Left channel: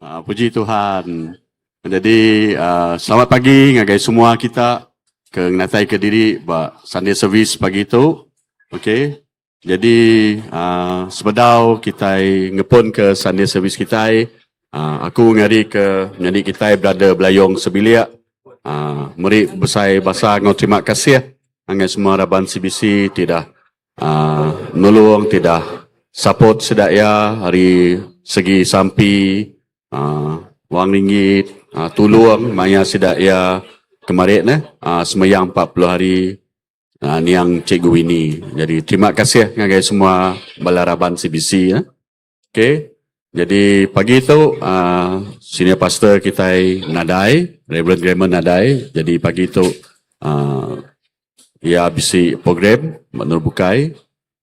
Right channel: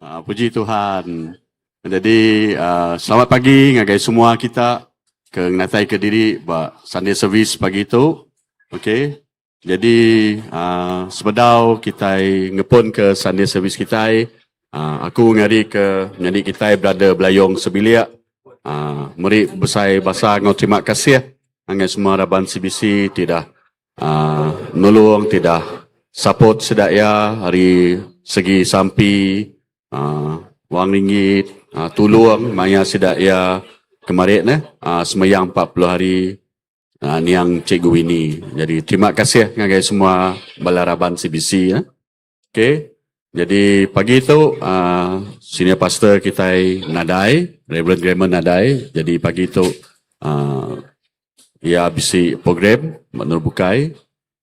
Puji Tuhan. Jadi selamat pagi ngagai semua kita ke ngatai ke diri ba Sunday service pagi itu. Okey. Jadi sebedau kita ngepun ke Sunday service kita. Aku ngari ke nyanyi kita berada Belayong Sebilia. Meri besai bahasa ngau terima kasih ngagai semua raban CBC tidak nolong tidak support sedaya hari segi sampi wang ringgit tolong maya sedaya kemarin semayang 40 hari ni yang cikgu ini. Jadi terima kasih ngagai semua balaraban CBC Okey. Jadi pagi itu senior pastor kita Nadai, Reverend Grammar Nadai. Jadi pagi itu ia bisi program menurut bukai.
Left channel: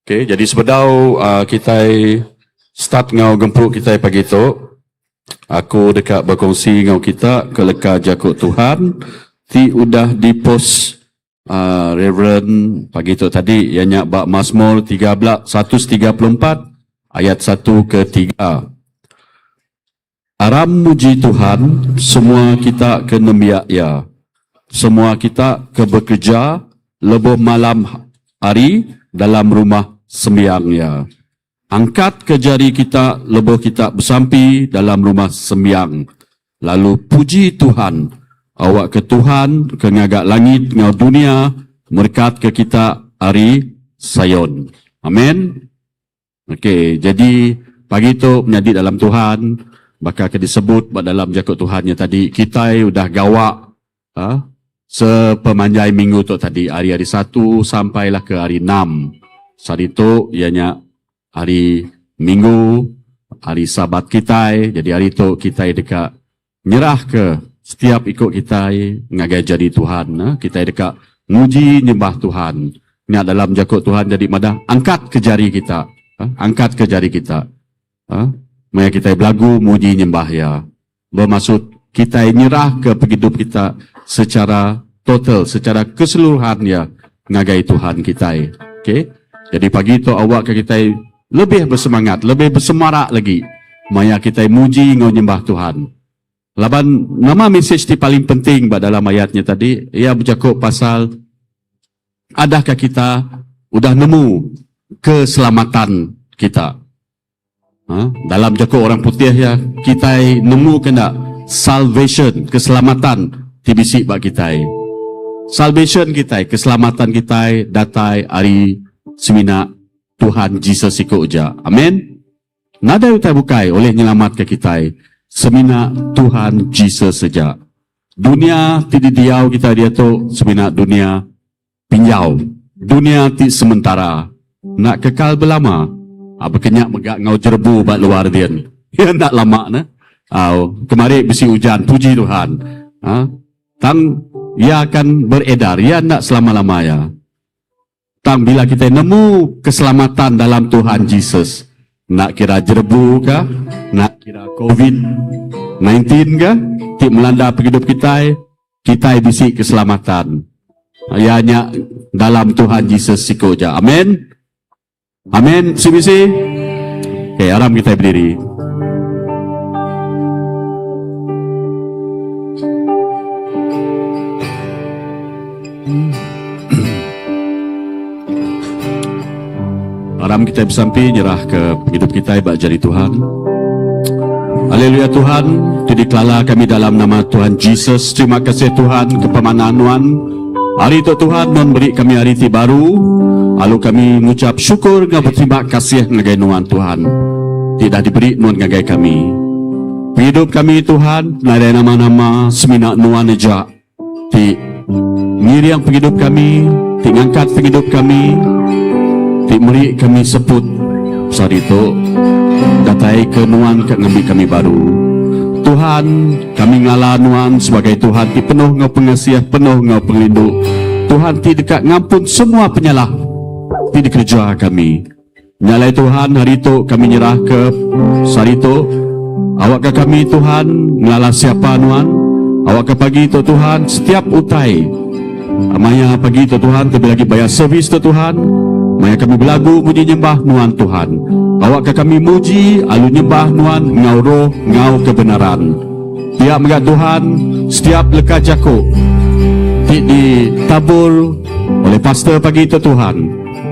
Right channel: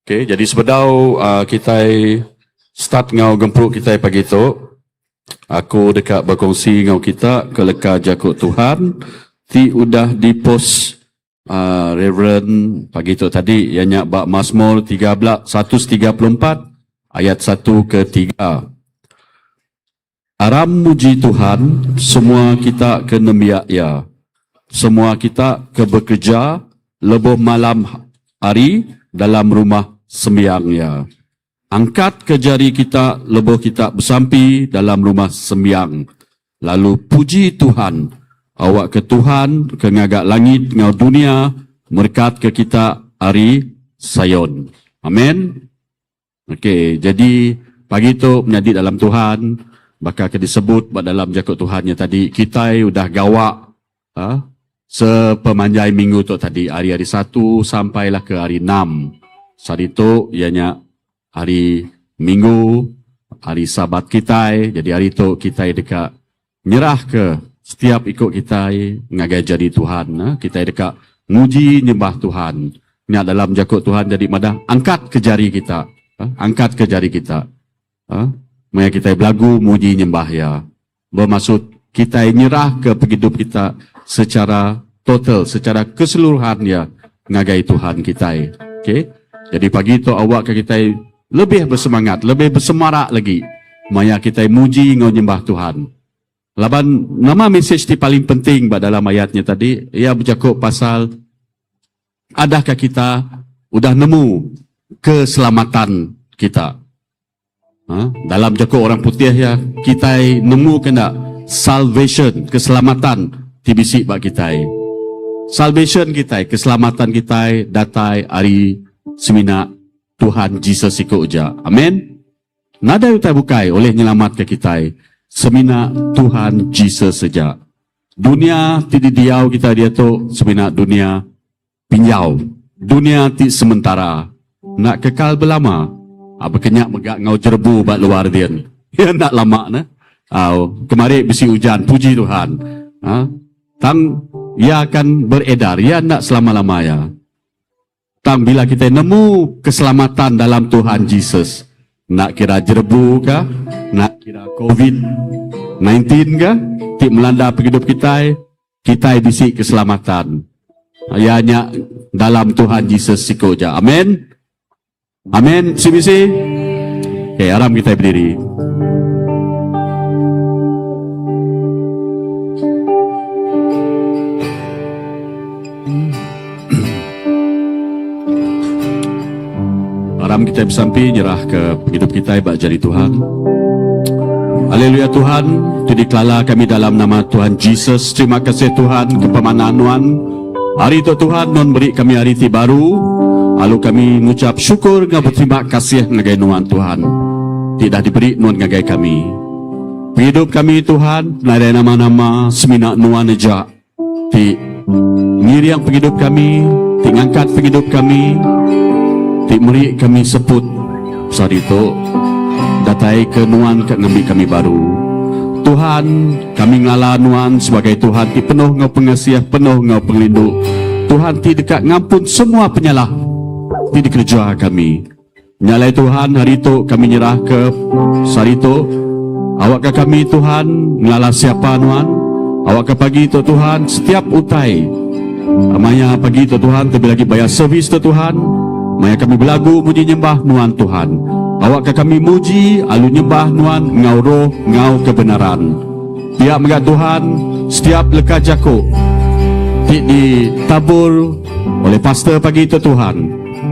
Okey, jadi sebedau kita start ngau gempuk kita pagi itu. Aku dekat berkongsi ngau kita ke leka jakut Tuhan. Ti udah di post Reverend pagi itu tadi ianya bab Mazmur 134 ayat 1 ke 3. Aram muji Tuhan, semua kita kena miak-ya. Semua kita ke bekerja lebih malam hari dalam rumah sembiangnya. Angkat ke jari kita, lebih kita bersampi dalam rumah sembiang. Lalu puji Tuhan, awak ke Tuhan, ke ngagak langit, ngau dunia, berkat ke kita hari Sayon. Amin. Okey, jadi pagi itu menjadi dalam Tuhan, bakal disebut dalam jakut Tuhannya tadi, kita udah gawak sepemanjai minggu tu tadi, hari-hari 1 sampailah ke hari 6. Saat itu ianya hari Minggu, hari Sabat kita. Jadi hari itu kita dekat nyerah ke setiap ikut kita ngagai jadi Tuhan. Kita dekat muji nyembah Tuhan. Ini dalam jakut Tuhan jadi madah angkat ke jari kita. Angkat ke jari kita. Maya kita belagu muji nyembah ya. Bermaksud kita nyerah ke hidup kita secara total, secara keseluruhan ya ngagai Tuhan kita. Okey. Jadi pagi itu awak ke kita lebih bersemangat, lebih bersemarak lagi. Maya kita muji ngau nyembah Tuhan. Laban nama mesejที่paling penting dalam ayatnya tadi, ia bercakap pasal adakah kita udah nemu keselamatan kita. Dalam jakut orang putih ya, kita nemu kena salvation, keselamatan tibisi bak kita. Salvation kita, keselamatan kita datai hari semina Tuhan Jesus ikut uja. Amin. Nada utai bukai oleh nyelamat ke kita. Semina Tuhan Jesus saja. Dunia tidak diau kita dia tu semina dunia pinjau. Dunia ti sementara. Nak kekal berlama. Apa kenyak megak ngau jerbu bak luar dian. Ya nak lama na. Kemarin besi hujan, puji Tuhan. Tang ia akan beredar, ia nak selama-lama ya. Tang bila kita nemu keselamatan dalam Tuhan Jesus, nak kira jerbu kah, nak kira COVID-19 kah, tik melanda hidup kita, kita bisi keselamatan. Ianya dalam Tuhan Jesus sikoja. Amin. Amin. Sibisi. Okay, aram kita berdiri. Aram kita bersampi nyerah ke hidup kita bak jari Tuhan. Haleluya Tuhan, didikala kami dalam nama Tuhan Jesus. Terima kasih Tuhan kepemanan-Tuhan. Hari itu Tuhan memberi kami hari ti baru. Lalu kami mengucap syukur dan berterima kasih ngagai Nuan Tuhan. Tidak diberi Nuan ngagai kami. Hidup kami Tuhan, ada nama-nama semina Nuan aja. Ti ngiriang penghidup kami, ti ngangkat penghidup kami. Tik meri kami sebut saat itu datai ke Nuan ke ngambil kami baru. Tuhan, kami ngalah Nuan sebagai Tuhan ti penuh ngau pengasiah, penuh ngau pelindung. Tuhan ti dekat ngampun semua penyalah ti dikerja kami. Nyalai Tuhan hari itu kami nyerah ke saat itu. Awak ke kami Tuhan ngalah siapa Nuan. Awak ke pagi itu Tuhan setiap utai. Amaya pagi itu Tuhan tapi lagi bayar servis itu Tuhan. Maya kami belagu muji nyembah Nuan Tuhan. Awak ke kami muji, alu nyembah Nuan, ngau roh, ngau kebenaran. Pihak megat Tuhan, setiap leka jakuk ditabur oleh pastor pagi itu Tuhan.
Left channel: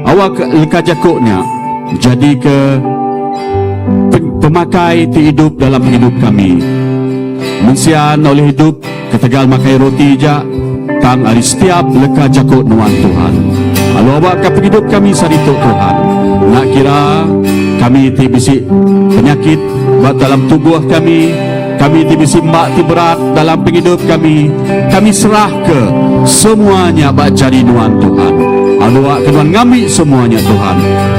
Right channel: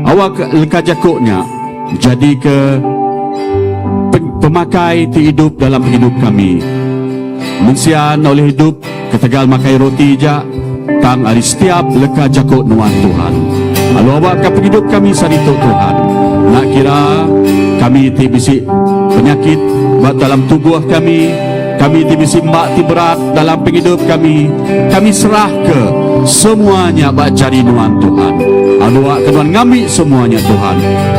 Awak leka jakuknya jadi ke pemakai ti hidup dalam hidup kami. Mensian oleh hidup ketegal makai roti ja tang ari setiap leka jakuk Nuan Tuhan. Lalu awak ke hidup kami sarito Tuhan. Nak kira kami ti bisi penyakit buat dalam tubuh kami ti bisi mbak ti berat dalam hidup kami serah ke semuanya bak jari Nuan Tuhan. Lalu awak kenuan ngambil semuanya Tuhan.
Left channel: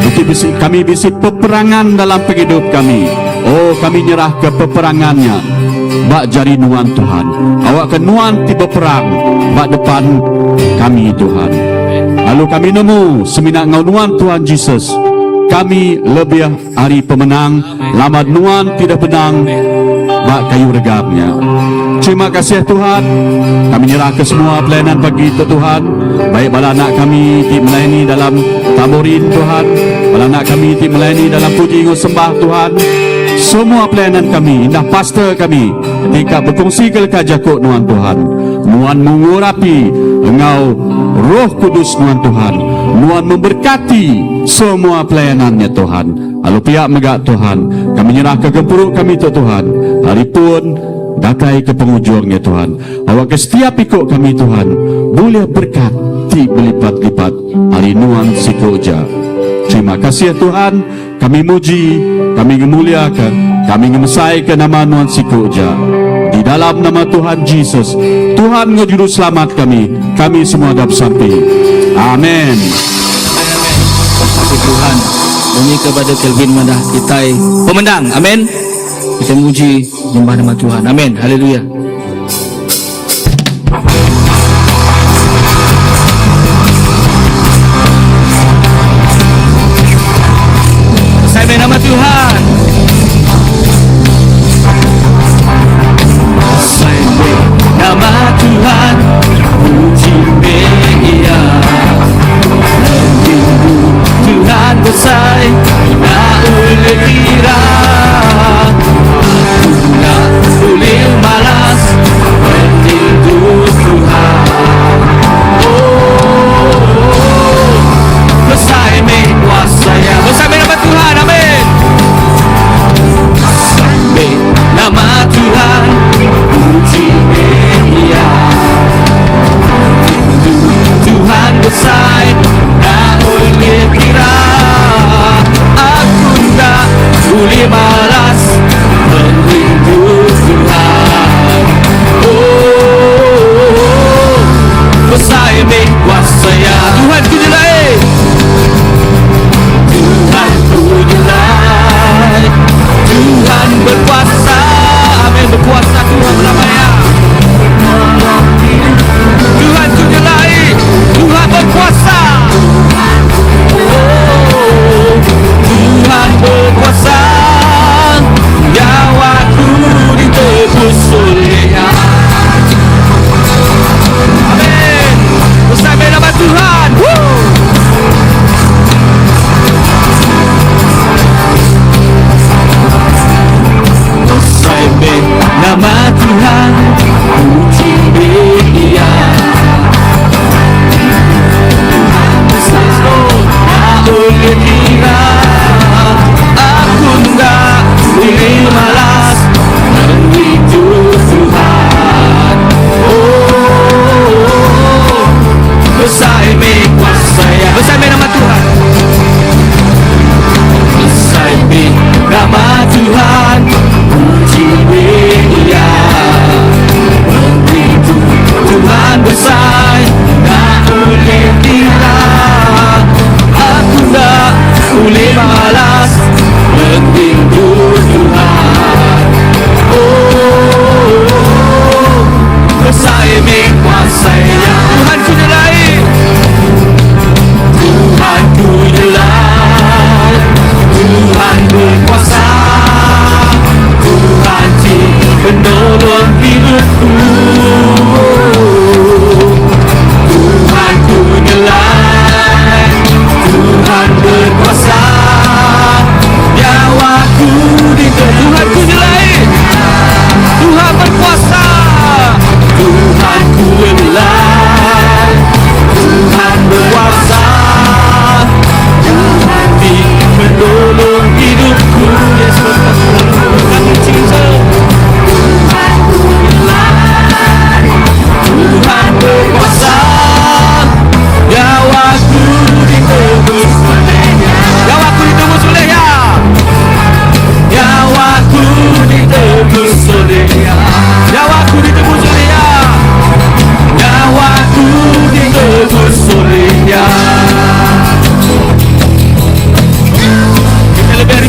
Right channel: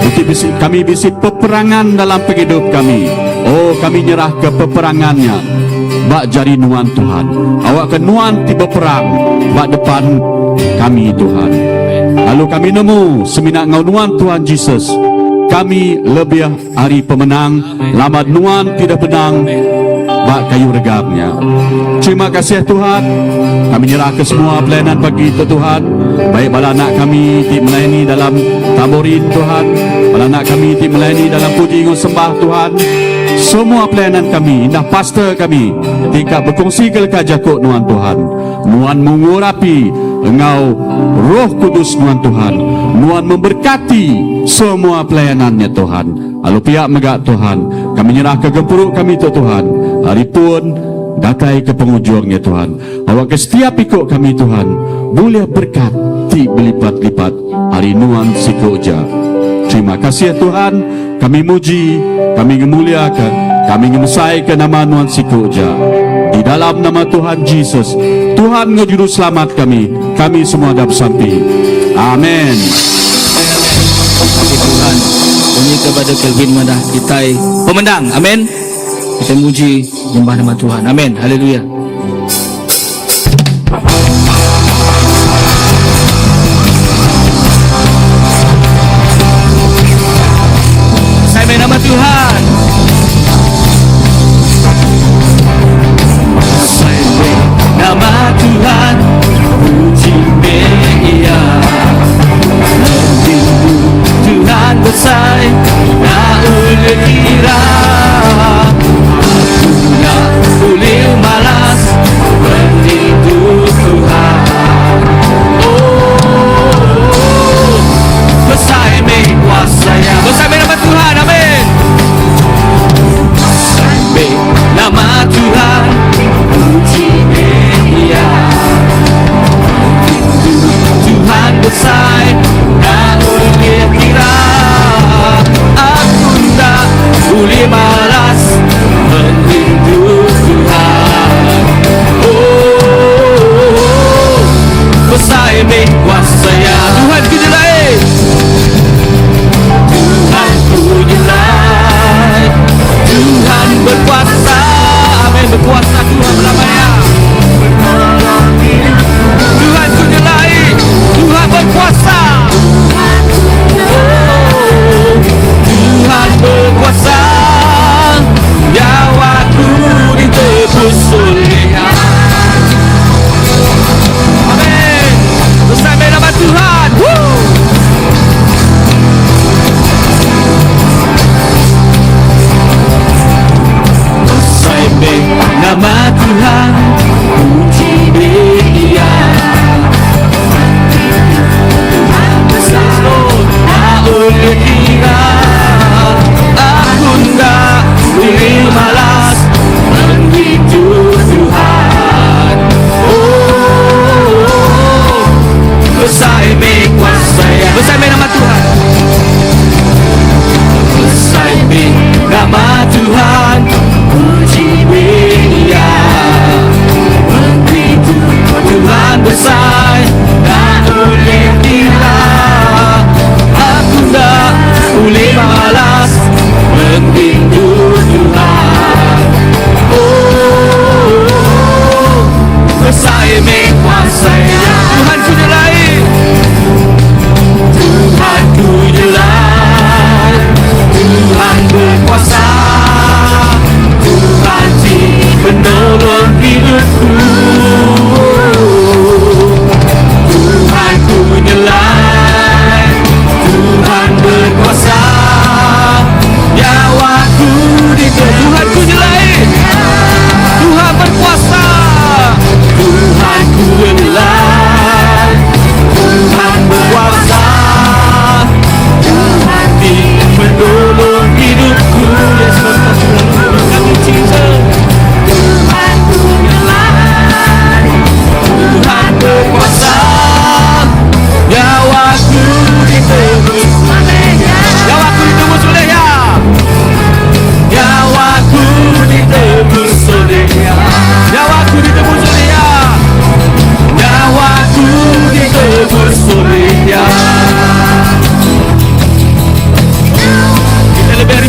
Itu bisi, kami bisi peperangan dalam hidup kami. Oh, kami nyerah ke peperangannya bak jari Nuan Tuhan. Awak kenuan ti berperang bak depan kami Tuhan. Lalu kami nemu seminat ngau Nuan Tuhan Yesus. Kami lebih hari pemenang, lamad Nuan tidak benang bak kayu regapnya. Terima kasih Tuhan. Kami nyerah ke semua pelayanan pagi itu Tuhan. Baik bala anak kami di melayani dalam taborin Tuhan, bala anak kami di melayani dalam puji sembah Tuhan. Semua pelayanan kami, indah pastor kami tingkat berfungsi kelekar jakuk Nuan Tuhan. Nuan mengurapi engau Roh Kudus Nuan Tuhan. Nuan memberkati semua pelayanannya Tuhan. Lalu pihak megak Tuhan, kami nyerah ke gempuruk kami itu Tuhan. Hari pun datai ke penghujungnya Tuhan. Awak ke setiap ikut kami Tuhan, boleh berkat ti berlipat-lipat hari Nuan Sikoja. Terima kasih Tuhan. Kami muji, kami memuliakan, kami ngemesai ke nama Nuan Sikoja. Di dalam nama Tuhan Yesus, Tuhan ngejuru selamat kami semua dapat sampai. Amin. Tuhan, kami kepada Kelvin Madah kita pemenang. Amin. Kita muji nyembah nama Tuhan. Amin. Haleluya. Saya nama Tuhan. Saya nama Tuhan. Puji Dia. Tuhan besar, tak boleh kira. Boleh malas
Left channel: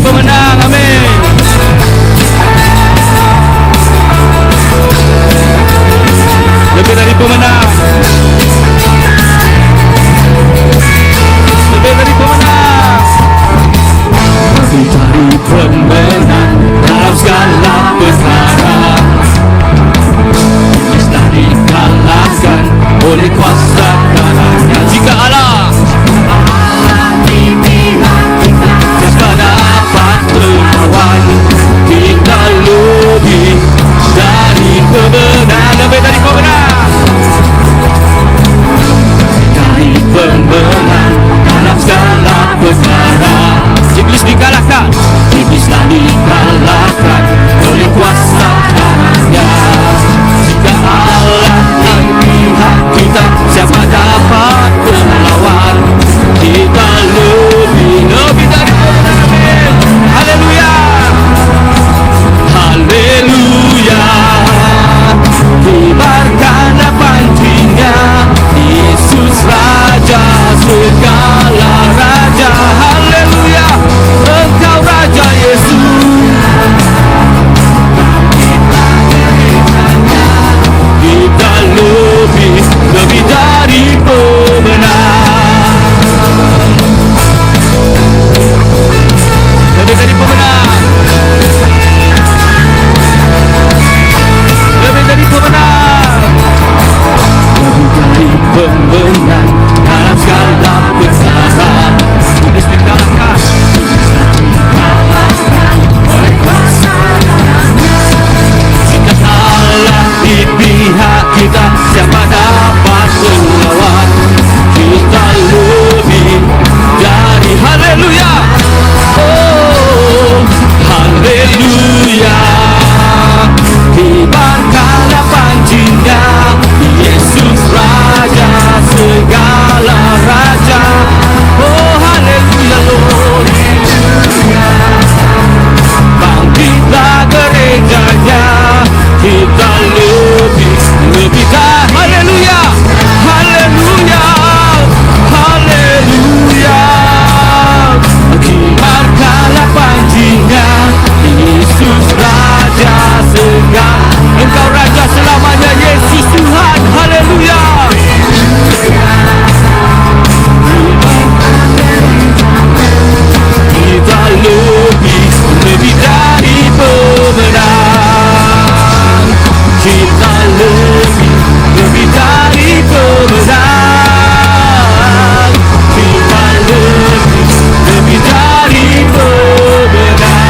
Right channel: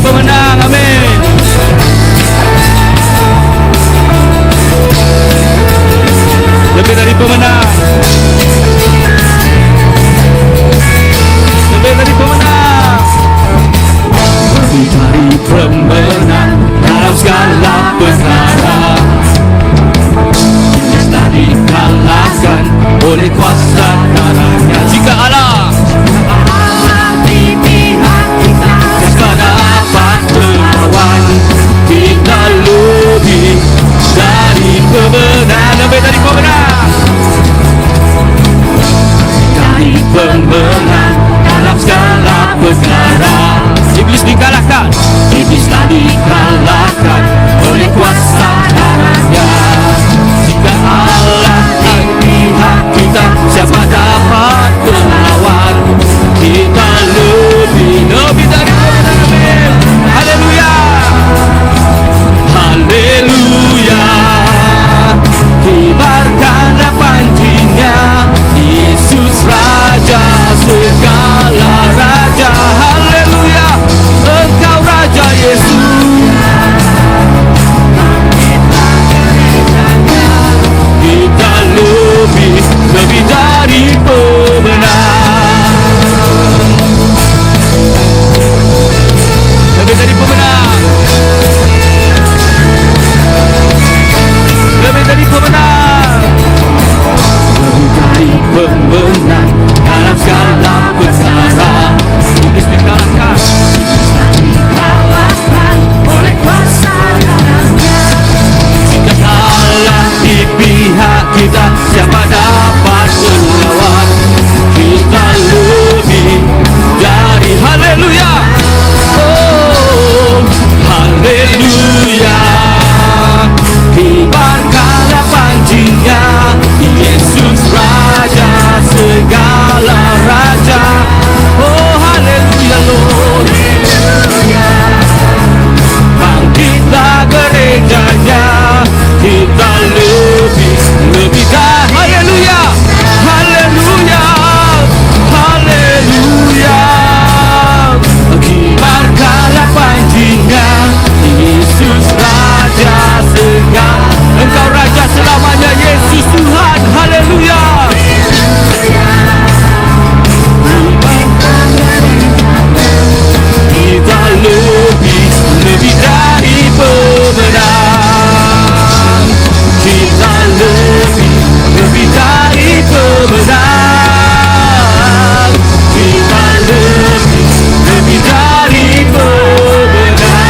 pemenang. Amin. Lebih dari pemenang. Lebih dari pemenang. Lebih dari pemenang dalam segala perkara. Kita dikalahkan oleh kuasa karunia. Jika Allah di pihak kita, siapa dapat melawan? Kita lebih dari pemenang. Lebih dari pemenang. Dari pemenang dalam segala perkara. Iblis dikalahkan. Iblis tak dikalahkan oleh kuasa karunia. Jika Allah di pihak kita, siapa dapat melawan? Kita lebih dari pemenang. Haleluya. Haleluya. Kibarkanlah pancinya, Yesus Raja segala raja. Haleluya. Engkau Raja Yesus. Kita lebih dari pemenang. Lebih dari pemenang. Lebih dari pemenang. Lebih dari pemenang dalam segala perkara. Iblis dikalahkan. Oleh kuasa karunia. Jika Allah di pihak kita, siapa dapat melawan? Kita lebih dari. Haleluya. Oh, haleluya. Kibarkanlah pancinya, Yesus Raja segala raja. Oh, haleluya. Bangkitlah gerejanya, kita lebih dari. Haleluya. Haleluya. Haleluya. Kibarkanlah pancinya, Yesus Raja segala. Engkau Raja selamanya, Yesus Tuhan. Haleluya. Kita lebih dari pemenang. Kita lebih dari pemenang. Kita lebih dari pemenang.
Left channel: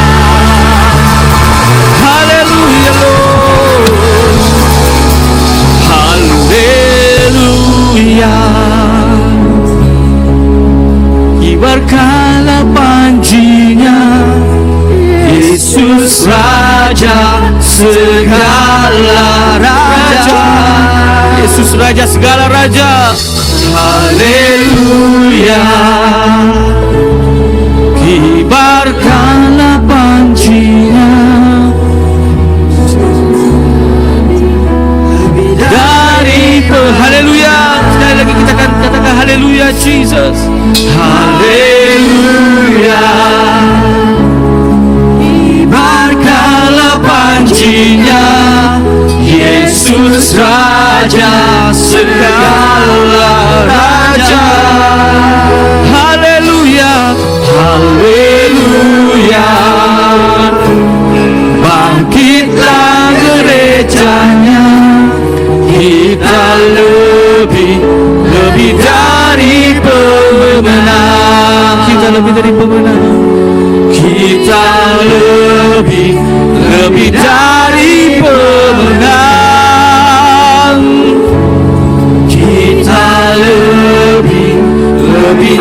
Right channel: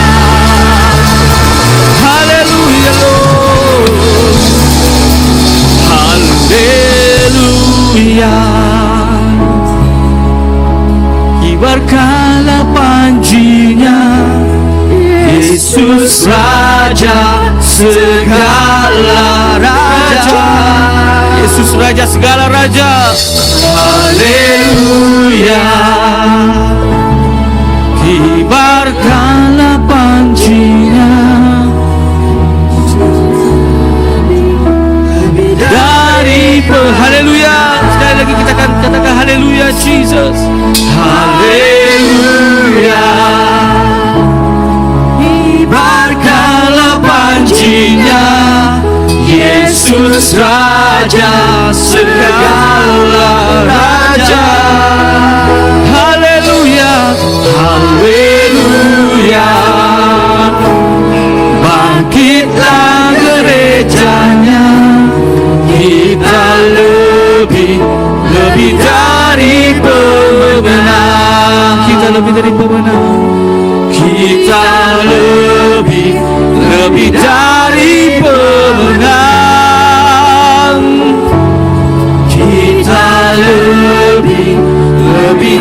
Haleluya. Haleluya. Kibarkanlah pancinya, Yesus Raja segala raja. Yesus Raja segala raja. Haleluya. Kibarkanlah pancinya, dari haleluya. Sekali lagi kita akan katakan haleluya Jesus. Haleluya. Kibarkanlah pancinya, Yesus Raja segala raja. Haleluya. Haleluya. Bangkitlah gerejanya, kita lebih dari pemenang. Kita lebih dari pemenang. Kita lebih dari pemenang. Kita lebih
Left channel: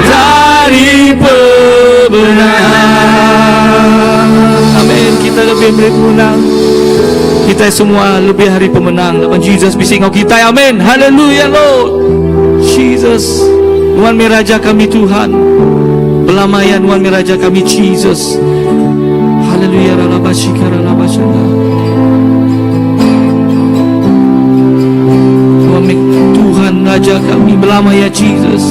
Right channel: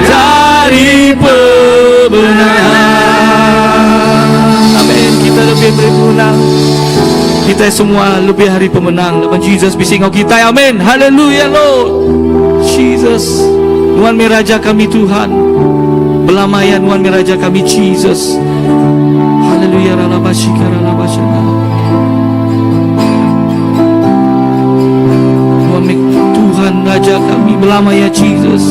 dari pemenang. Amin. Kita lebih dari pemenang. Kita semua lebih hari pemenang. Dengan Jesus bisingau kita. Amin. Haleluya Lord. Jesus. Tuhan Miraja kami Tuhan. Belamayan Tuhan Miraja kami Jesus. Haleluya. Tuhan Raja kami belamaya Jesus.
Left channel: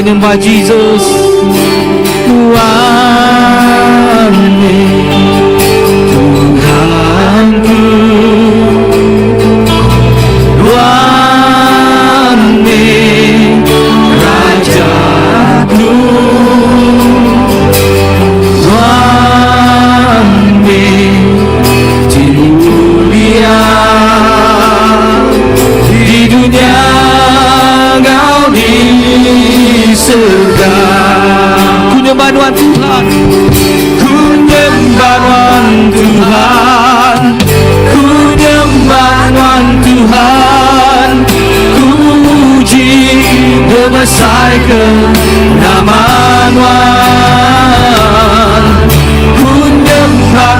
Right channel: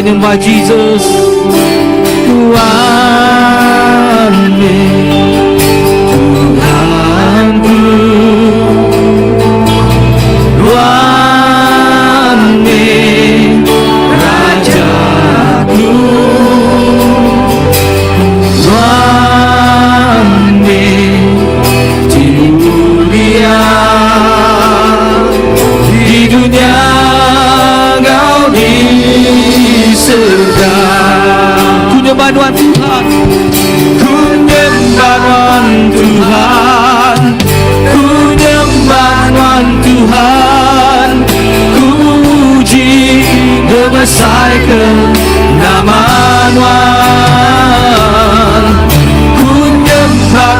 Menyembah Jesus. Tuhanku, Tuhanku, Tuhanku, Rajaku, Tuhanku, mulia di dunia. Ku nyembah Tuhan, ku nyembah Tuhan, ku nyembah Tuhan, ku puji membesarkan nama Tuhan. Ku nyembah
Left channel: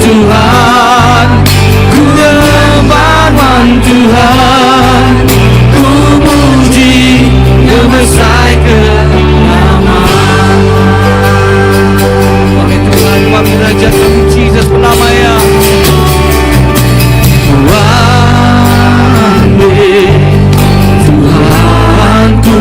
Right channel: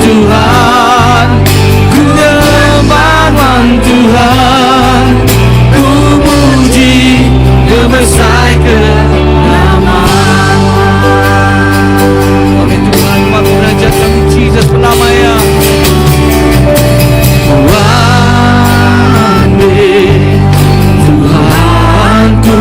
Tuhan, ku nyembah Tuhan, ku puji membesarkan nama Tuhan. Kami raja kami Jesus penamaian Tuhanku, Tuhanku,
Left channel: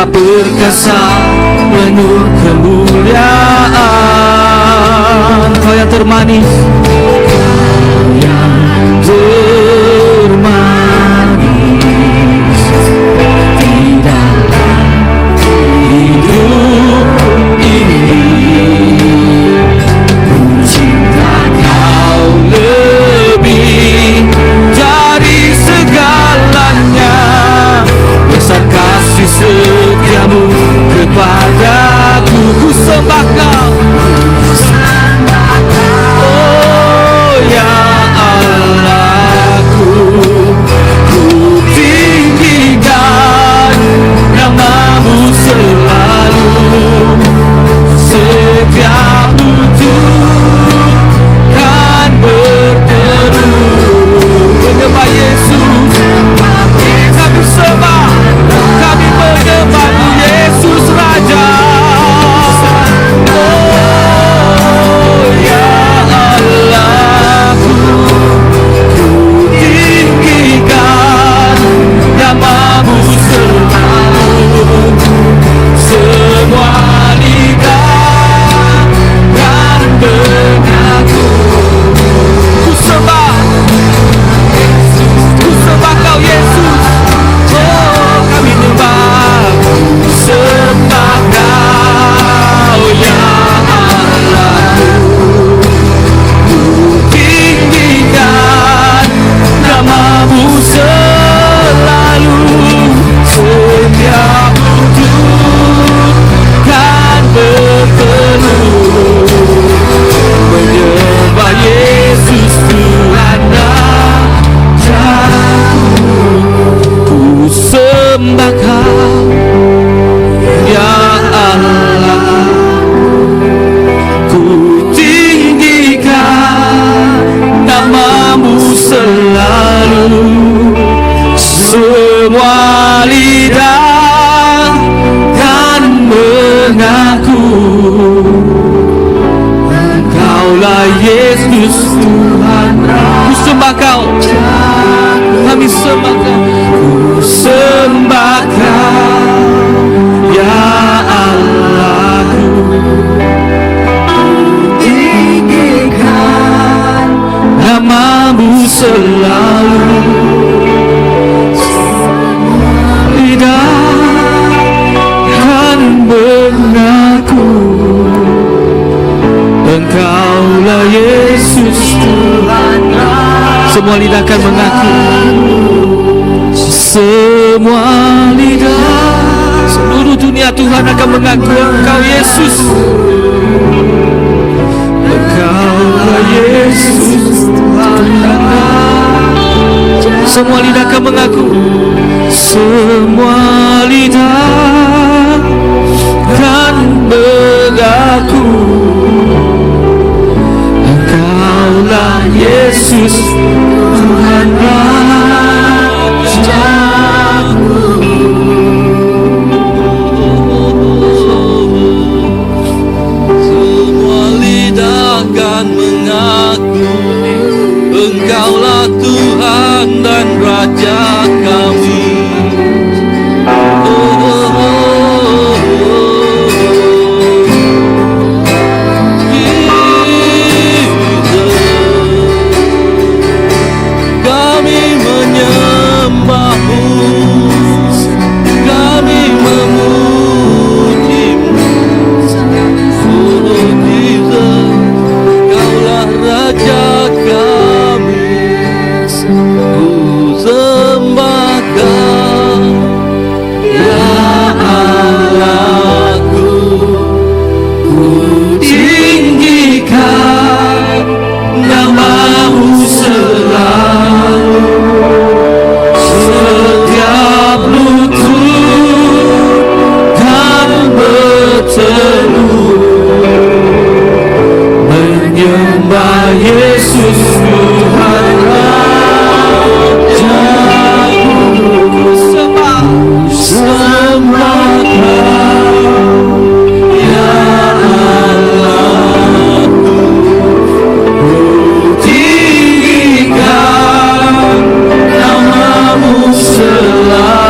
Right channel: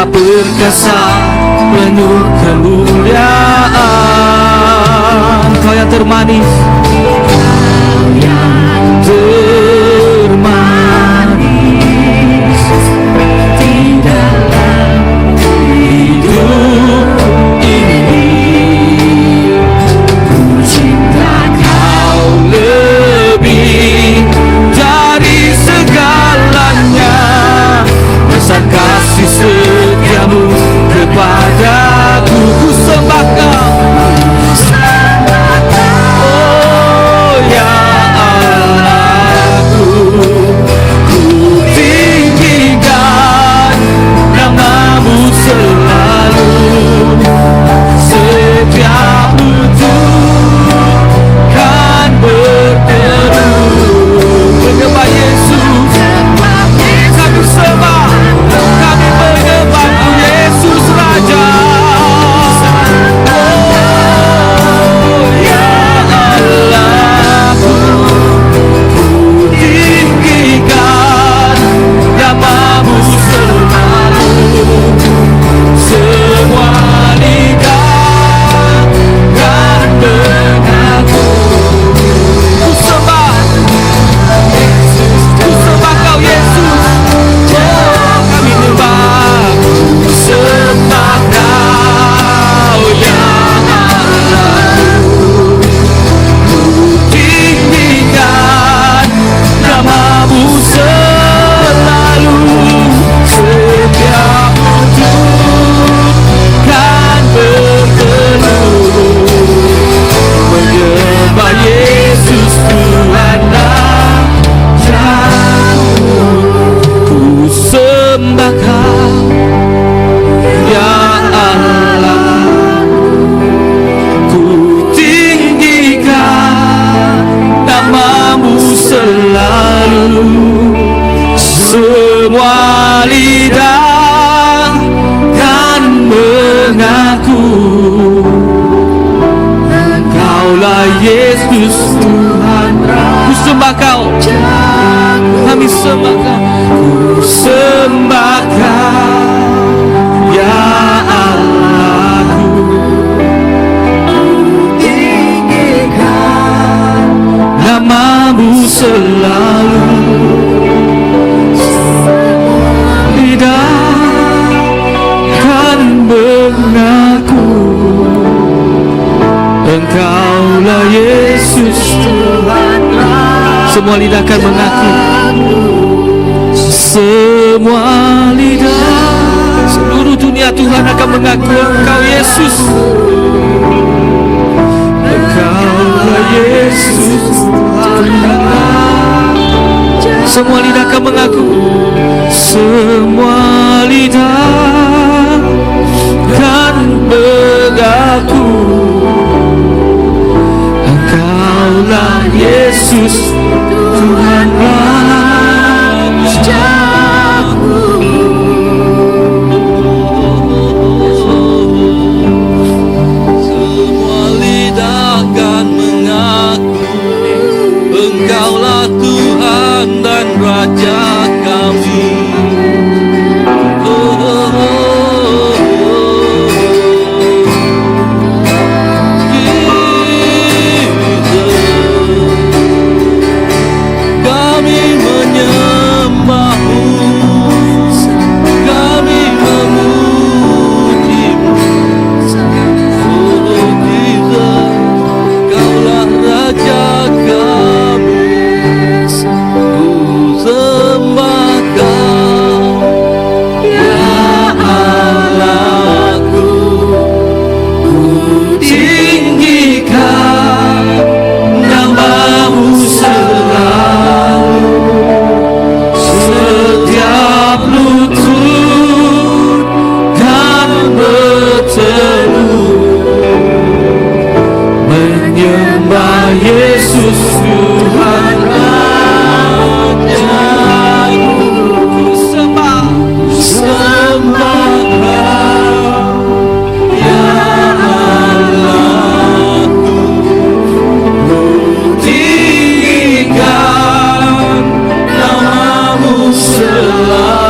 Sebab perkasa penuh kemuliaan. Kau yang termanis, Kau yang termanis di dalam hidup ini. Ku cinta Kau lebih dari segalanya. Besar kasih setiamu kepadaku. Ku sembah Kau, oh ya Allahku. Ku tinggikan namamu selalu. Setiap lutut kan berteduh menyembah Yesus. Kami sembah, kami menyembah Yesus Raja. Oh ya Allahku, ku tinggikan namamu selalu. Semua lidah dan mengaku. Ku sembah Kau Yesus. Kami menyembah, sembah Kau ya Allahku. Ku tinggikan namamu selalu. Setiap lutut kan berteduh menyembah Yesus Tuhan Rajaku. Ku sembah Kau ya Allah. Ku tinggikan namamu selalu. Semua lidah kan mengaku Kaulah Yesus Tuhan. Ku sembah Kau, kami sembah Kau. Ku sembah Kau ya Allahku. Tinggikan namamu selalu. Lidah kan mengaku Engkaulah Yesus Tuhan. Semua lidah kan mengaku. Semua lidah seluruh dunia Tuhan akan mengaku Engkau Yesus. Engkaulah Yesus Tuhan. Semua lidah akan mengaku. Semua lidah kan mengaku Engkaulah Yesus Tuhan Rajaku. Semua lidah kan mengaku Engkaulah Tuhan dan Raja kami. selalu.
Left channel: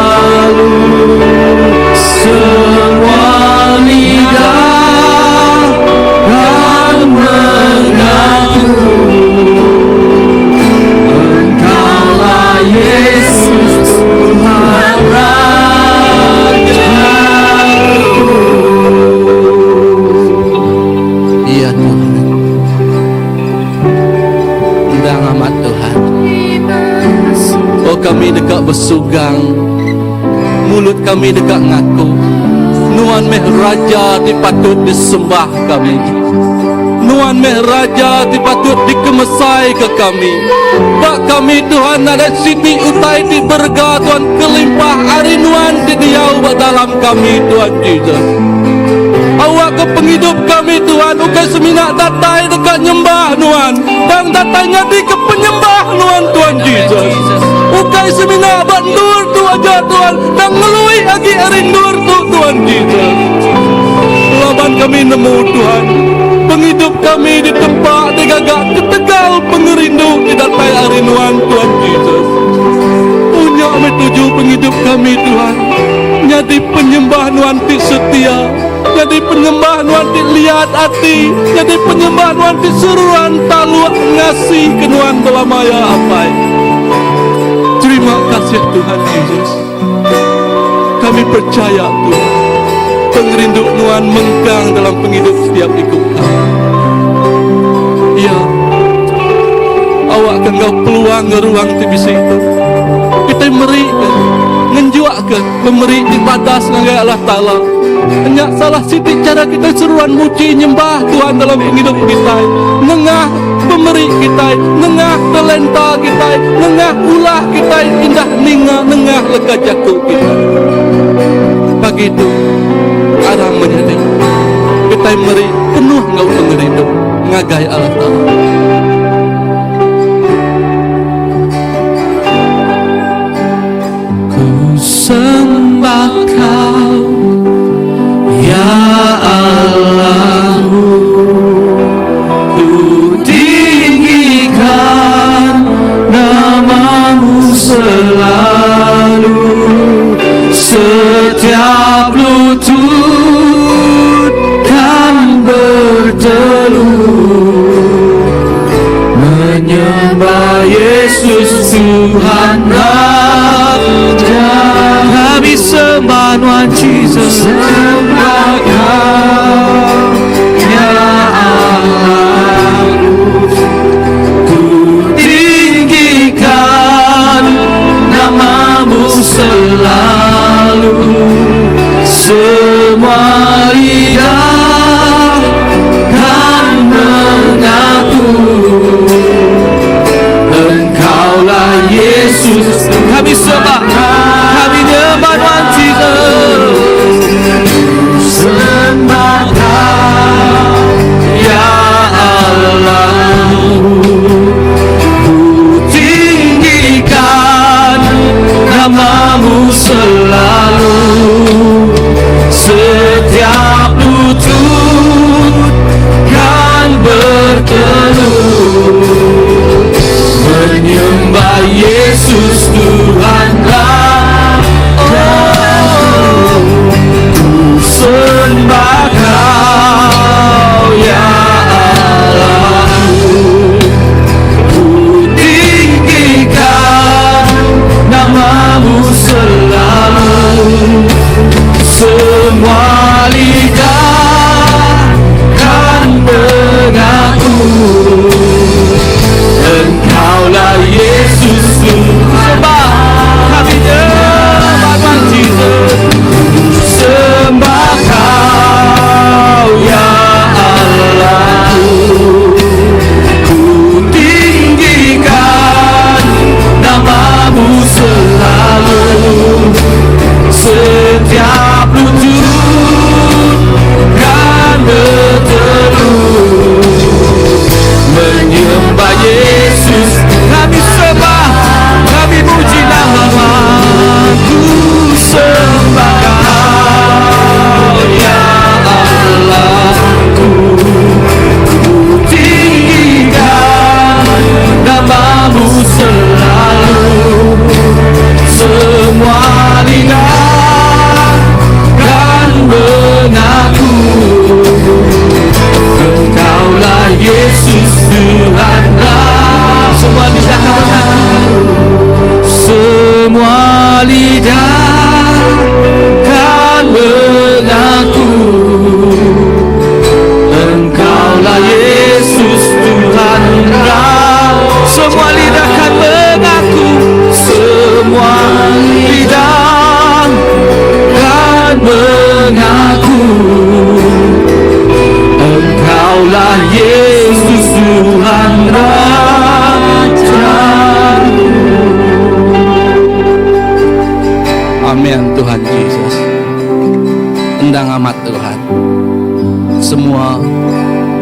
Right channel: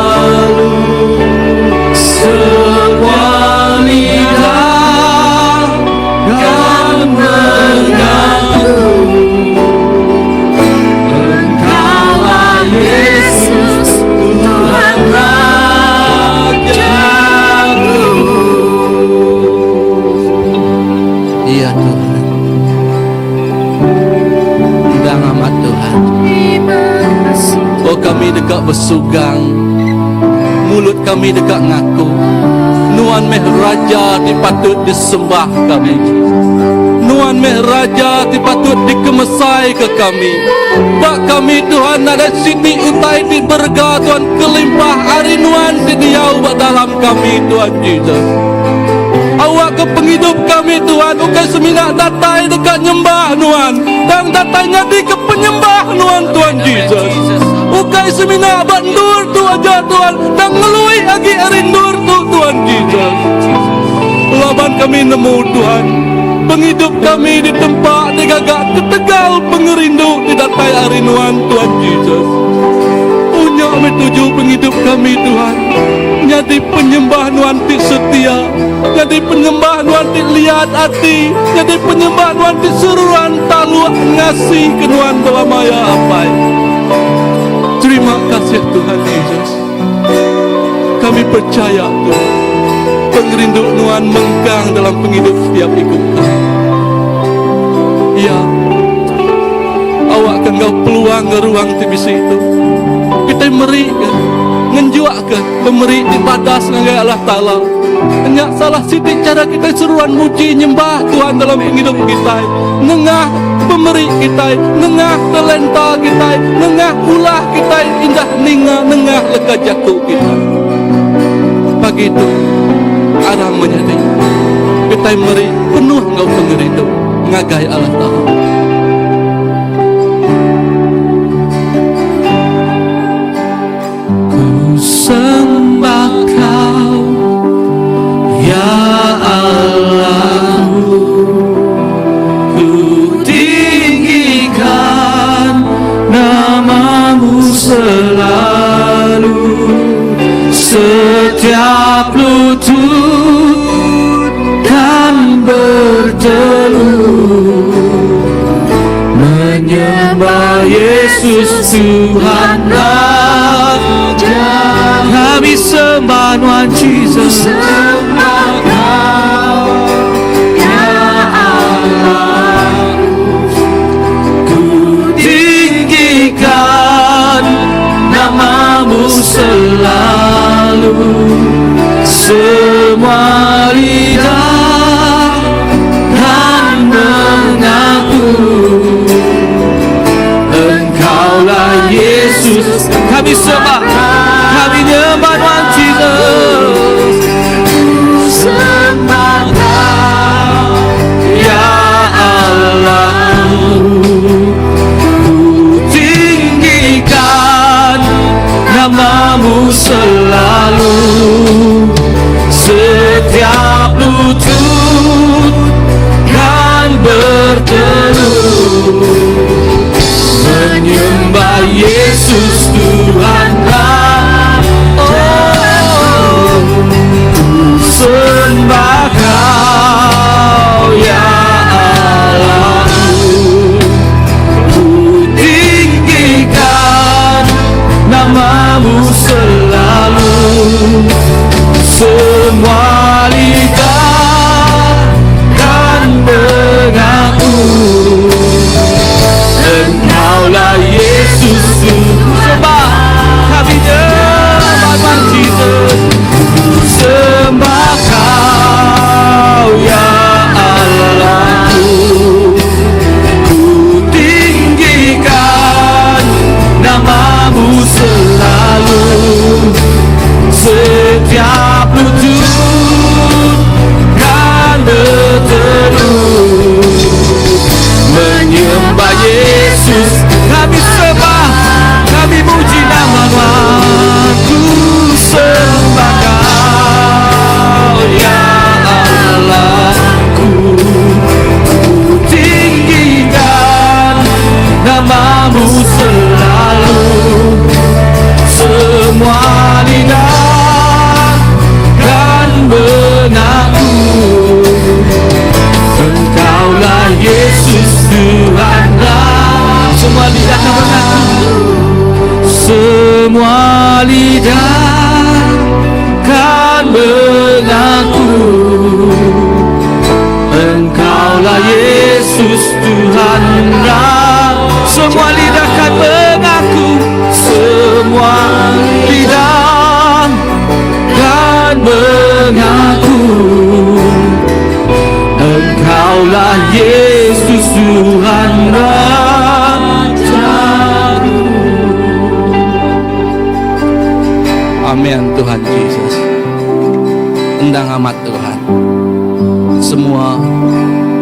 kami dekat bersugang, mulut kami dekat ngaku. Nuan meh raja di patut disembah kami. Nuan meh raja di patut dikemesai ke kami. Pak kami Tuhan ada sini utai di berga Tuhan kelimpah hari Nuan di diau dalam kami Tuhan Yesus. Awak ke penghidup kami Tuhan, ukai semina datai dekat nyembah Nuan. Dan datanya di ke penyembah Nuan Tuhan Yesus. Ukai semina bandur tu aja Tuhan, dan ngelui lagi rindur tu Tuhan Yesus. Laban kami nemu Tuhan, penghidup kami di tempat digagak ketegal pengerindu tidak payah harinuan Tuhan Yesus. Punya kami tuju penghidup kami Tuhan, jadi penyembah Nuan ti setia, jadi penyembah Nuan ti lihat hati, jadi penyembah Nuan ti suruhan taluak ngasih ke Nuan belamaya apai. Terima kasih Tuhan Yesus. Kami percaya Tuhan, pengerindu Nuan mengkang dalam penghidup setiap ikut kami. Ya, awak akan kau peluang ke ruang TBC itu. Kita meri ke, ngenjuak ke, pemeri di batas dengan Allah Ta'ala. Hanya salah sidik cara kita seruan muji nyembah Tuhan dalam penghidup kita. Nengah pemeri kita, nengah talenta kita, nengah ulah kita, indah nengah lega jatuh kita. Pagi itu, arang menjadi kita meri penuh ngau penghidup ngagai Allah Ta'ala. Ku sembah Kau ya Allahku, ku tinggikan nama-Mu selalu. Setiap lutut kan berteluh menyembah Yesus Tuhan Raja. Kami sembah Tuhan Yesus, sembah Kau ya Allahku, ku tinggikan nama-Mu selalu. Semua lidah kan mengaku Engkaulah Yesus. Kami sembah, kami nyembah Tuhan Yesus.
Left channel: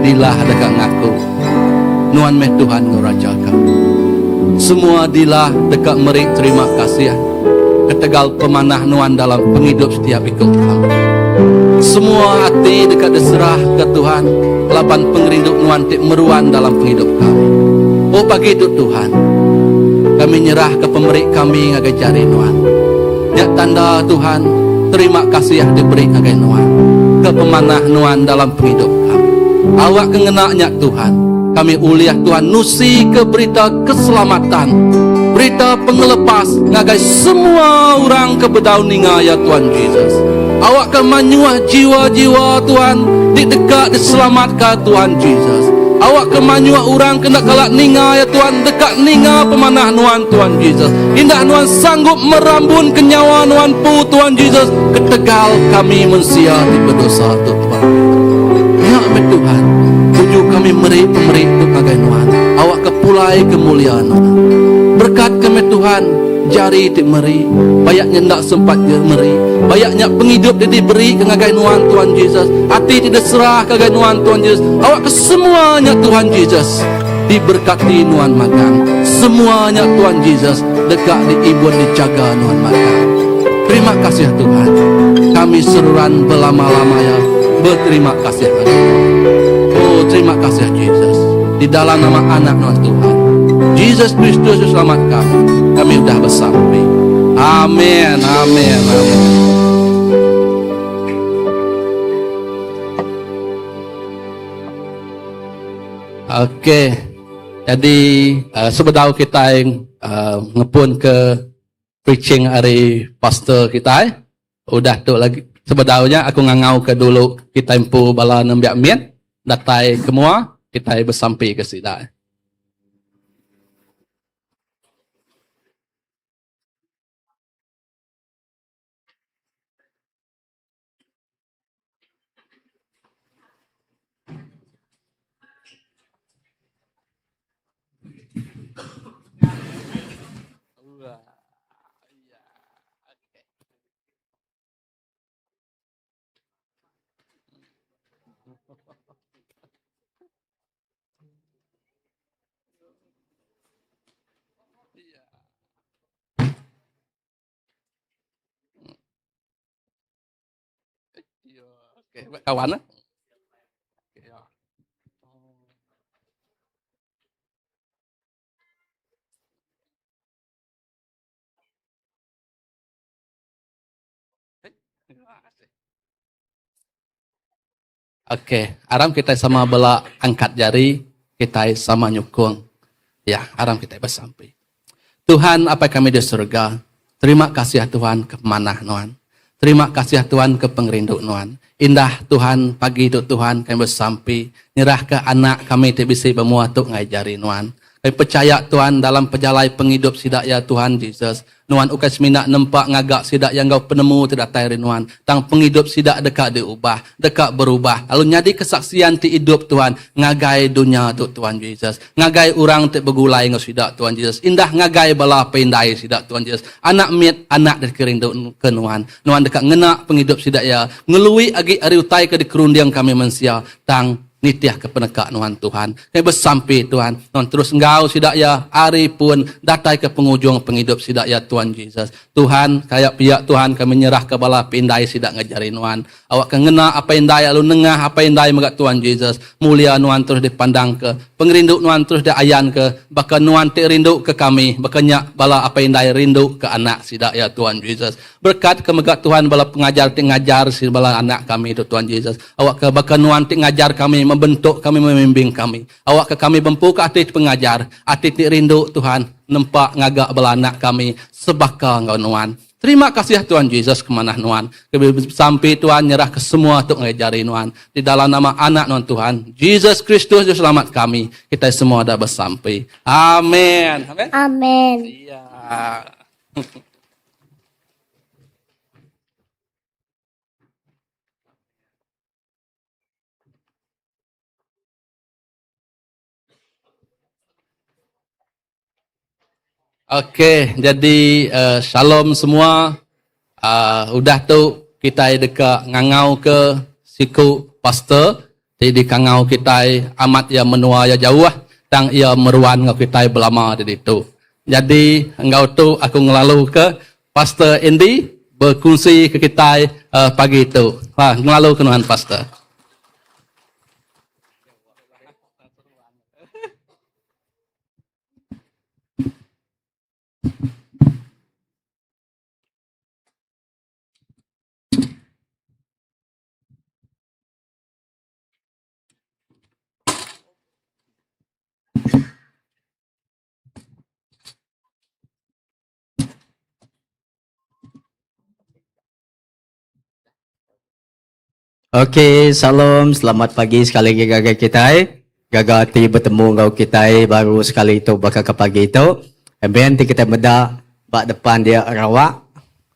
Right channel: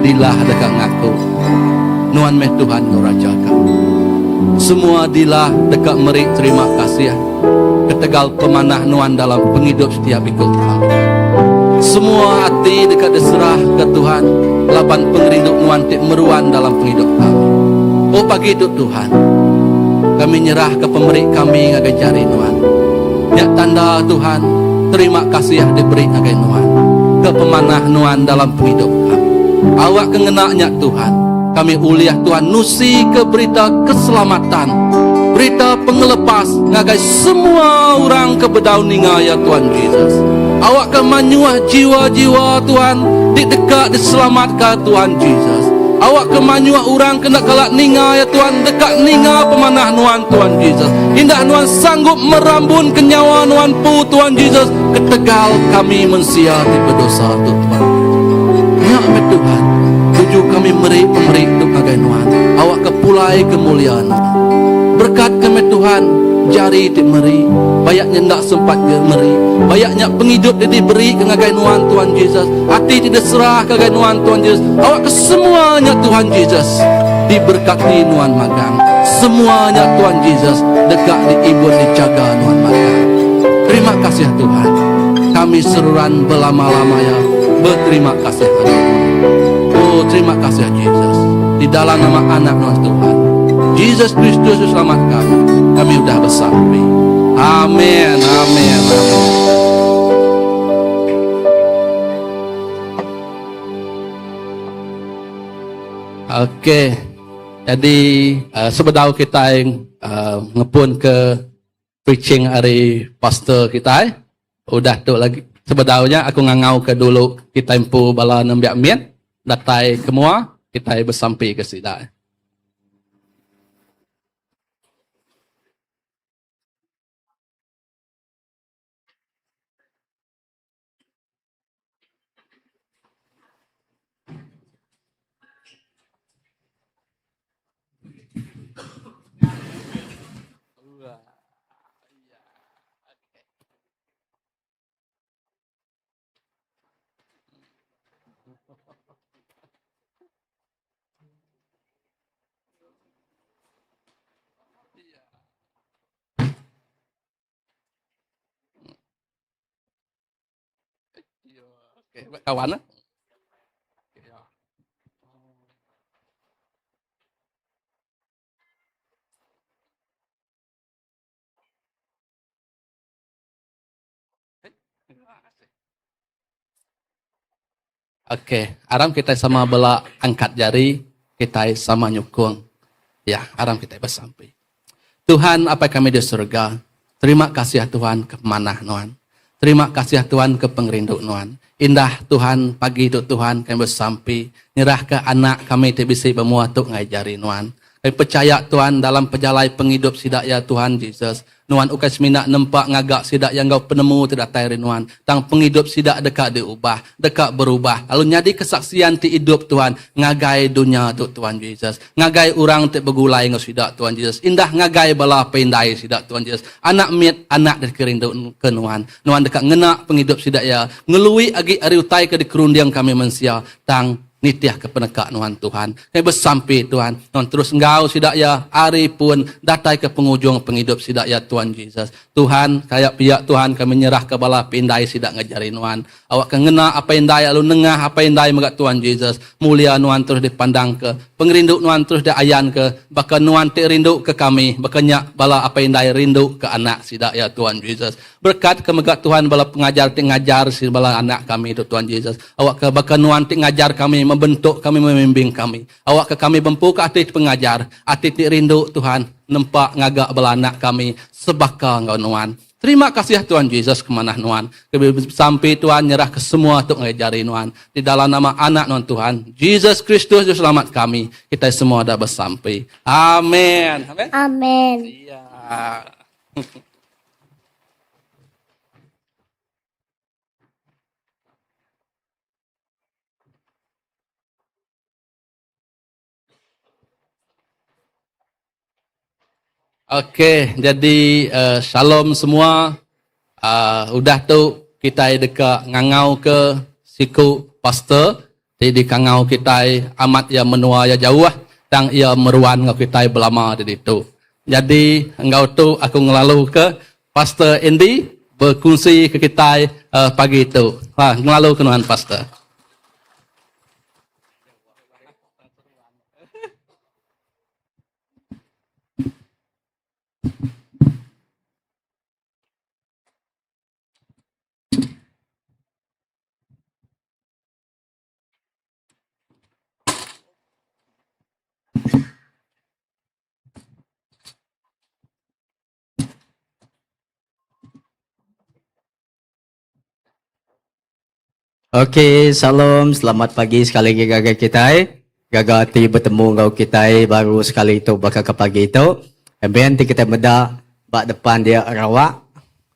dilah dekat ngaku nuan meh Tuhan ngurajakan. Semua dilah dekat merik terima kasih ketegal pemanah nuan dalam penghidup setiap ikut kami. Semua hati dekat diserah ke Tuhan, laban penghidup nuan tik meruan dalam penghidup kami. Oh pagi itu Tuhan, kami nyerah ke pemerik kami ngagai jari nuan. Ya tanda Tuhan, terima kasih yang diberi ngagai nuan ke pemanah nuan dalam penghidup kami. Awak kengenaknya Tuhan, kami uliah Tuhan nusi ke berita keselamatan, berita pengelepas ngagai semua orang ke bedau ninga ya Tuhan Yesus. Awak ke manyuah jiwa-jiwa Tuhan di dekat diselamatkan Tuhan Yesus. Awak ke manyuah orang kena kalak ninga ya Tuhan dekat ninga pemanah nuan Tuhan Yesus. Indah nuan sanggup merambun kenyawa nuan pu Tuhan Yesus. Ketegal kami manusia di berdosa Tuhan. Ya Tuhan, tujuh kami meri-meri kepada nuan. Awak kepulai kemuliaan. Berkat kami Tuhan, jari dimeri, bayaknya tidak sempat meri, bayaknya penghidup diberi kepada nuan Tuhan Yesus. Hati tidak serah kepada nuan Tuhan Yesus. Awak kesemuanya Tuhan Yesus diberkati nuan magang. Semuanya Tuhan Yesus dekat diibun dijaga nuan magang. Terima kasih Tuhan. Kami seruan berlama-lama ya. Berterima kasih kepada Tuhan. Oh terima kasih Yesus. Di dalam nama anak Tuhan Yesus Kristus selamat kami sudah bersampai. Amin, amin, amin. Oke, jadi sebedau kita yang ngepun ke preaching hari pastor kita, udah tuh lagi sebedaunya aku ngangau ke dulu kita impu bala nembiak mien, datai semua kita bersampai ke sida. Oke, kawan. Oke, aram kita sama bela angkat jari, kita sama nyukung. Ya, aram kita bersampai. Tuhan, apa kami di surga? Terima kasih Tuhan ke manah nuan. Terima kasih Tuhan ke pengrindu nuan. Indah Tuhan pagi itu Tuhan kami bersampai. Nyerah ke anak kami tidak bisa bermuatuk ngajari nuan. Kami percaya Tuhan dalam perjalanan penghidup sidak ya Tuhan Yesus. Nuan ukas minak nempak ngagak sidak yang kau penemu tidak tayari nuan. Tang penghidup sidak dekat diubah, dekat berubah. Lalu nyadi kesaksian ti hidup Tuhan. Ngagai dunia tu Tuhan Yesus. Ngagai orang ti begulai ngau sidak Tuhan Yesus. Indah ngagai bala pendai sidak Tuhan Yesus. Anak mit anak dari kerindu ke nuan. Nuan dekat ngenak penghidup sidak ya. Ngelui agi ari utai ke dikerundiang kami manusia. Tang nitiah ke penekak nuan Tuhan. Kami bersampai Tuhan. Nuan terus engkau sidak ya hari pun datai ke penghujung penghidup sidak ya Tuhan Yesus. Tuhan kayak pihak Tuhan kami nyerah ke bala pindai sidak ngajari nuan. Awak kengena apa indai lalu nengah apa indai megat Tuhan Yesus. Mulia nuan terus dipandang ke pengrindu nuan terus diayan ke bahkan nuan ti rindu ke kami. Bahkan bala apa indai rindu ke anak sidak ya Tuhan Yesus. Berkat ke megat Tuhan bala pengajar ti ngajar si bala anak kami itu Tuhan Yesus. Awak ke bahkan nuan ti ngajar kami membentuk kami, membimbing kami. Awak ke kami membuka hati pengajar, hati rindu Tuhan, nempak ngagak belanak kami, sebaka engkau nuan. Terima kasih Tuhan Yesus kemanah nuan. Sampai Tuhan nyerah ke semua untuk ngajari nuan. Di dalam nama anak nuan Tuhan, Yesus Kristus selamat kami. Kita semua dah bersampai. Amin. Amin. Amin. Iya. Oke, jadi shalom semua. Udah tuh kita dekat ngangau ke siku pastor. Ti di kangau kita amat ia menua ya jauh tang ia meruan ngau kita belama di itu. Jadi engkau tu aku ngelalu ke Pastor Andy berkongsi ke kita pagi itu. Wah, ngelalu ke nuan Pastor. Okey, salam, selamat pagi sekali lagi gagal kita. Gagal ti bertemu ngau kita baru sekali itu bakal ke pagi itu. Amen, ti kita meda bak depan dia rawak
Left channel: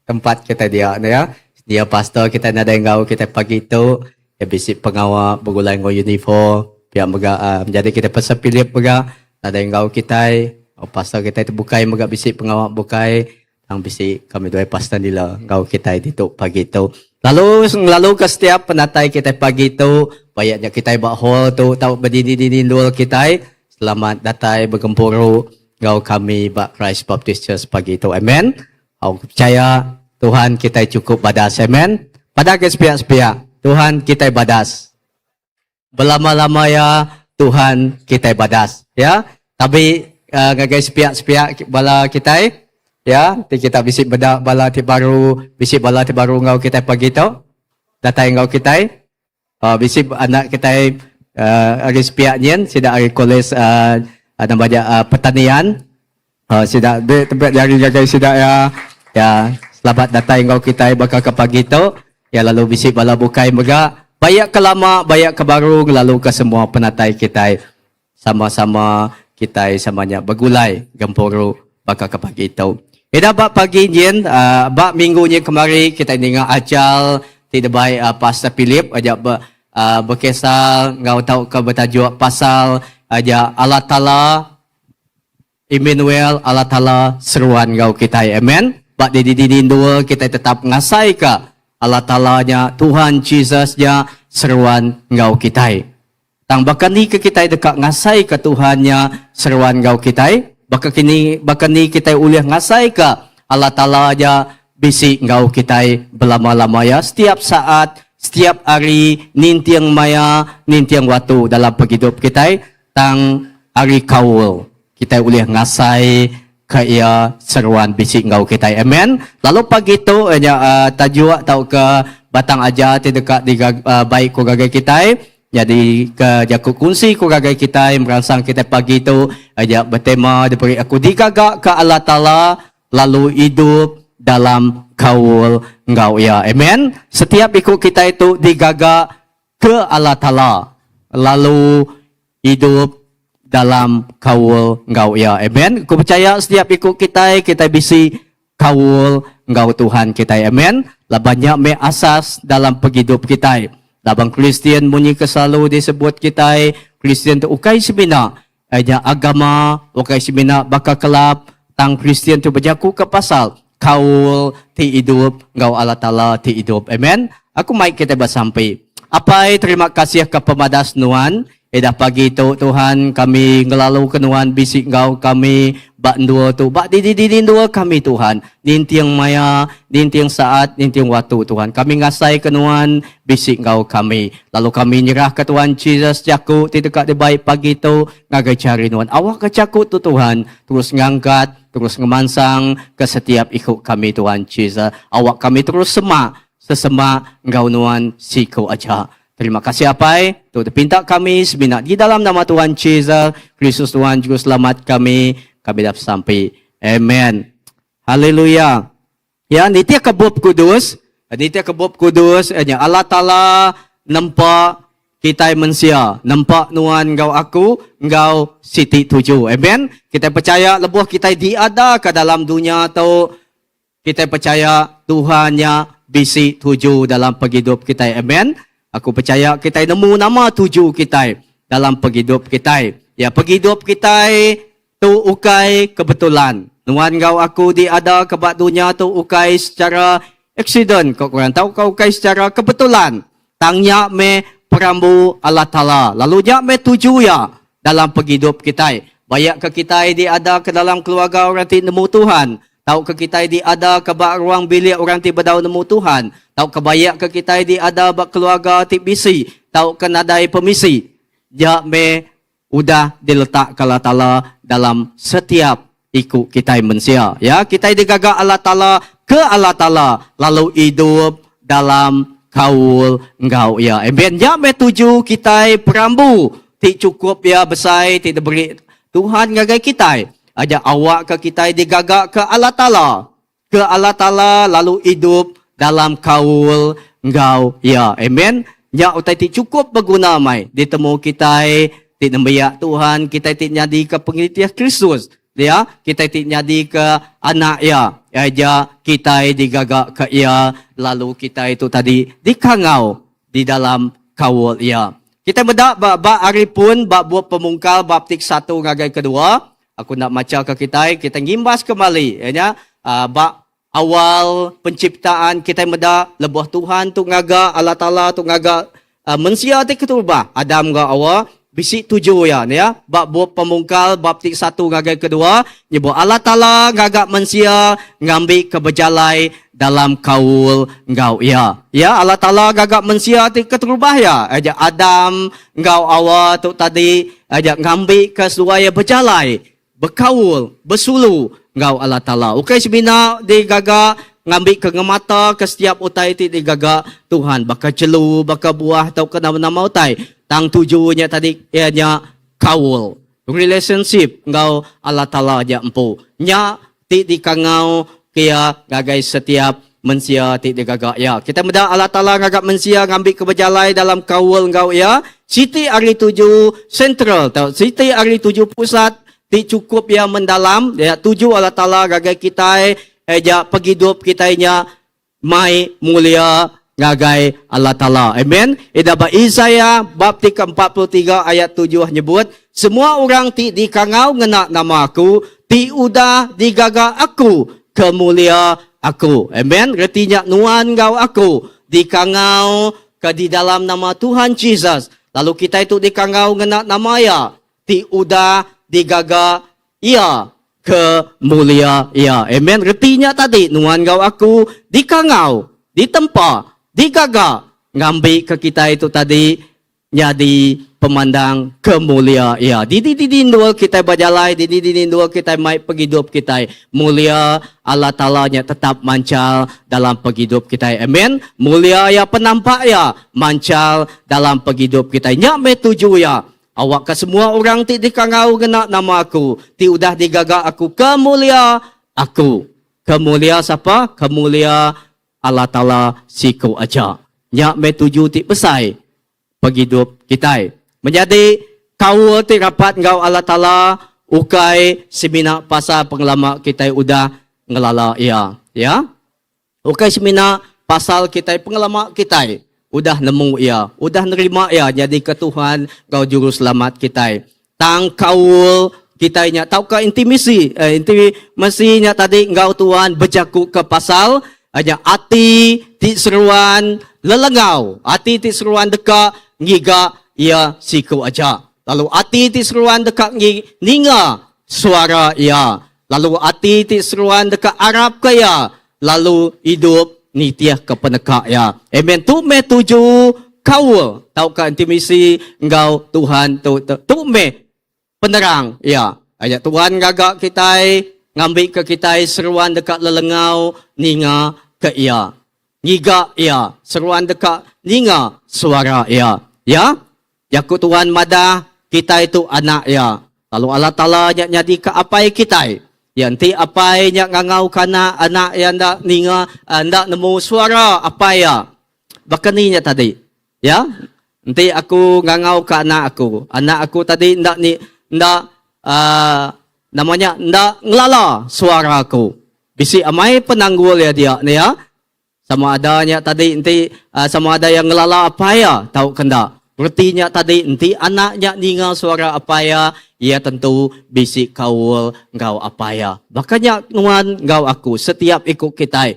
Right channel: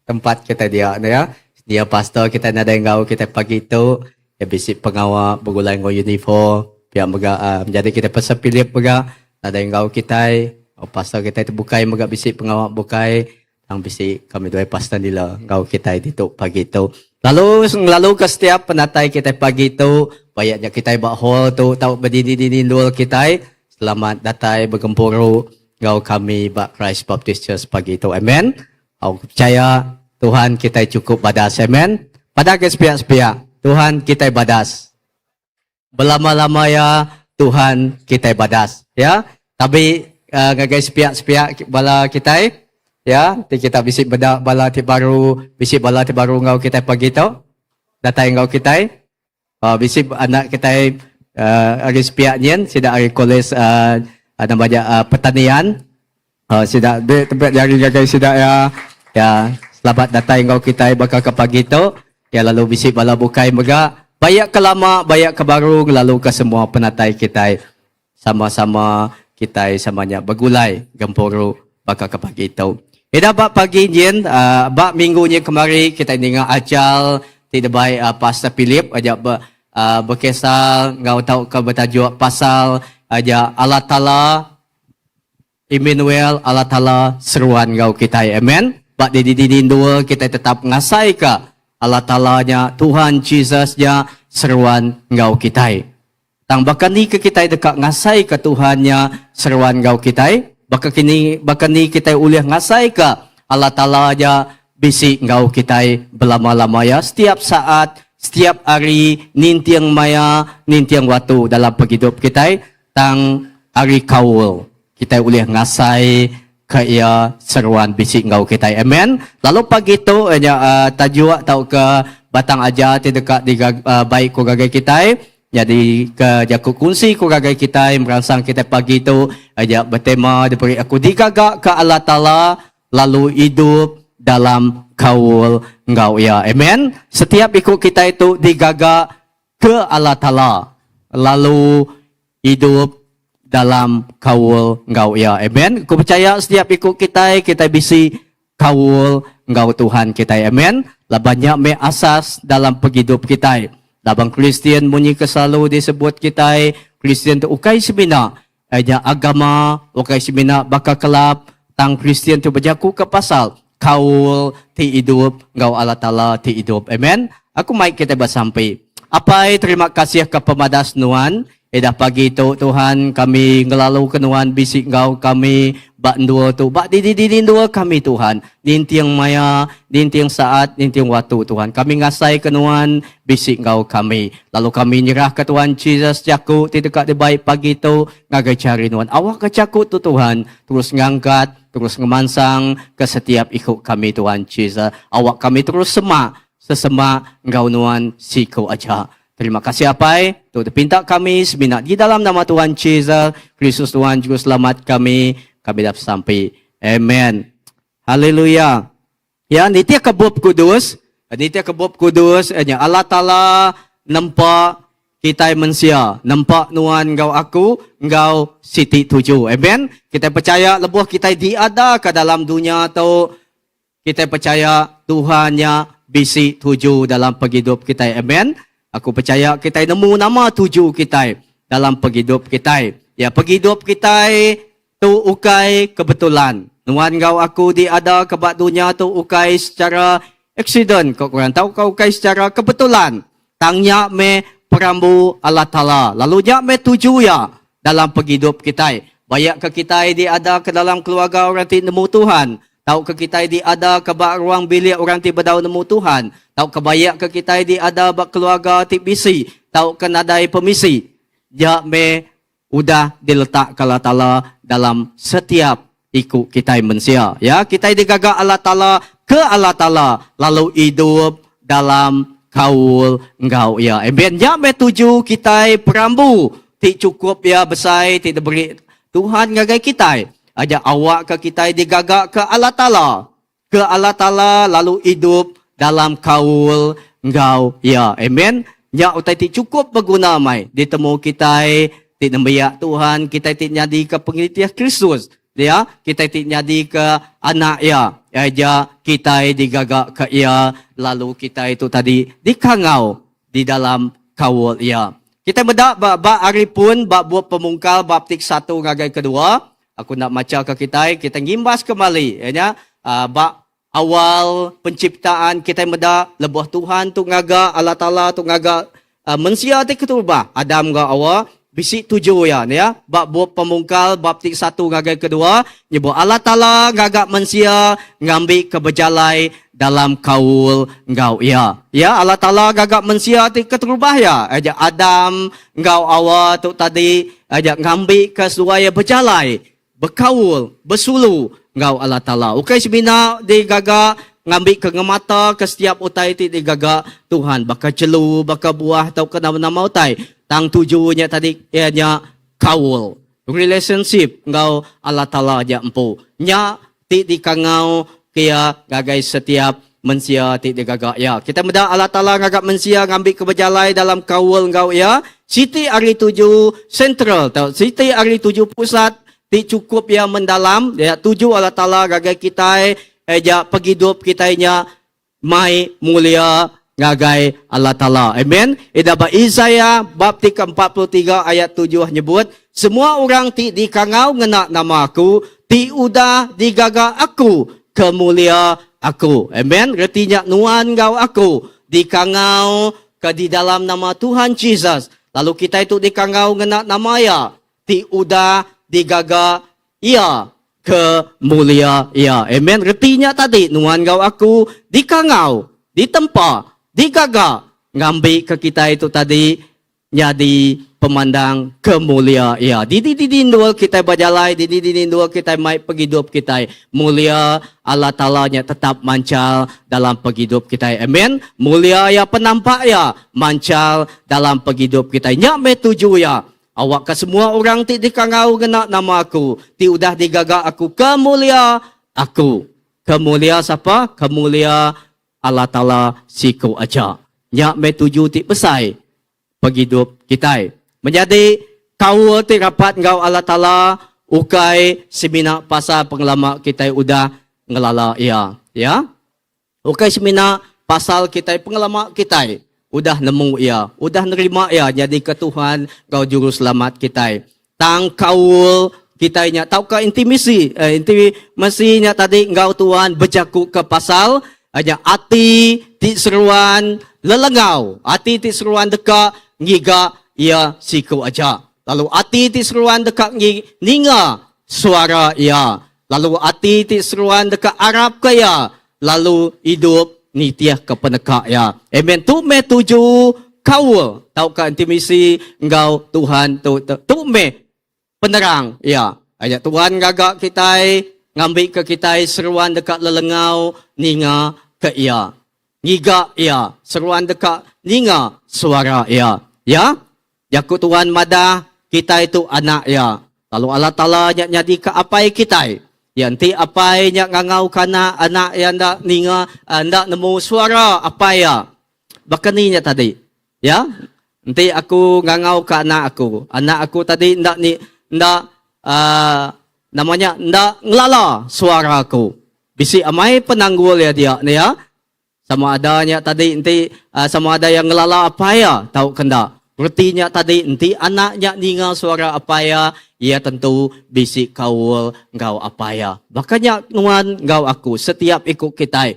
tempat kita dia ya. Dia pastor kita nada ngau kita pagi itu ya bisik pengawal bergulai ngau uniform pihak mega jadi kita pasal pilih mega nada ngau kita pastor kita itu bukai mega bisik pengawal bukai ang bisik kami dua pastor nila ngau kita itu pagi itu. Lalu ke setiap penatai kita pagi itu, bayaknya kita bahol tu tahu berdiri dulu kita. Selamat datang bergempuru ngau kami bak Christ Baptist Church pagi itu. Amen. Aku percaya Tuhan kita cukup badas. Amen. Pada ke sepiak-sepiak, Tuhan kita badas. Berlama-lama ya Tuhan kita badas. Ya. Tapi gagai sepiak-sepiak bala kita. Ya, kita bisik bedak bala ti baru, bisik bala ti baru ngau kita pagi tu. Datang ngau kita. Bisik anak kita hari sepiak nyen, sida hari kolej namanya pertanian. Sida tempat jari-jari sida ya selamat datang ngau kita bakal ke pagi tu. Ya lalu bisik bala bukai mega. Bayak ke lama, bayak ke baru, lalu ke semua penatai kita. Sama-sama kita samanya bergulai gempuru bakal ke pagi tu. Ida bak pagi jen, bak minggunya kemari kita dengar acal tidak baik Pastor Philip aja berkisah ngau tahu ke bertajuk pasal aja Allah Taala Emmanuel Allah Taala seruan ngau kita. Amen. Bak di dua kita tetap ngasai ke Allah Taala-nya Tuhan Jesus-nya seruan ngau kita. Tang bahkan ni ke kita dekat ngasai ke Tuhannya seruan ngau kita. Bahkan ni kita ulih ngasai ke Allah Ta'ala aja bisik ngau kita berlama-lama ya. Setiap saat, setiap hari, nintiang maya, nintiang waktu dalam penghidup kita. Tang hari kaul, kita ulih ngasai ke ia seruan bisik ngau kita. Amen. Lalu pagi tu, tajuk tau ke batang aja dekat di baik ko gagai kita. Jadi ke jakut kunci ku gagai kita merangsang kita pagi itu aja bertema diberi aku digagak ke Allah Ta'ala lalu hidup dalam kaul ngau ya. Amen. Setiap ikut kita itu digagak ke Allah Ta'ala lalu hidup dalam kaul ngau ya. Amen. Aku percaya setiap ikut kita bisi kaul ngau Tuhan kita. Amen. Lah banyak me asas dalam penghidup kita. Labang Kristian bunyi kesalalu disebut kita Kristian tu ukai semina aja agama ukai semina bakal kelap tang Kristian tu berjaku ke pasal kaul ti hidup ngau Allah Ta'ala ti hidup. Amen. Aku mai kita bersampai. Apai terima kasih ke pemadas nuan. Eda pagi tu Tuhan kami ngelalu ke nuan bisik ngau kami bak dua tu bak di dua kami Tuhan. Nintiang maya, nintiang saat, nintiang waktu Tuhan. Kami ngasai ke nuan bisik ngau kami. Lalu kami nyerah ke Tuhan Jesus jaku ti dekat di baik pagi tu ngagai cari nuan. Awak ke jaku tu Tuhan terus ngangkat, terus ngemansang ke setiap ikut kami Tuhan Jesus. Awak kami terus sesema ngau nuan siku aja. Terima kasih apai tu pinta kami seminat di dalam nama Tuhan Jesus Kristus Tuhan juru selamat kami dapat sampai. Amen. Haleluya. Ya nitia kebub kudus Allah Ta'ala nampak kita manusia nampak nuan ngau aku ngau siti tuju. Amen. Kita percaya lebuh kita diada ke dalam dunia tu kita percaya Tuhannya bisi tuju dalam penghidup kita. Amen. Aku percaya kita nemu nama tuju kita dalam penghidup kita. Ya, penghidup kita tu ukai kebetulan. Nuan ngau aku diada ke bak dunia tu ukai secara accident. Kau korang tahu kau ukai secara kebetulan. Tangnya me perambu Allah Ta'ala. Lalu nya me tuju ya dalam penghidup kita. Bayak ke kita di ada ke dalam keluarga orang ti nemu Tuhan. Tahu ke kita di ada ke bak ruang bilik orang ti bedau nemu Tuhan. Tahu ke bayak ke kita di ada bak keluarga ti bisi. Tahu ke nadai pemisi. Dia me udah diletak ke Allah Ta'ala dalam setiap ikut kita manusia. Ya, kita digagak Allah Ta'ala ke Allah Ta'ala. Lalu hidup dalam kaul engkau. Ya, amen. Ya me tuju kita perambu. Ti cukup ya besai, ti diberi Tuhan ngagai kita. Aja awak ke kita digagak ke Allah Ta'ala. Ke Allah Ta'ala lalu hidup dalam kaul engkau. Ya, amen. Ya utai ti cukup berguna mai. Ditemu kita ti nembiak Tuhan, kita ti nyadi ke pengikut Kristus. Ya, kita ti nyadi ke anak ya. Aja kita digagak ke ia lalu kita itu tadi dikangau di dalam kaul ya. Kita bedak bab hari pun bab buat pemungkal bab tik 1 ngagai kedua. Aku nak baca ke kita ngimbas kembali ya. Bab awal penciptaan kita bedak lebuh Tuhan tu ngaga Allah Taala tu ngaga manusia tik ketubah Adam ga awal bisik 7 ya. Bab buat pemungkal bab tik 1 ngagai kedua nyebut Allah Taala ngaga manusia ngambil keberjalai dalam kaul engkau ya. Ya Allah Ta'ala gagak manusia keterubah ya. Ajak Adam engkau awal tu tadi ajak ngambil ke suaya berjalai, berkaul, bersulu engkau Allah Ta'ala. Okey sebina di gagak ngambil ke ngemata ke setiap utai ti di gagak Tuhan. Bakal celu, bakal buah atau ke nama-nama utai. Tang tujuannya tadi ianya kaul. Relationship engkau Allah Ta'ala ajak empu. Nya ti di kangau kia gagai setiap manusia ti digagak ya. Kita meda Allah Taala ngagak manusia ngambil keberjalai dalam kaul engkau ya. Siti hari 7 sentral tau. Siti hari 7 pusat ti cukup ya mendalam ya. 7 Allah Taala gagai kita eja penghidup kitanya mai mulia ngagai Allah Taala. Amen. Ida ba Isaya bab 43 ayat 7 nyebut semua orang ti dikangau ngena nama aku ti udah digagak aku kemulia aku. Amen. Retinya nuan gau aku dikangau ke di dalam nama Tuhan Jesus. Lalu kita itu dikangau ngena nama ya. Ti udah digaga ia kemulia ia. Amen. Retinya tadi nuan gau aku dikangau, ditempa, digaga ngambil ke kita itu tadi jadi pemandang kemulia ya. Di dua kita berjalai, di dua kita mai penghidup kita. Mulia Allah Ta'ala nya tetap mancal dalam penghidup kita. Amen. Mulia ya penampak ya mancal dalam penghidup kita. Nya me tuju ya. Awak ke semua orang ti dikangau kena nama aku. Ti udah digagak aku kemulia aku. Kemulia siapa? Kemulia Allah Ta'ala siku aja. Nya me tuju ti pesai penghidup kita. Menjadi kau ti rapat ngau Allah Ta'ala ukai semina pasal pengelama kita udah ngelala ya. Ya. Ukai semina pasal kita pengelama kita udah nemu ya. Udah nerima ya jadi ke Tuhan ngau juru selamat kita. Tang kaul kita nya tau ke intimasi intimasinya tadi ngau Tuhan berjaku ke pasal aja ati ti seruan lelengau. Ati ti seruan deka ngiga ia siku aja. Lalu ati ti seruan dekat ninga suara ia. Lalu ati ti seruan dekat Arab kaya. Lalu hidup nitiah ke peneka ya. Amen. Tu me tuju kau. Tau ka intimasi engkau Tuhan tu me penerang ya. Ayat Tuhan gagak kita ngambil ke kita seruan dekat lelengau ninga ke ia. Ngiga ia. Seruan dekat ninga suara ia. Ya, yaku Tuhan madah kita itu anak ya. Lalu Allah Ta'ala nyadi ke apai kita. Yang ti apai nyak ngangau kana anak yang ndak ninga ndak nemu suara apa ya. Bahkan ni tadi. Ya. Nanti aku ngangau ke anak aku tadi ndak namanya ndak ngelala suara aku. Bisi amai penanggul ya dia ni ya. Sama adanya tadi nanti sama ada yang ngelala apa ya tahu kenda. Artinya tadi nanti anaknya ningal suara apa ya ia tentu bisik kaul ngau apa ya. Makanya nuan ngau aku setiap ikut kita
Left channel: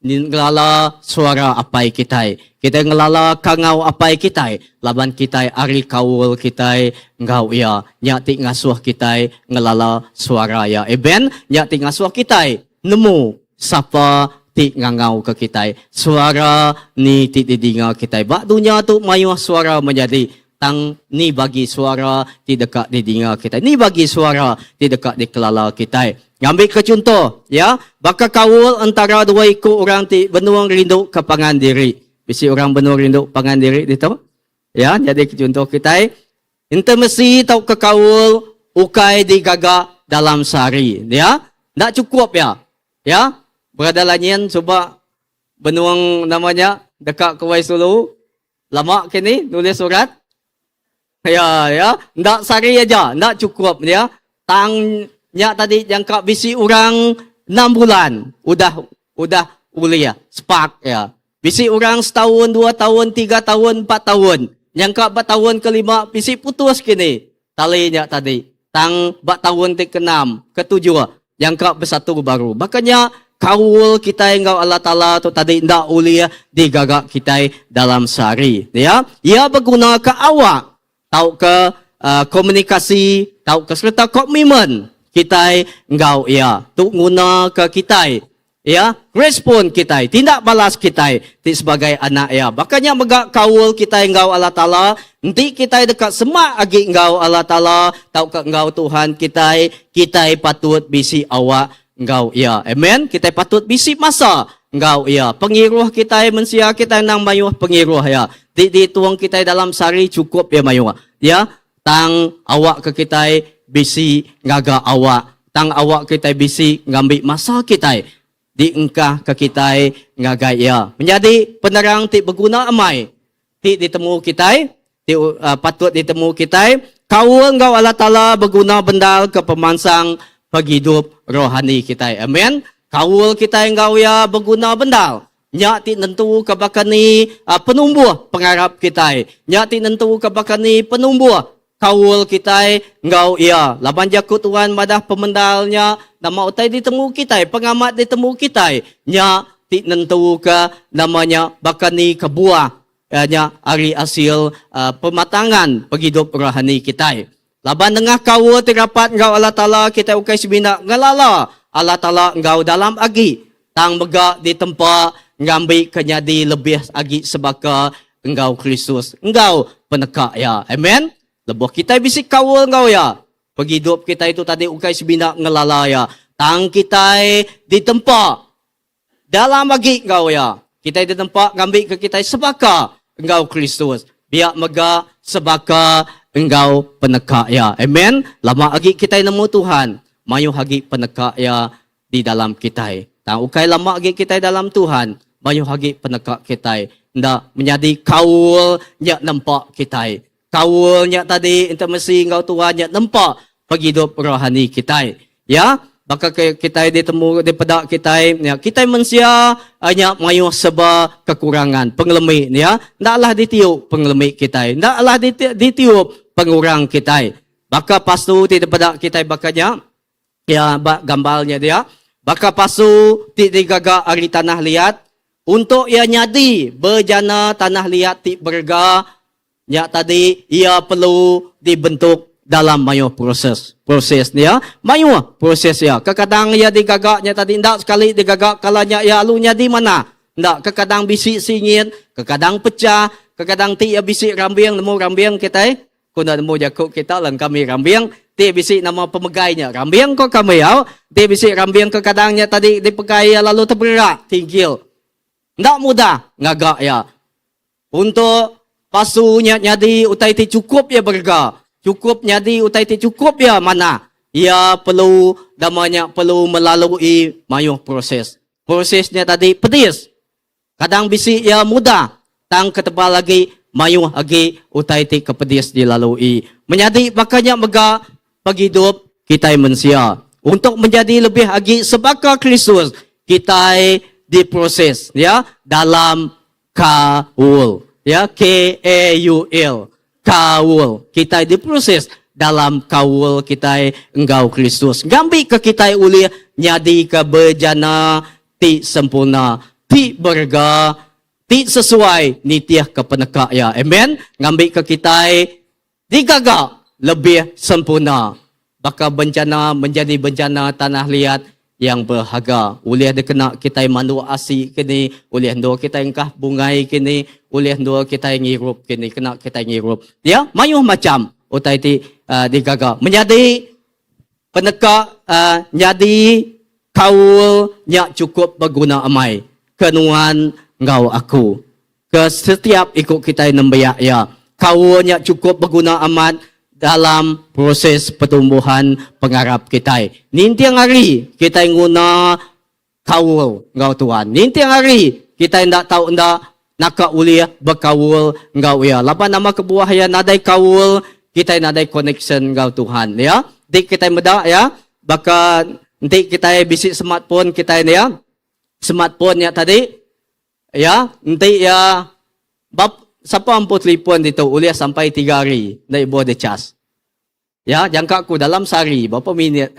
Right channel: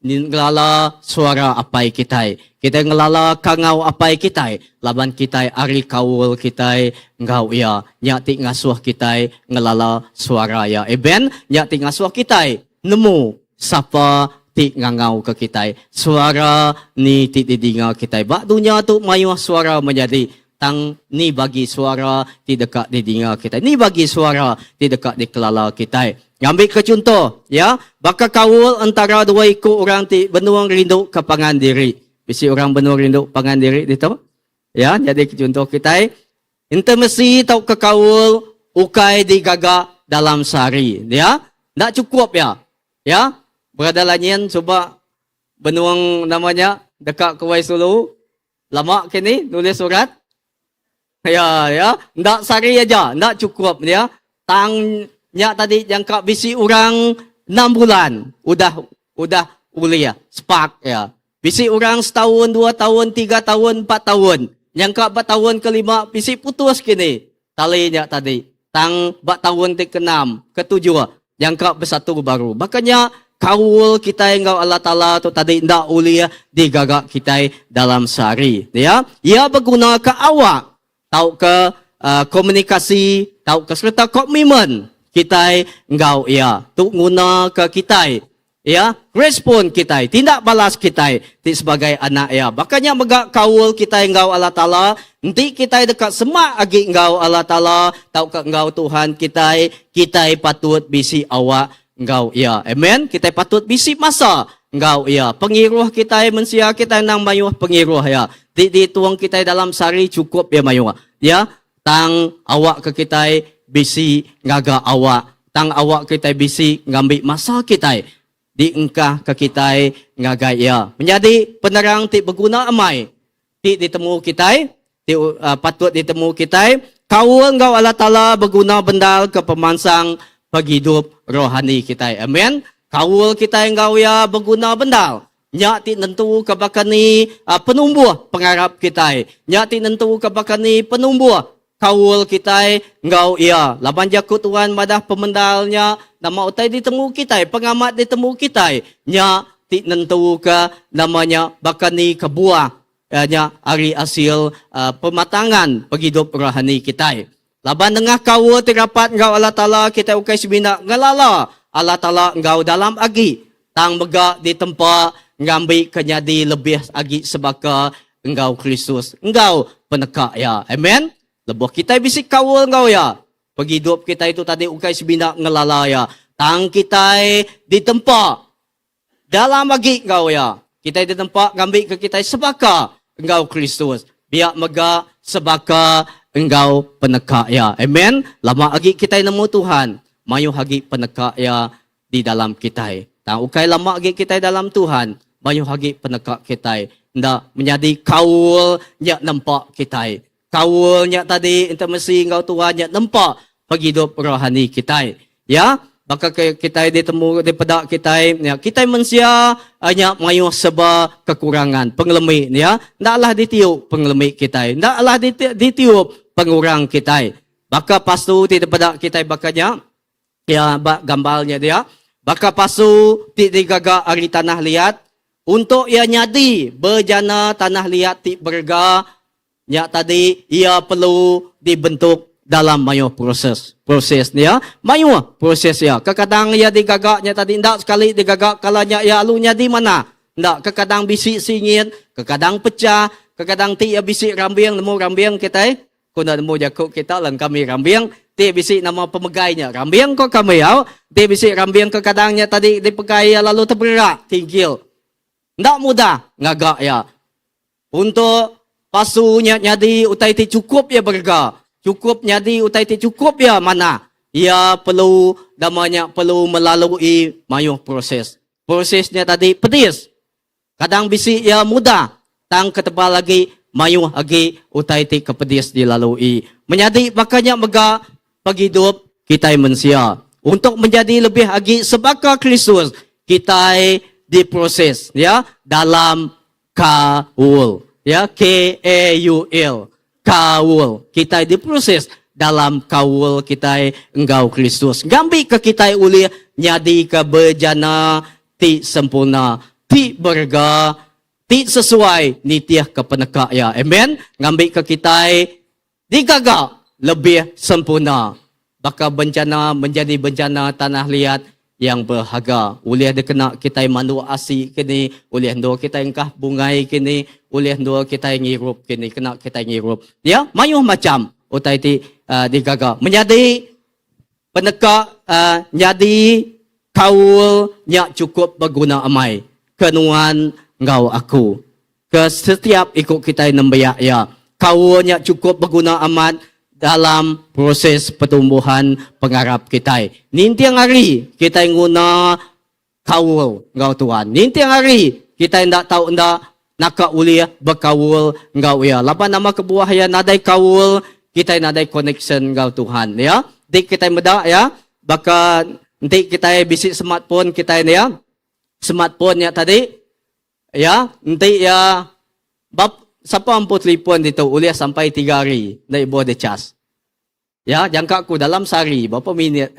ngelala suara apai kita. Kita ngelala kangau apai kita. Laban kita ari kawul kita ngau ya. Nyati ngasuh kita ngelala suara ya. Eben, nyati ngasuh kita nemu sapa ti ngangau ke kita. Suara ni ti didinga kita. Bak dunia tu mayuh suara menjadi tang ni bagi suara di dekat di dinga kita. Ni bagi suara di dekat di kelala kita. Ngambil ke contoh, ya. Baka kawul antara dua ikut orang ti benuang rindu ke pangan diri. Bisi orang benuang rindu pangan diri itu. Ya, jadi ke contoh kita. Intimasi tau ke kawul ukai digagak dalam sehari, ya. Tak cukup ya. Ya. Berada lanyan coba benuang namanya dekat ke Waisulu. Lama kini nulis surat. Ya, ndak sehari aja, ndak cukup ya. Tangnya tadi jangka bisi orang 6 bulan, udah kuliah, spark ya. Bisi orang setahun, 2 tahun, 3 tahun, 4 tahun. Jangka 4 tahun ke-5, bisi putus kini. Talinya tadi, tang 4 tahun ke-6, ke-7, jangka bersatu baru. Makanya kawul kita yang Allah Ta'ala tu tadi ndak uliah digagak kita dalam sehari. Ya, ia berguna ke awak. Tahu ke komunikasi, tahu ke serta komitmen kita engkau ya, tu guna ke kita ya, respon kita, tindak balas kita ti sebagai anak ya. Makanya megak kawul kita engkau Allah Taala, nanti kita dekat semak agi engkau Allah Taala, tahu ke engkau Tuhan kita patut bisi awak engkau ya. Amen. Kita patut bisi masa engkau ya. Pengiruh kita mensia kita nang mayuh pengiruh ya. Di tuang kita dalam sehari cukup ya mayuh. Ya, tang awak ke kita bisi ngaga awak. Tang awak kita bisi ngambil masa kita. Diengkah ke kita ngaga ya. Menjadi penerang ti berguna amai. Ti ditemu kita, ti patut ditemu kita. Kawul engkau Allah Ta'ala berguna bendal ke pemansang penghidup rohani kita. Amen. Kawul kita engkau ya berguna bendal. Nyak ti nentu kabakani penumbuh pengharap kita. Nyak ti nentu kabakani penumbuh kawul kita engkau ya. Laban jakut Tuhan madah pemendalnya nama utai ditemu kita, pengamat ditemu kita. Nyak ti nentu ke namanya bakani kebuah nya ari hasil pematangan penghidup rohani kita. Laban dengah kawul tirapat engkau Allah Ta'ala kita ukai sebina ngalala Allah Ta'ala engkau dalam agi. Tang megak di tempat ngambil kenyadi lebih agi sebaka engkau Kristus. Engkau penekak ya. Amen. Lebuh kita bisik kawul engkau ya. Penghidup kita itu tadi ukai sebina ngelala ya. Tang kita di tempat dalam agi engkau ya. Kita di tempat ngambil ke kita sebaka engkau Kristus. Biak megak sebaka engkau penekak ya. Amen. Lama agi kita nemu Tuhan. Mayu hagi penekak ya di dalam kita. Tang ukai lama lagi kita dalam Tuhan, mayu hagi penekak kita. Ndak menjadi kawul nyak nampak kita. Kawul nyak tadi intimasi engkau Tuhan nyak nampak penghidup rohani kita. Ya, maka kita ditemu daripada kita, ya, kita manusia hanya mayu seba kekurangan, pengelemi ya. Ndaklah ditiup pengelemi kita. Ndaklah ditiup pengurang kita. Maka pastu daripada kita bakanya ya gambarnya dia. Baka pasu ti digaga ari tanah liat untuk ia nyadi berjana tanah liat ti berga nya tadi ia perlu dibentuk dalam mayu proses dia mayu proses ya. Kadang ia digagaknya tadi ndak sekali digagak kalanya ia alunya di mana ndak kadang bisik singit, kadang pecah, kadang ti ia bisik rambiang nemu rambiang kita kuna nemu jakuk kita lang kami rambiang. Dia bisik nama pemegainya. Rambiang kok kami ya. Dia bisik rambiang ke kadangnya tadi dipegai lalu terberak. Tingkil. Tidak mudah. Ngagak ya. Untuk pasunya nyadi utai ti cukup ya berga. Cukup nyadi utai ti cukup ya mana. Ia perlu namanya perlu melalui mayu proses. Prosesnya tadi pedis. Kadang bisik ya mudah. Tang ketebal lagi mayu lagi utai ti kepedis dilalui. Menyadi makanya mega penghidup kita manusia. Untuk menjadi lebih lagi sebaka Kristus, kita diproses ya dalam kawul. Ya, K-A-U-L. Kawul. Kita diproses dalam kawul kita engkau Kristus. Gambi ke kita uli nyadi ke berjana ti sempurna. ti berga, ti sesuai nitiah ke peneka ya. Amen. Ngambil ke kita digaga lebih sempurna. Baka bencana menjadi bencana tanah liat yang berharga. Oleh dia kena kita mandu asik kini, oleh dua kita engkah bungai kini, oleh dua kita ngirup kini, kena kita ngirup. Ya, mayuh macam utai ti digaga. Menjadi peneka jadi kaul nyak cukup berguna amai. Kenuan ngau aku. Ke setiap ikut kita nembayak ya. Kaul nyak cukup berguna amat dalam proses pertumbuhan pengarap kita. Nintiang hari kita guna kaul ngau Tuhan. Nintiang hari kita tidak tahu ndak nak uliah berkaul ngau ya. Lapan nama kebuah ya nadai kaul kita nadai connection ngau Tuhan ya. Dik kita medak ya. Baka nanti kita bisik smartphone kita ini ya. Smartphone ya tadi ya nanti ya bab siapa ampuh telefon itu uliah sampai 3 hari naik buat de cas. Ya, jangka aku dalam sehari berapa minit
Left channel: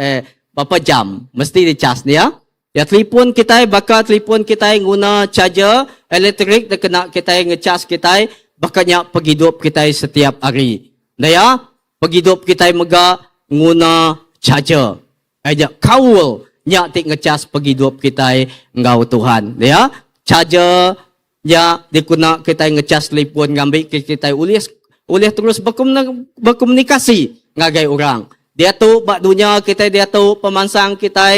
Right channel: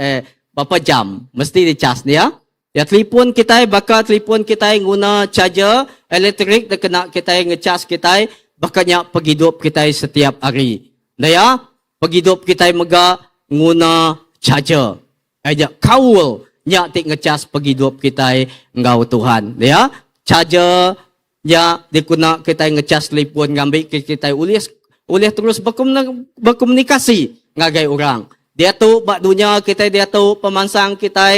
berapa jam mesti di cas ni ya. Ya telefon kita bakal telefon kita guna charger elektrik dan kena kita ngecas kita bakanya penghidup kita setiap hari. Nah ya, penghidup kita mega guna charger. Aja kaul nyak tik ngecas penghidup kita ngau Tuhan. Nah ya, charger ya dikuna kita ngecas telefon ngambil kita ulih terus berkomunikasi ngagai orang. Dia tu bak dunia kita, dia tu pemansang kita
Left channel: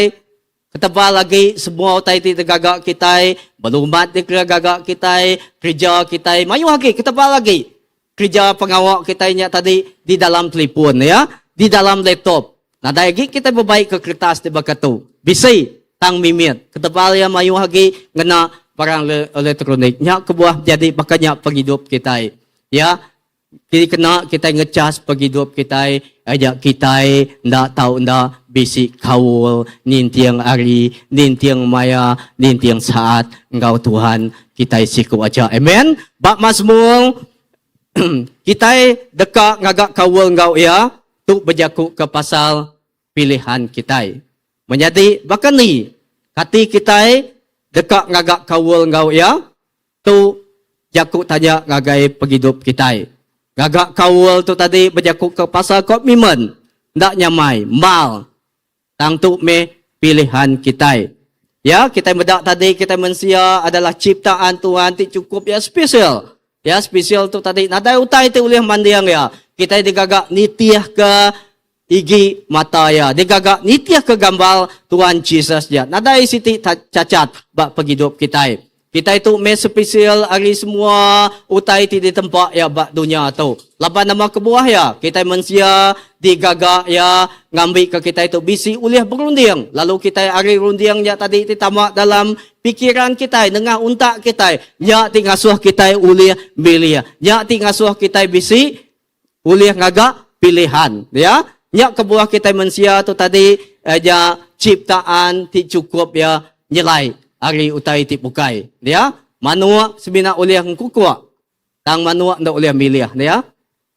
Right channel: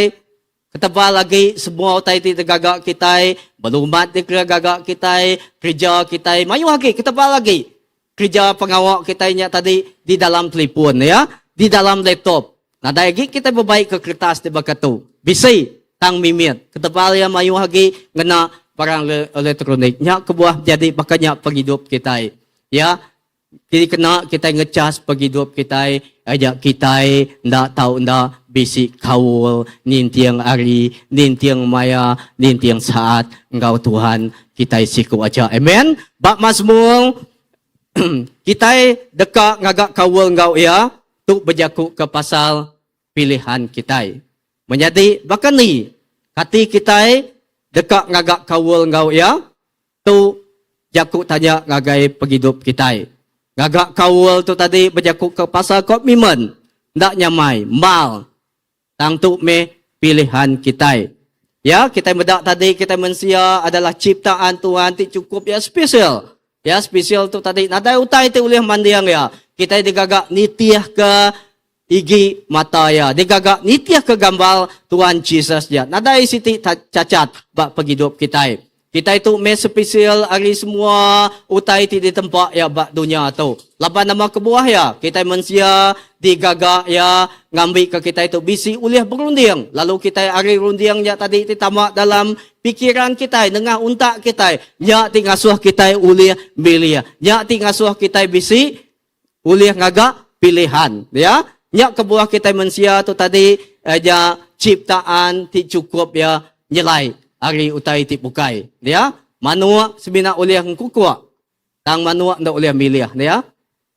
ketebal lagi semua utai ti tegagak kita, berumat di tegagak kita, kerja kita, mayu lagi ketebal lagi. Kerja pengawak kita nya tadi di dalam telefon ya, di dalam laptop. Nah lagi kita berbaik ke kertas di bakatu. Bisi tang mimit. Ketebal ya mayu lagi ngena barang elektronik. Nya kebuah jadi bakanya penghidup kita. Ya, kena kita ngecas penghidup kita, ajak kita ndak tahu ndak bisi kaul nintiang hari, nintiang maya, nintiang saat engkau Tuhan kita siku aja. Amen. Bak Mazmur kita dekat ngagak kaul engkau ya, tu berjakuk ke pasal pilihan kita. Menjadi bahkan ni hati kita dekat ngagak kaul engkau ya, tu jakuk tanya ngagai penghidup kita. Gagak kaul tu tadi berjakuk ke pasal komitmen. Ndak nyamai. Mal. Tang tu me pilihan kita. Ya, kita medak tadi kita mensia adalah ciptaan Tuhan ti cukup ya spesial. Ya, spesial tu tadi. Nadai utai ti ulih mandiang ya. Kita digagak nitiah ke igi mata ya. Digagak nitiah ke gambar Tuhan Yesus ya. Nadai siti cacat bak penghidup kita. Kita itu me spesial hari semua utai ti di tempat ya bak dunia tu. Laban nama kebuah ya, kita mensia digagak ya ngambil ke kita itu bisi ulih berunding. Lalu kita hari rundingnya tadi ti tamak dalam pikiran kita dengan untak kita. Ya ti ngasuh kita ulih milih. Ya ti ngasuh kita bisi ulih ngagak pilihan ya. Ya kebuah kita mensia tu tadi ya ciptaan ti cukup ya nyelai. Hari utai ti pukai. Ya, manua sebina oleh kukua. Tang manua ndak oleh milih ya.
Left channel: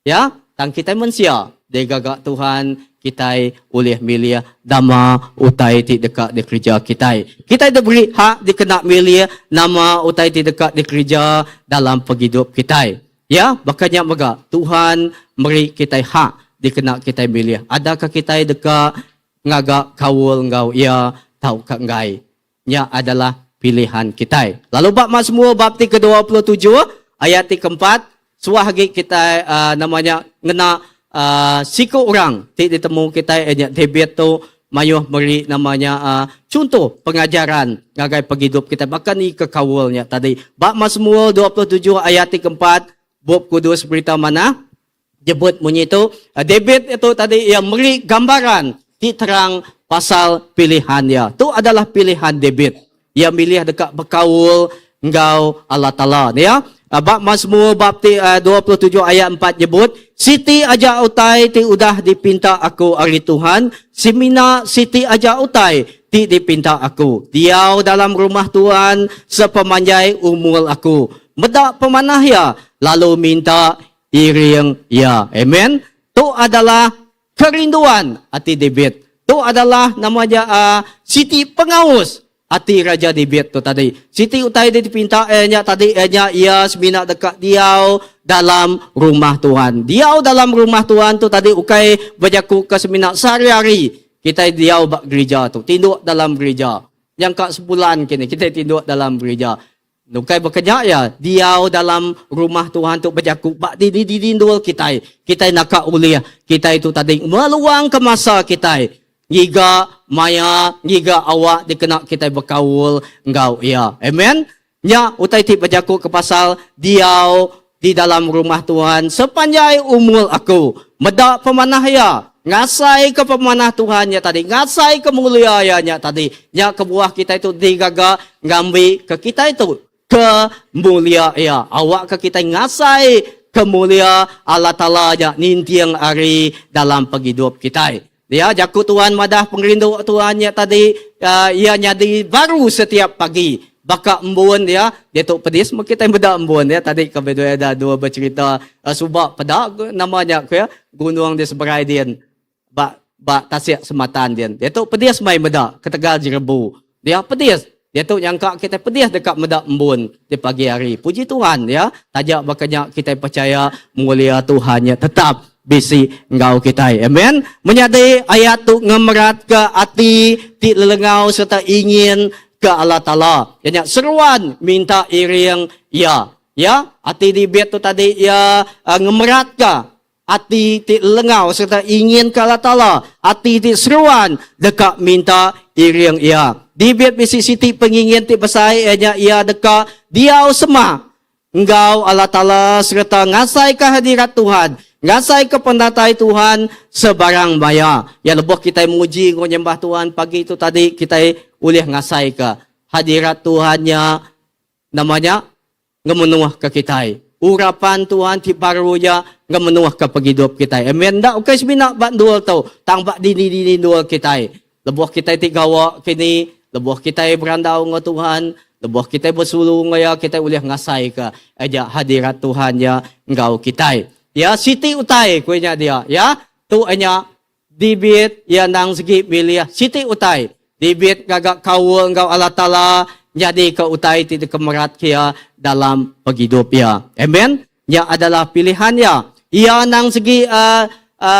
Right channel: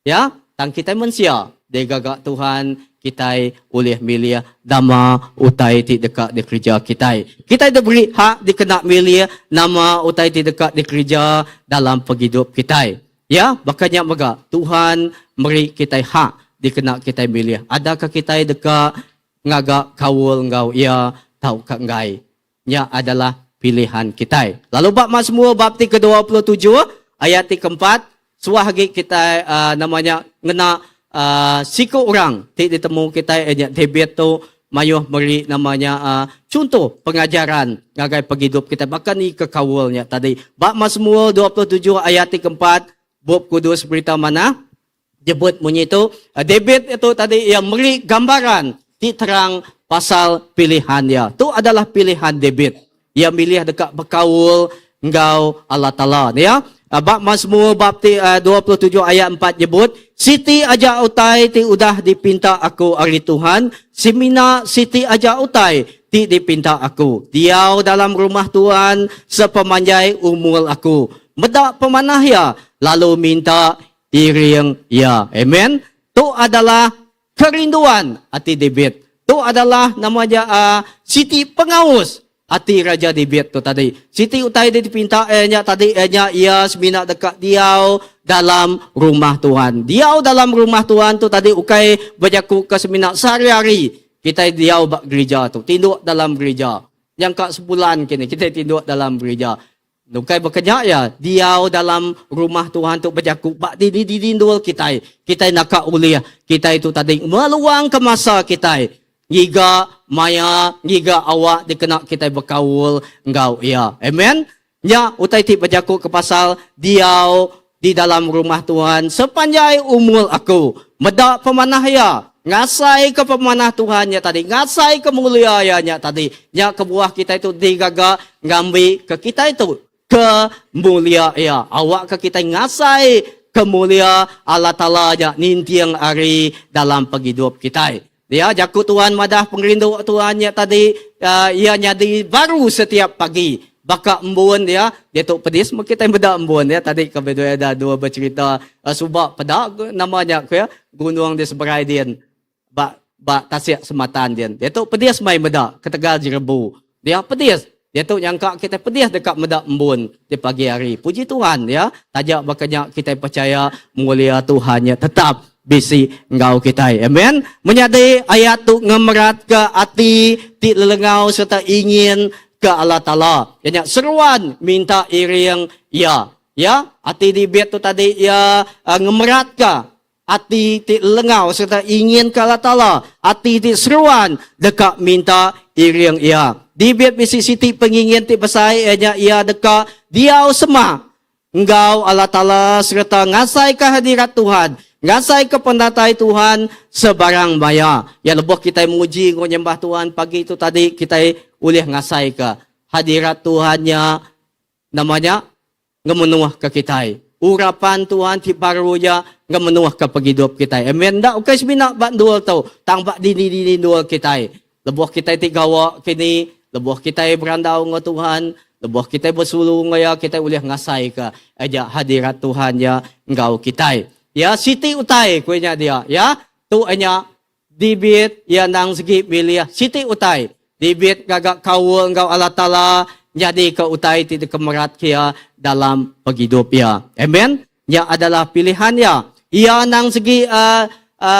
Ya, tang kita manusia. Degagak Tuhan kita oleh milih dama utai ti dekat di kerja kita. Kita diberi hak dikena milih nama utai ti dekat di kerja dalam penghidup kita. Ya, bakanya mega Tuhan beri kita hak dikena kita milih. Adakah kita dekat ngagak kaul engkau ya tahu kak ngai. Nya adalah pilihan kita. Lalu bab Mazmur bab ke-27 ayat ke-4 suah lagi kita namanya ngena siku orang ti ditemu kita David tu mayuh beri namanya contoh pengajaran ngagai penghidup kita bahkan ni kekawulnya tadi. Bab Mazmur 27 ayat ke-4 Bob Kudus berita mana? Jebut bunyi itu David itu tadi yang beri gambaran ti terang pasal pilihannya. Tu adalah pilihan David. Ia milih dekat berkaul engkau Allah Ta'ala. Ya. Bab Mazmur bab 27 ayat 4 nyebut, Siti aja utai ti udah dipinta aku ari Tuhan, simina siti aja utai ti dipinta aku. Diau dalam rumah Tuhan sepemanjai umur aku. Medak pemanah ya, lalu minta iring ya. Amen. Tu adalah kerinduan hati David. Itu adalah namanya Siti pengaus ati raja di bet tu tadi. Siti utai dia dipinta tadi ia semina dekat diau dalam rumah Tuhan. Diau dalam rumah Tuhan tu tadi ukai berjaku ke semina sehari-hari. Kita diau bak gereja tu, tinduk dalam gereja. Yang kak sebulan kini kita tinduk dalam gereja. Nukai bekerja ya, diau dalam rumah Tuhan tu berjaku bak dindul kita. Kita nak uliah, kita itu tadi meluang ke masa kita. Giga maya, giga awak dikena kita berkaul engkau ya. Amen. Nya utai ti berjaku ke pasal diau di dalam rumah Tuhan sepanjang umur aku. Medak pemanah ya. Ngasai ke pemanah Tuhannya tadi, ngasai ke mulianya tadi. Nya ke buah kita itu digaga ngambil ke kita itu ke mulia ya. Awak ke kita ngasai ke mulia Allah Ta'ala ya nintiang hari dalam penghidup kita. Dia jaku Tuhan madah pengrindu Tuhannya tadi ia nyadi baru setiap pagi. Baka embun dia tu pedis kita beda embun ya tadi kebetulan ada dua bercerita subak pada namanya ya gunung di seberai dia ba tasik sematan dia tu pedis mai beda ke Tegal Jerebu dia pedis dia tu nyangka kita pedis dekat medak embun di pagi hari. Puji Tuhan ya. Tajak bakanya kita percaya mulia Tuhannya tetap bisi engkau kita. Amen. Menyadari ayat tu ngemerat ke hati ti lelengau serta ingin ke Allah Ta'ala. Yang seruan minta iring ya. Ya, hati di bet tu tadi ya ngemerat ke hati ti lengau serta ingin ke Allah Ta'ala. Hati ti seruan dekat minta iring ya. Di bet bisi siti pengingin ti besai ia dekat diau semah. Engkau Allah Ta'ala serta ngasai ke hadirat Tuhan. Ngasai ke pendatai Tuhan sebarang baya. Ya lebuh kita muji menyembah Tuhan pagi itu tadi kita boleh ngasai ke hadirat Tuhannya namanya ngemenuah ke kita. Urapan Tuhan ti barunya ngemenuah ke penghidup kita. Amen. Dak ukay semina bak dual tau. Tang bak dini dual kita. Lebuh kita ti gawa kini, lebuh kita berandau dengan Tuhan, lebuh kita bersulung ya kita boleh ngasai ke aja hadirat Tuhannya engkau kita. Ya siti utai kuenya dia ya. Tu anya dibit ya nang segi milia siti utai. Dibit gagak kau engkau Allah Ta'ala jadi ke utai ti kemerat kia dalam penghidup ya. Amen. Yang adalah pilihannya. Ia nang segi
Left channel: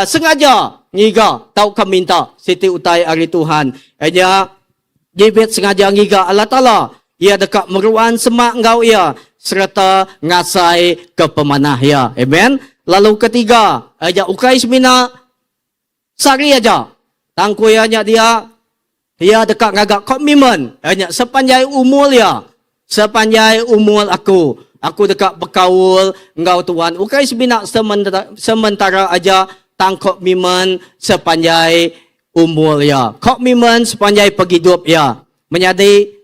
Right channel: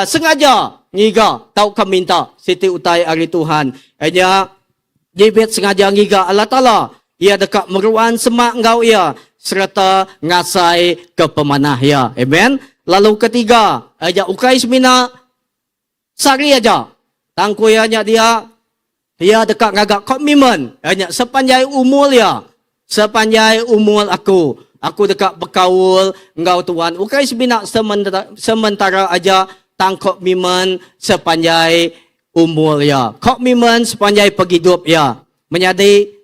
sengaja ngiga tau keminta siti utai hari Tuhan. Aja dibit sengaja ngiga Allah Ta'ala. Ia dekat meruan semak engkau ia serta ngasai ke pemanah ya. Amen. Lalu ketiga, aja ukai semina sari aja. Tangkuyanya dia dekat ngagak komitmen. Hanya sepanjang umur ya. Sepanjang umur aku dekat berkaul engkau Tuhan. Ukai semina sementara aja tang komitmen sepanjang umur ya. Komitmen sepanjang penghidup ya. Menyadari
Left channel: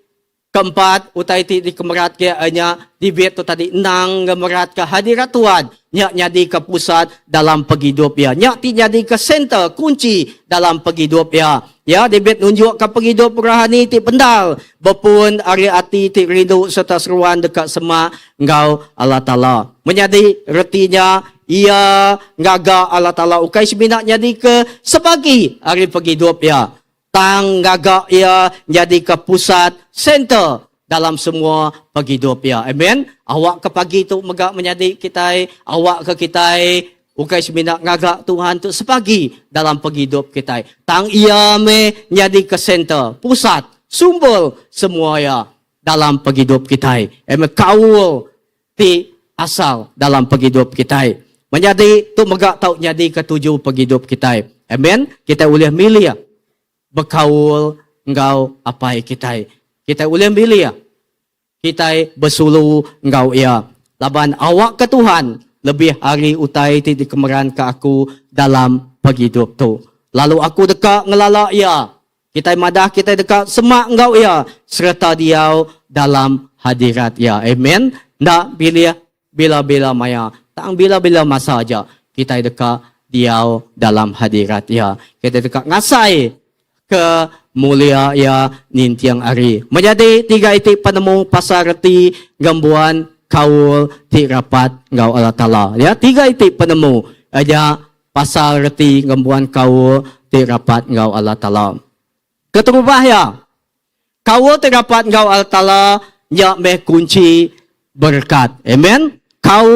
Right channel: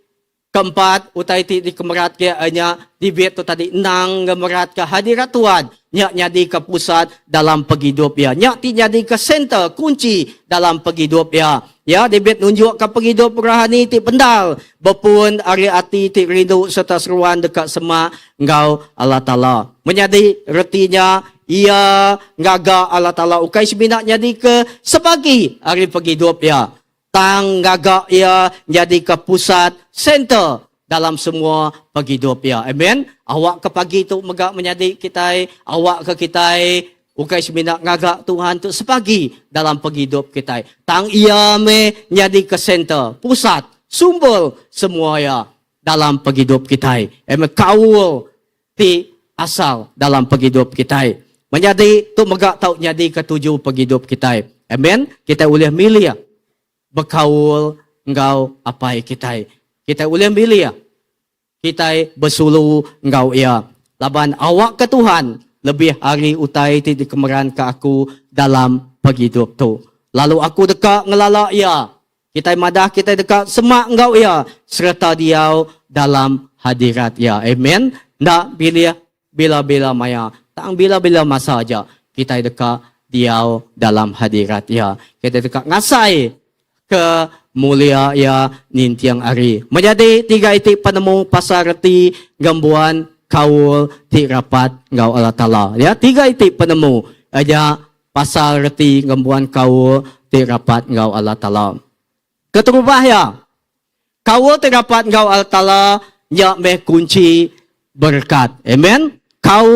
keempat, utai ti di kemerat ke hanya dibet tu tadi nang kemerat ke hadirat Tuhan. Nyak nyadi ke pusat dalam penghidup ya. Nyak ti nyadi ke center, kunci dalam penghidup ya. Ya, dibet nunjuk ke penghidup rohani ti pendal. Bepun ari ati ti rindu serta seruan dekat sema engkau Allah Ta'ala. Menyadi retinya ia ngaga Allah Ta'ala ukai semina nyadi ke sebagi hari penghidup ya. Tang gagak ia jadi ke pusat center dalam semua penghidup ya. Amen. Awak ke pagi tu megak menyadi kita, awak ke kita ukai semina ngagak Tuhan tu sepagi dalam penghidup kita. Tang ia me jadi ke center, pusat, sumber semua ya dalam penghidup kita. Amen. Kau ti asal dalam penghidup kita. Menjadi tu megak tau jadi ketujuh penghidup kita. Amen. Kita boleh milih berkaul engkau apa kita. Kita boleh pilih ya. Kita bersulu engkau ya. Laban awak ke Tuhan lebih hari utai ti dikemeran ke aku dalam penghidup tu. Lalu aku dekat ngelala ya. Kita madah kita dekat semak engkau ya. Serta diau dalam hadirat ya. Amen. Ndak pilih bila-bila maya. Tak bila-bila masa aja. Kita dekat diau dalam hadirat ya. Kita dekat ngasai ke mulia ya nintiang hari. Menjadi tiga itik penemu pasal reti gambuan kaul ti rapat engkau Allah Ta'ala. Ya, tiga itik penemu aja pasal reti gambuan kaul ti rapat engkau Allah Ta'ala. Keterubah ya. Kau terdapat ngau Allah Ta'ala nya meh kunci berkat. Amen. Kau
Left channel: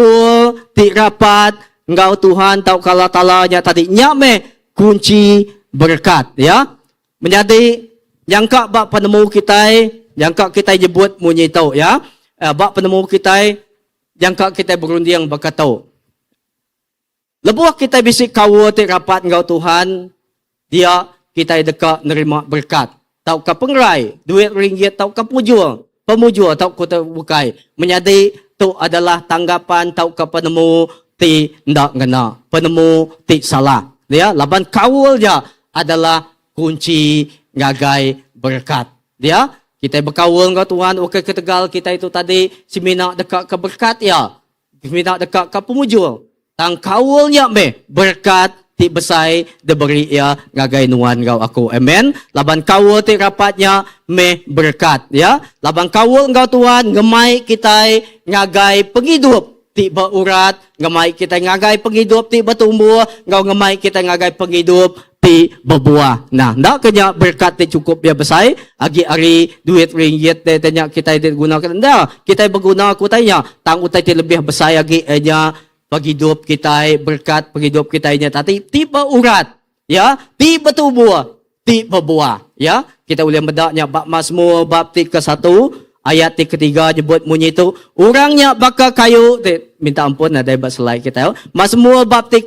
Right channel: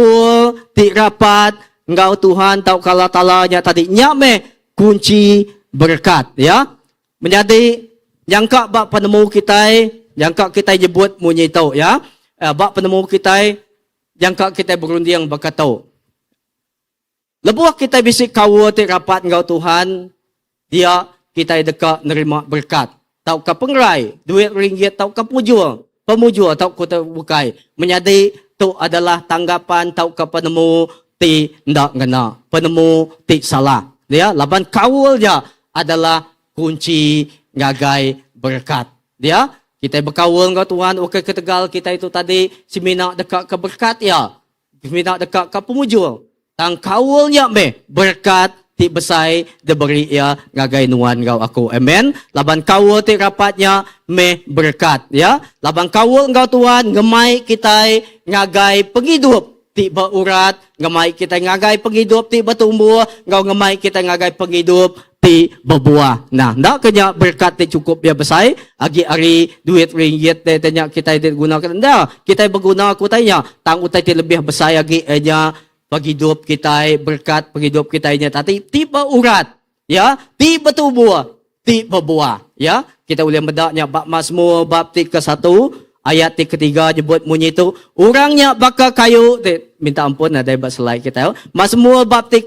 terdapat ngau Tuhan tau Allah Ta'ala nya tadi nya meh kunci berkat. Ya. Menjadi yang kak bak penemu kita, yang kak kita nyebut munyi tau. Ya. Bak penemu kita, yang kak kita berunding berkata. Lebuh kita bisik kau terdapat ngau Tuhan, dia kita dekat nerima berkat. Tau ka pengrai, duit ringgit tau ka pemujur tau ku terbukai. Menjadi tu adalah tanggapan tau ka penemu ti ndak ngena, penemu ti salah. Dia laban kawul dia adalah kunci ngagai berkat. Dia kita berkawul dengan Tuhan, okey ketegal kita itu tadi semina dekat ke berkat ya. Semina dekat ke pemujur. Tang kawulnya meh berkat ti besai diberi ya ngagai nuan ngau aku. Amen. Laban kawul ti rapatnya meh berkat ya. Laban kawul ngau Tuhan ngemai kita ngagai penghidup ti berurat, ngemai kita ngagai penghidup ti bertumbuh, ngau ngemai kita ngagai penghidup ti berbuah. Nah, ndak kenya berkat ti cukup ya besai, agi ari duit ringgit ti tanya kita digunakan. Ndak, kita berguna aku tanya, tang utai ti lebih besai agi nya penghidup kita berkat penghidup kita nya tadi tiba urat ya tiba tubuh tiba buah ya kita boleh mendaknya bab Mazmur bab 1 ayat 3 nyebut bunyi itu orangnya bakal kayu minta ampun ada bab slide kita Mazmur bab 1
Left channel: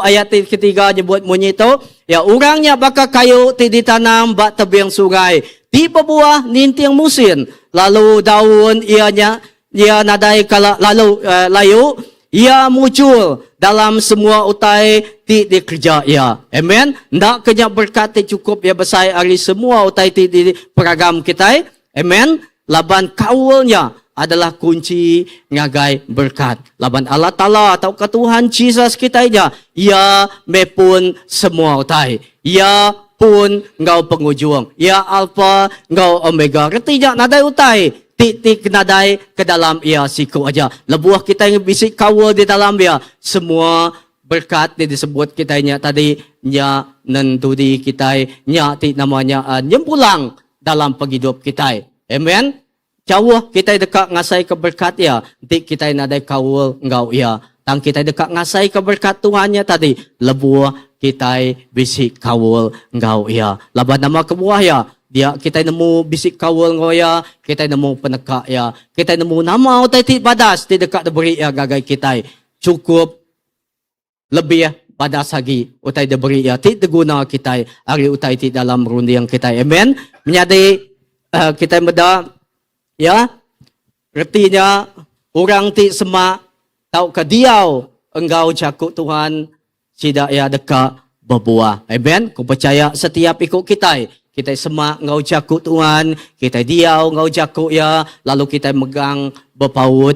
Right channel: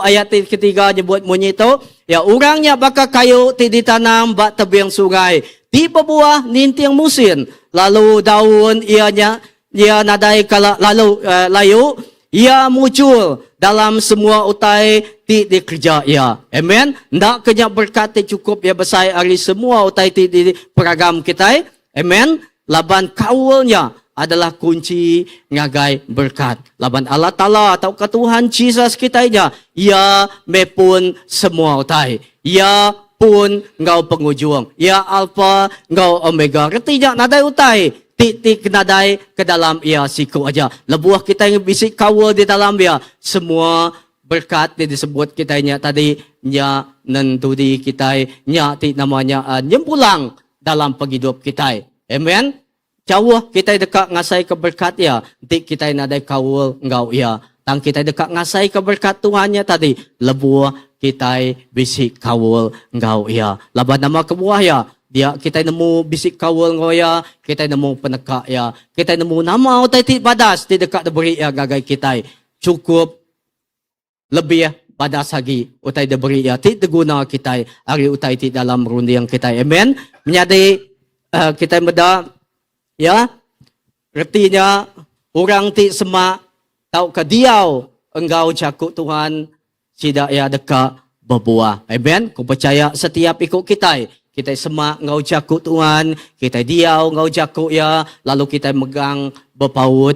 ayat 3 nyebut bunyi itu ya orangnya bakal kayu ditanam bak tebing sungai tiba buah nintiang musim lalu daun ianya ia nadai kala lalu layu ia muncul dalam semua utai ti dikerja ia. Amen. Ndak kenya berkat ti cukup ya besai hari semua utai ti di peragam kita. Amen. Laban kaulnya adalah kunci ngagai berkat. Laban Allah Ta'ala atau ke Tuhan Jesus kita nya. Ia mepun semua utai. Ia pun ngau pengujung. Ia alfa ngau omega. Retinya nadai utai. Tik-tik nadai ke dalam ia siku aja. Lebuah kita yang bisik kawal di dalam dia. Semua berkat yang disebut kita nya tadi. Nya nentudi kita. Nya tik namanya nyempulang dalam penghidup kita. Amen. Jauh kita dekat ngasai keberkat ya. Tik kita nadai kawal ngau ia. Tang kita dekat ngasai keberkat Tuhannya tadi. Lebuah kita bisik kawal ngau ia. Laban nama kebuah ya. Dia kita nemu bisik kawal ngoya, kita nemu peneka ya, kita nemu nama utai ti badas ti dekat diberi ya gagai kita. Cukup lebih badas lagi utai diberi ya ti diguna kita hari utai ti dalam rundiang kita. Amen. Menjadi kita meda ya artinya orang ti semak tau ke diau engkau jakuk Tuhan tidak ya dekat berbuah. Amen. Ku percaya setiap ikut kita. Kita semak ngau jakuk Tuhan, kita diau ngau jakuk ya, lalu kita megang berpaut,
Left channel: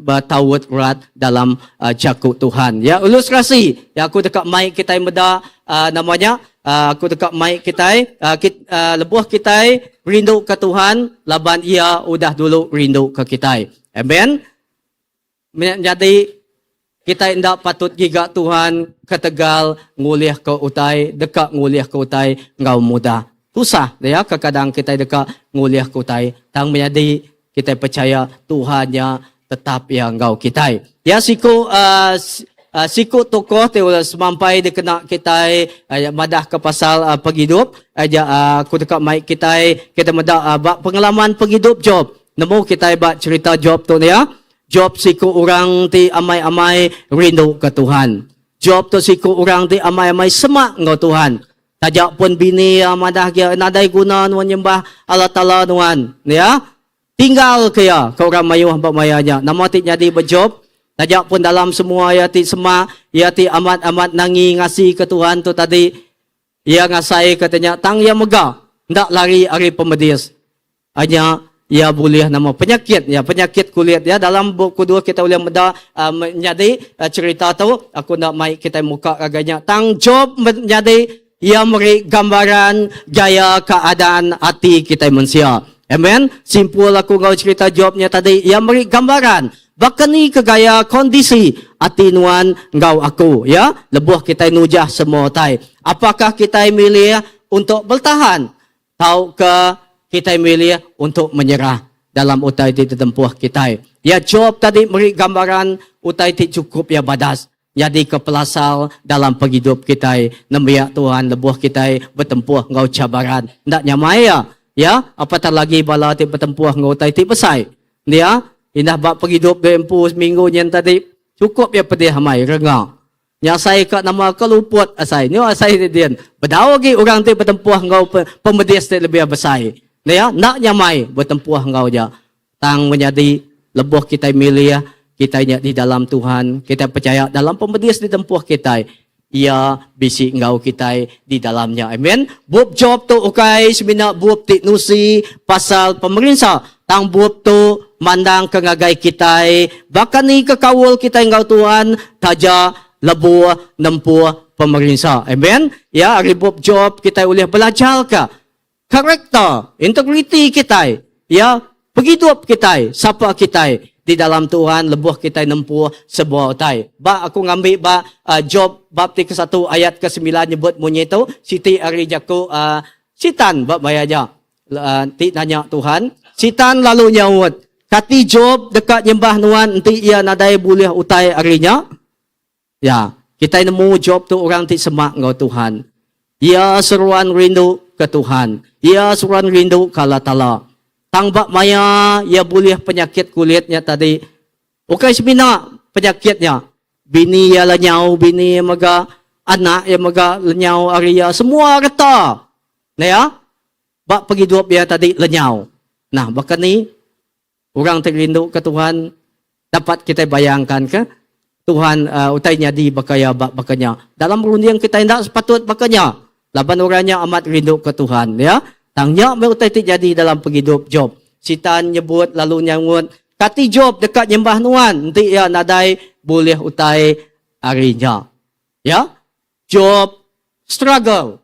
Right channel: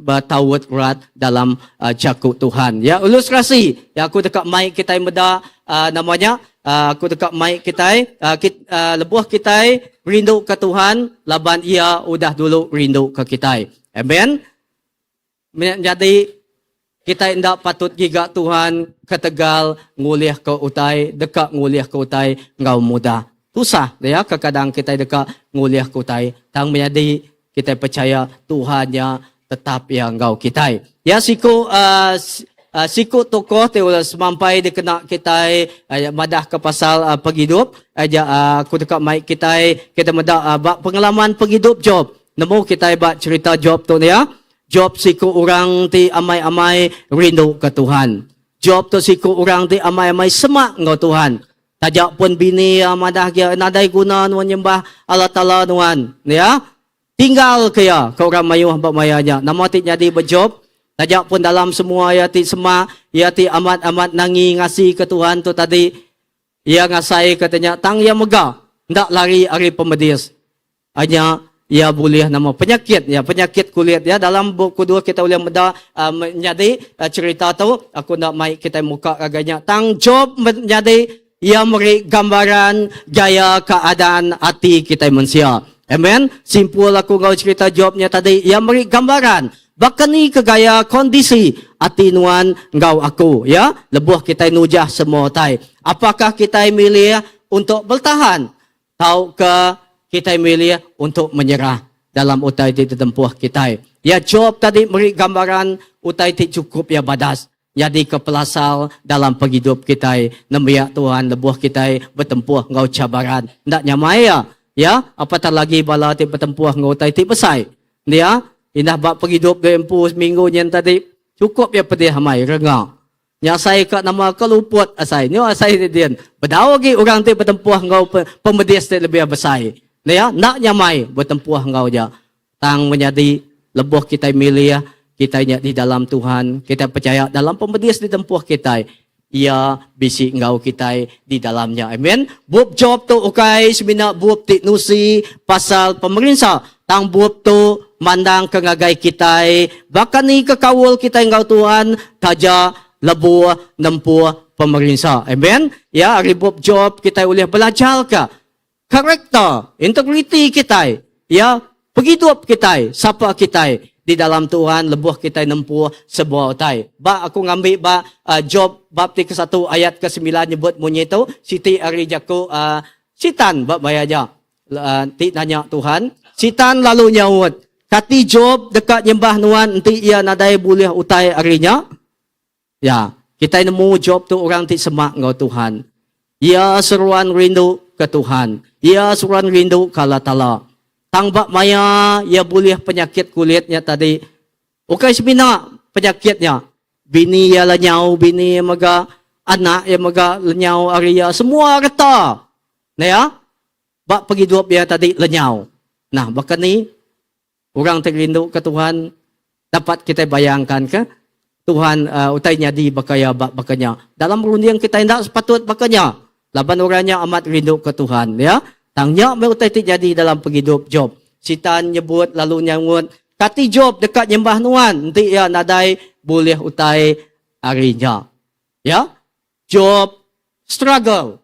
bertawut erat dalam jakuk Tuhan. Ya, ilustrasi. Ya, aku dekat mic kita meda namanya, aku dekat mic kita, lebuh kita rindu ke Tuhan, laban ia udah dulu rindu ke kita. Amen. Jadi kita tidak patut giga Tuhan ketegal nguliah ke utai, dekat nguliah ke utai ngau muda. Susah ya kadang kita dekat nguliah kutai tang menjadi kita percaya Tuhannya tetap yang ngau kita ya siku tokoh teula semampai dikena kita madah ke pasal penghidup aja aku dekat mic kita madah pengalaman penghidup Job nemu kita bak cerita Job tu ya Job siku orang ti amai-amai rindu ke Tuhan Job tu siku orang ti amai-amai semak ngau Tuhan tajak pun bini madah dia nadai guna nuan nyembah Allah Ta'ala nuan ya tinggal kaya kau orang mayuh bak mayanya nama ti jadi berjob tajak pun dalam semua ya ti semak ya ti amat-amat nangi ngasi ke Tuhan tu tadi ia ngasai katanya tang ya megah ndak lari ari pemedis hanya ia boleh nama penyakit ya penyakit kulit ya dalam buku 2 kita boleh meda menjadi cerita tu aku nak mai kita muka agaknya tang Job menjadi ia beri gambaran gaya keadaan hati kita manusia. Amen. Simpul aku ngau cerita Jobnya tadi. Ia beri gambaran. Bahkan ni ke gaya kondisi hati nuan ngau aku. Ya. Lebuh kita nujah semua tai. Apakah kita milih untuk bertahan? Tahu ke kita milih untuk menyerah dalam utai ti tempuh kita. Ya Job tadi beri gambaran utai ti cukup ya badas. Jadi kepelasal dalam penghidup kita. Namiak Tuhan lebuh kita bertempuh ngau cabaran. Ndak nyamai ya. Ya, apatah lagi bala ti bertempuh ngau utai ti pesai. Ya, indah bak penghidup berempu seminggu nyen tadi. Cukup ya pedih hamai rengau. Yang saya kat nama keluput asai. Ni asai ni dia. Berdawa lagi orang ti bertempuh ngau pemedis ti lebih besar. Ya, nak nyamai bertempuh ngau ja. Tang menjadi lebuh kita milih kita di dalam Tuhan, kita percaya dalam pembedis di tempuh kita, ia bisi ngau kita di dalamnya. Amen. Buat job tu ukai semina buat ti nusi pasal pemerintah. Tang buat tu mandang kengagai kita, bahkan ni kekawal kita ngau Tuhan taja lebuh nempuh pemerintah. Amen. Ya, hari buat job kita boleh belajar ke karakter, integriti kita, ya, penghidup kita, siapa kita di dalam Tuhan, lebuh kita nempuh sebuah utai. Ba aku ngambil ba Job bab 1 ayat ke-9 nyebut bunyi tu, Siti ari jaku sitan bab bayaja. Ti nanya Tuhan, sitan lalu nyaut, kati Job dekat nyembah Tuhan, enti ia nadai boleh utai arinya. Ya, kita nemu Job tu orang ti semak ngau Tuhan. Ia seruan rindu ke Tuhan. Ia seruan rindu ke Allah Ta'ala. Tangbak maya, ia boleh penyakit kulitnya tadi. Ukai semina penyakitnya. Bini ia lenyau, bini ia maga, anak ia maga lenyau aria. Semua reta. Nah ya, bak penghidup ia tadi lenyau. Nah, bahkan ni, orang terindu ke Tuhan, dapat kita bayangkan ke? Tuhan utainya di bakaya bak bakanya. Dalam rundiang kita tidak sepatut bakanya. Laban orangnya amat rindu ke Tuhan. Ya. Tangnya utai terjadi dalam penghidup Job. Sitan nyebut lalu nyangut. Kati Job dekat nyembah Tuhan. Nanti ia nadai boleh utai harinya. Ya. Job struggle.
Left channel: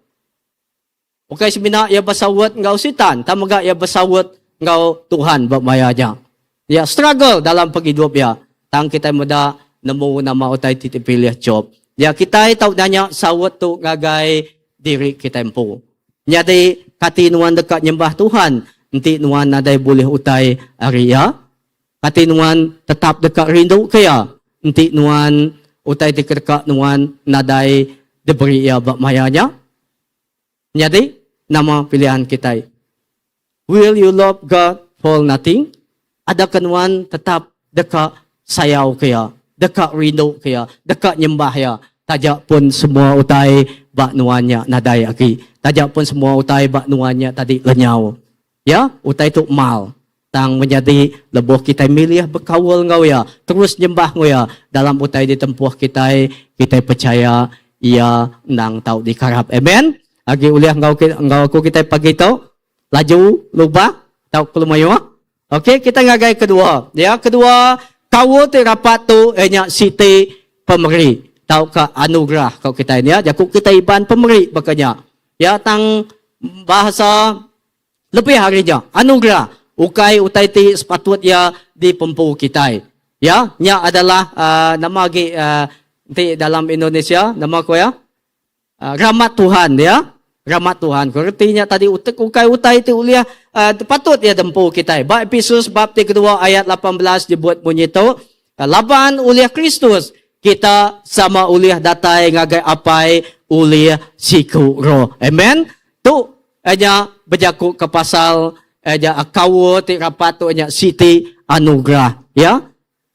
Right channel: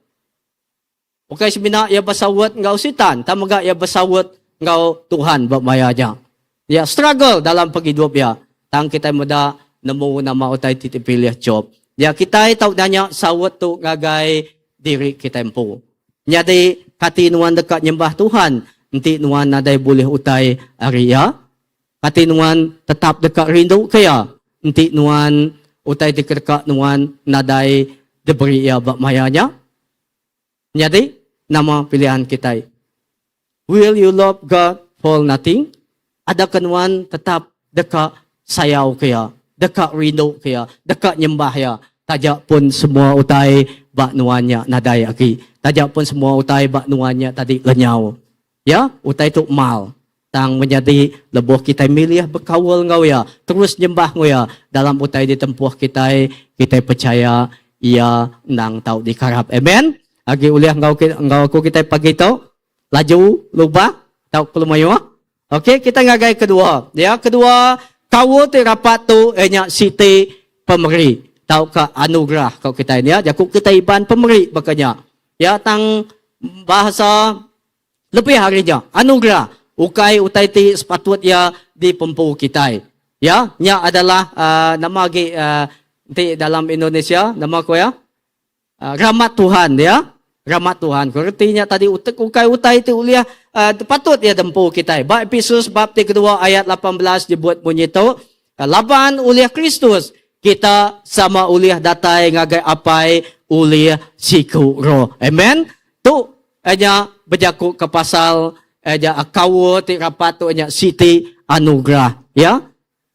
Okai semina ia bersawat ngau sitan. Tamaga ia bersawat ngau Tuhan bermayanya. Ya struggle dalam penghidup ya. Tang kita muda nemu nama utai titip pilih Job. Ya kita tahu nanya sawat tu ngagai diri kita empu. Jadi kati nuan dekat nyembah Tuhan, nanti nuan nadai boleh utai aria. Kati nuan tetap dekat rindu kaya, nanti nuan utai dekat nuan nadai diberi ia bak mayanya. Jadi nama pilihan kita. Will you love God for nothing? Adakah nuan tetap dekat sayau kaya, dekat rindu kaya, dekat nyembah ya. Tajak pun semua utai bak nuannya nadai aki. Tajak pun semua utai bak nuannya tadi lenyau. Ya, utai tu mal. Tang menjadi lebuh kita milih berkawal ngau ya. Terus nyembah ngau ya. Dalam utai ditempuh kita percaya ia nang tahu dikarap. Amen. Agi uliah ngau aku kita pagi tau. Laju lupa tau kelumayo. Okey, kita ngagai kedua. Ya, kedua kawal ti rapat tu nya siti pemeri. Tahu ke anugerah kau kita ini ya. Jakuk kita iban pemberi bakanya. Ya tang bahasa lebih harinya. Anugerah. Ukai utai ti sepatut ya di pempu kita. Ya, nya adalah nama di dalam Indonesia nama ko ya. Rahmat Tuhan ya. Rahmat Tuhan. Artinya tadi ukai ti uliah patut ya dempu kita. Ba Efesus bab 3 ayat 18 dibuat bunyi tu. Laban uliah Kristus kita sama uliah datai ngagai apai uliah siku roh. Amen. Tu aja berjaku ke pasal aja akawo ti rapat tu aja siti anugerah ya.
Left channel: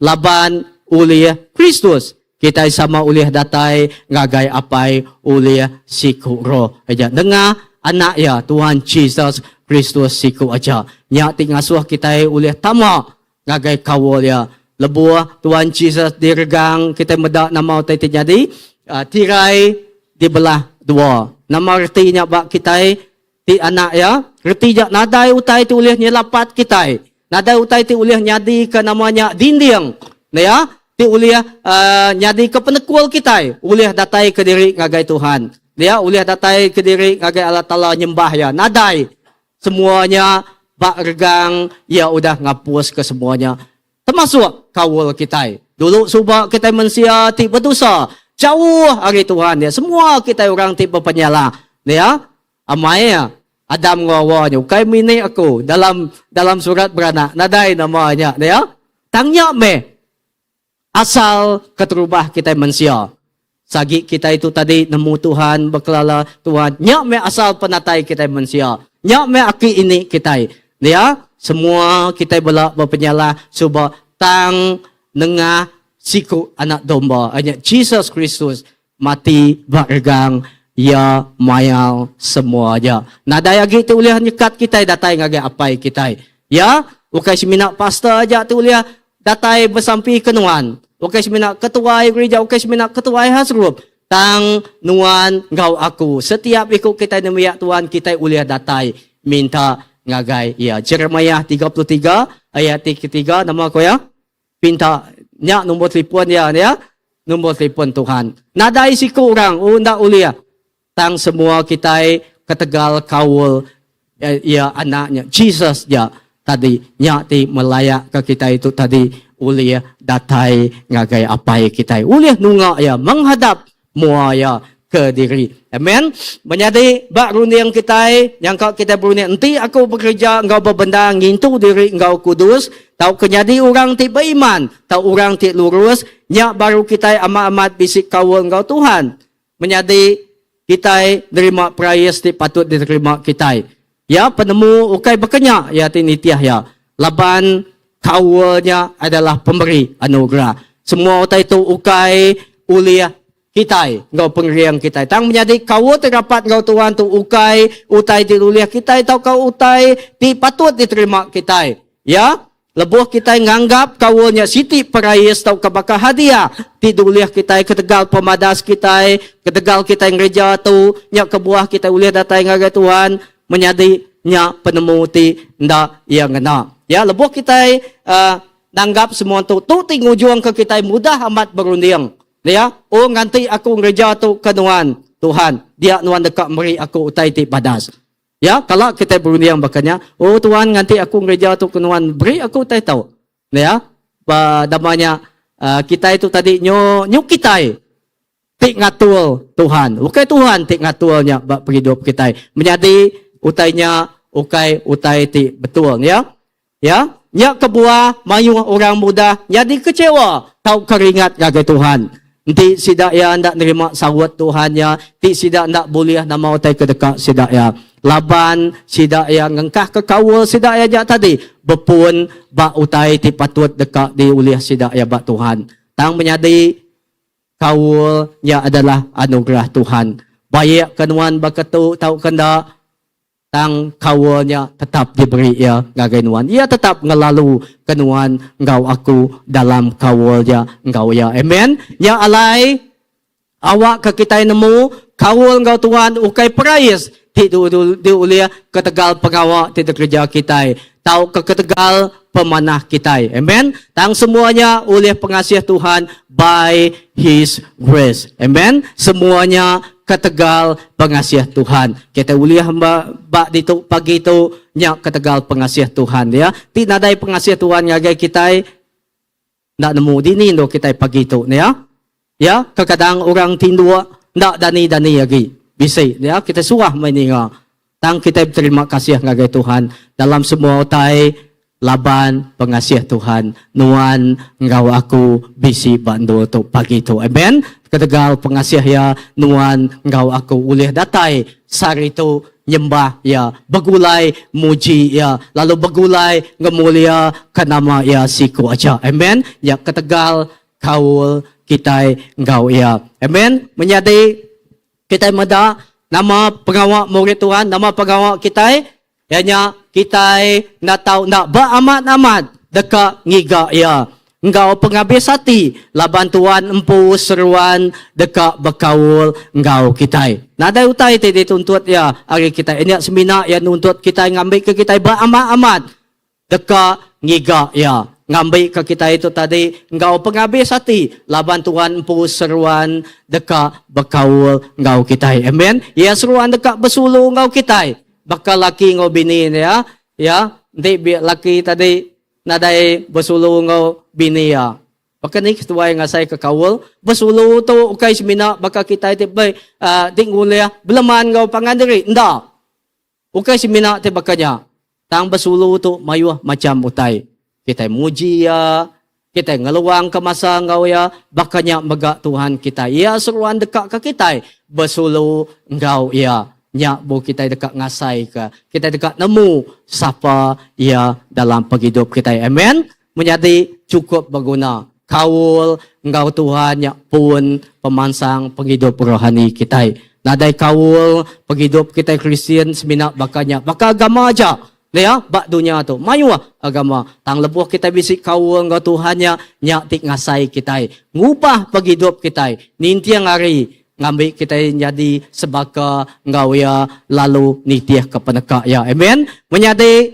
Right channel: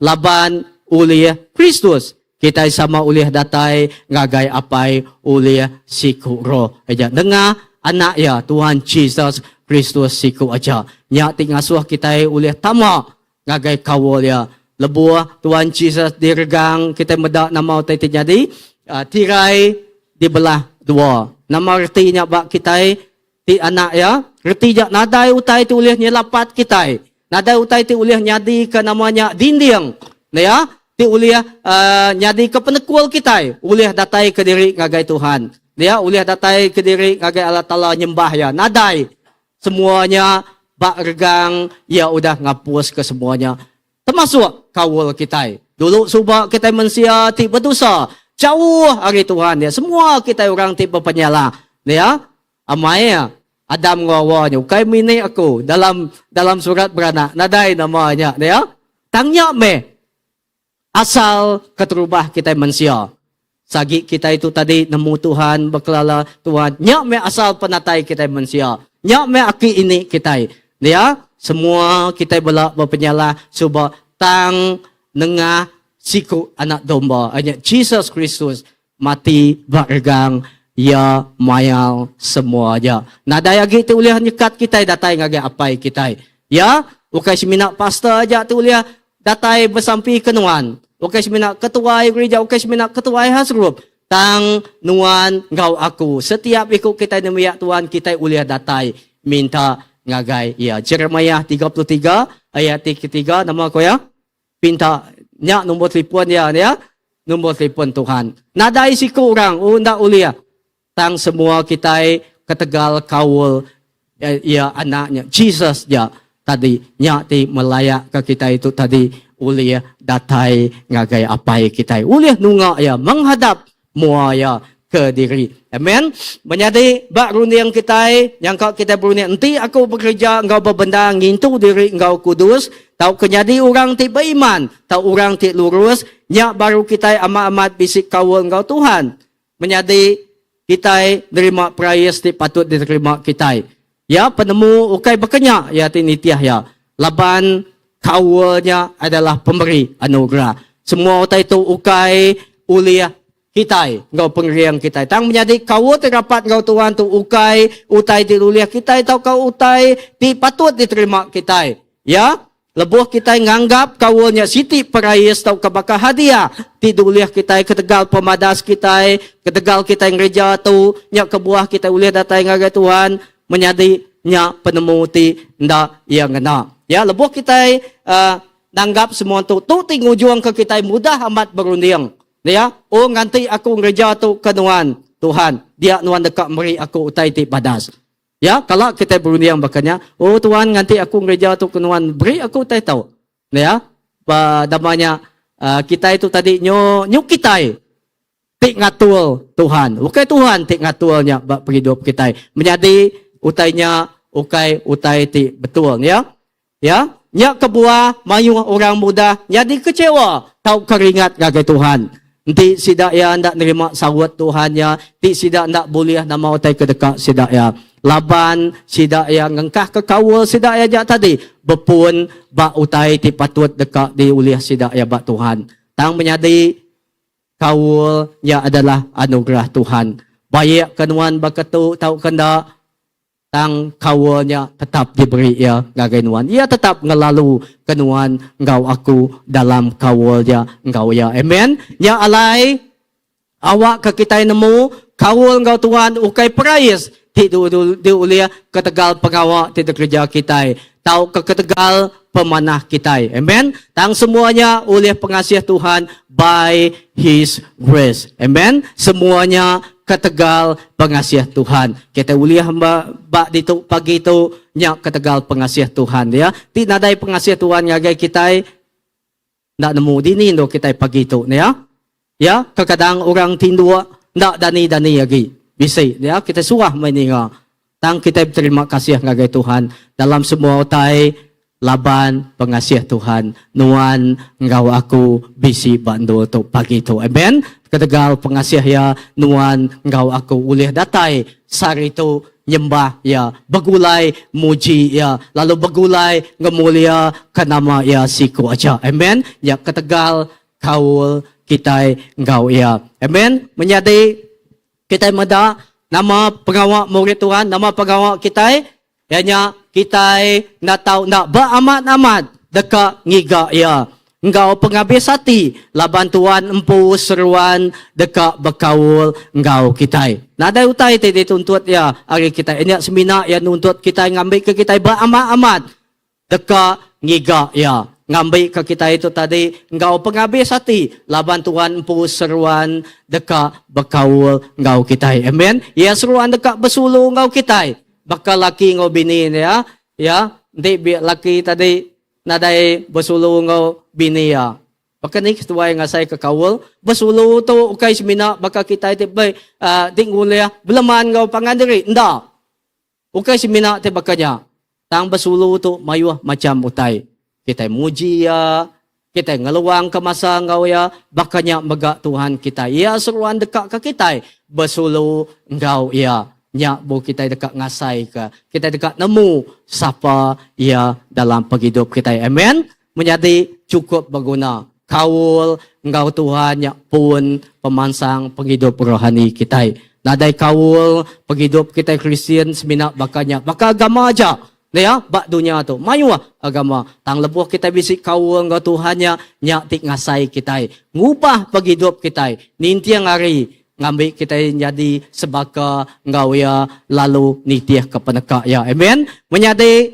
Laban uliah Kristus kita sama uliah datai ngagai apai uliah siku roh. Aja dengar anak ya Tuhan Jesus Kristus siku aja. Nya ti ngasuh kita uliah tama ngagai kawol ya. Lebuah Tuhan Jesus diregang kita medak nama utai terjadi tirai dibelah dua. Nama artinya bak kita ti anak ya. Artinya nadai utai ti ulih nyelapat kita. Nadai utai ti ulih nyadi ke namanya dinding. Nah ya, ti ulih nyadi ke penekual kita. Ulih datai ke diri ngagai Tuhan. Ya, ulih datai ke diri ngagai Allah Ta'ala nyembah ya. Nadai semuanya bak regang ya udah ngapus ke semuanya. Termasuk kawal kita. Dulu subak kita manusia ti berdosa. Jauh hari Tuhan ya. Semua kita orang ti berpenyala. Ya. Amai ya. Adam ngawa nyo, kay mini ako, dalam surat beranak, naday namanya, ya? Tangnya me, asal keterubah kita manusia. Sagi kita itu tadi nemu Tuhan, berkelala Tuhan, nyak me asal penatai kita manusia. Nyak me aki ini kita, ya? Semua kita belak berpenyala, subah tang nengah siku anak domba, hanya Jesus Kristus mati bergang, ya mayal semuanya. Nada lagi tu uliah nyekat kita datai ngage apai kita. Ya, ukai semina pastor aja tu uliah datai bersampi kenuan. Ukai semina ketua gereja, ukai semina ketua hasrup. Tang nuan ngau aku. Setiap ikut kita nemiak Tuhan kita uliah datai minta ngagai. Ya, Jeremiah 33 ayat 3 nama ko ya. Pinta nya nombor telefon ya, nombor telefon Tuhan. Nadai siku orang unda uliah. Tang semua kita ketegal kawul ya anaknya Jesus ya tadi nyati melayak ke kita itu tadi uliah datai ngagai apai kita uliah nunga ya menghadap mua ya ke diri. Amen. Menjadi bak runiang kita yang kau kita beruniang nanti aku bekerja engkau berbenda ngintu diri engkau kudus tahu kenyadi orang ti beriman tahu orang ti lurus nyak baru kita amat-amat bisik kawul engkau Tuhan. Menjadi kita nerima prayas di patut diterima kita. Ya, penemu ukai berkenyak ya tinitiah ya. Laban kawalnya adalah pemberi anugerah. Semua utai itu ukai uliah kita, engkau pengeriang kita. Tang menjadi kawal terdapat engkau Tuhan tu utai di uliah kita atau kau utai di patut diterima kita. Ya, lebuh kita nganggap kawalnya siti perayas tau kebakar hadiah. Tiduliah kita ketegal pemadas kita, ketegal kita yang gereja tu, nyak kebuah kita uliah datai ngagai Tuhan, menjadi nyak penemu ti nda yang ngena. Ya, lebuh kita nanggap semua tu tinggu juang ke kita mudah amat berunding. Ya, oh nganti aku gereja tu kenuan Tuhan, dia nuan dekat meri aku utai ti padas. Ya, kalau kita berunding bakanya, oh Tuhan nganti aku gereja tu kenuan beri aku tak tahu. Ya, damanya kita itu tadi nyu kita tik ngatul Tuhan. Ukai Tuhan tik ngatulnya bak hidup kita. Menjadi utainya utai ti betul ya. Ya, nyak kebuah mayu orang muda jadi kecewa tahu keringat gagai Tuhan. Nanti sidak ya ndak nerima sawat Tuhannya, ti sidak ndak boleh nama utai kedekat sidak ya. Laban sidak yang ngengkah ke kawal sidak ya jak tadi bepun bak utai ti patut dekat di uliah sidak ya bak Tuhan. Tang menyadi kawal ya adalah anugerah Tuhan. Baik kenuan bakatu tahu kenda tang kawalnya tetap diberi ya ngagainuan. Ia tetap ngelalu kenuan engkau aku dalam kawalnya engkau ya. Amen. Ya alai awak ke kita nemu kawal engkau Tuhan ukai perayas di uliah ketegal pengawak di kerja kita. Tahu ke ketegal pemanah kita. Amen. Tang semuanya oleh pengasiah Tuhan by His grace. Amen. Semuanya ketegal pengasiah Tuhan. Kita uliah bak ditu pagi itu nyak ketegal pengasiah Tuhan ya. Tidak ada pengasiah Tuhan ngagai kita ndak nemu dini ndo kita pagi itu ya. Ya, kadang orang tindua ndak dani lagi. Bisa ya kita suah meninga. Tang kita berterima kasih ngagai Tuhan dalam semua utai laban pengasiah Tuhan nuan engkau aku bisi bandu tu pagi tu. Amen. Ketegal pengasiah ya nuan engkau aku ulih datai sari tu nyembah ya begulai muji ya lalu begulai ngemulia ke nama ya siku aja. Amen. Ya ketegal kaul kita engkau ya. Amen. Menjadi kita mada nama pengawak murid Tuhan, nama pengawak kita hanya kita nak tahu nak beramat-amat dekat ngiga ya. Engkau penghabis hati laban Tuhan empu seruan dekat berkaul engkau kita. Nada utai tadi tuntut ya hari kita ini semina yang nuntut kita ngambil ke kita beramat-amat dekat ngiga ya. Ngambil ke kita itu tadi engkau penghabis hati laban Tuhan empu seruan dekat berkaul engkau kita. Amen. Ya seruan dekat bersuluh engkau kita. Bakal laki engkau bini ya. Ya, nanti biar laki tadi nadai bersuluh engkau bini ya. Bakal ni ketua yang ngasai ke kawul bersuluh tu ukai semina bakal kita itu baik tinggal ya beleman engkau pangandiri. Ndak. Ukay si mina ti bakanya. Tang basulu tu mayuah macam utay. Kita muji ya, kita ngeluang ke masa ngau ya, bakanya mega Tuhan kita. Ya seruan dekat ke kita, basulu ngau ya. Nyak bu kita dekat ngasai ke, kita dekat nemu siapa ya dalam penghidup kita. Amen. Menjadi cukup berguna. Kaul ngau Tuhan nyak pun pemansang penghidup rohani kita. Nadai kaul penghidup kita Kristian semina bakanya, bakal agama aja. Ya, bak dunia tu. Mayuah agama. Tang lebuh kita bisik kaul ngau Tuhan nyak tik ngasai kita. Ngubah penghidup kita. Nintiang hari ngambil kita jadi sebaka ngau ya lalu nitiah ke peneka ya. Amen. Menjadi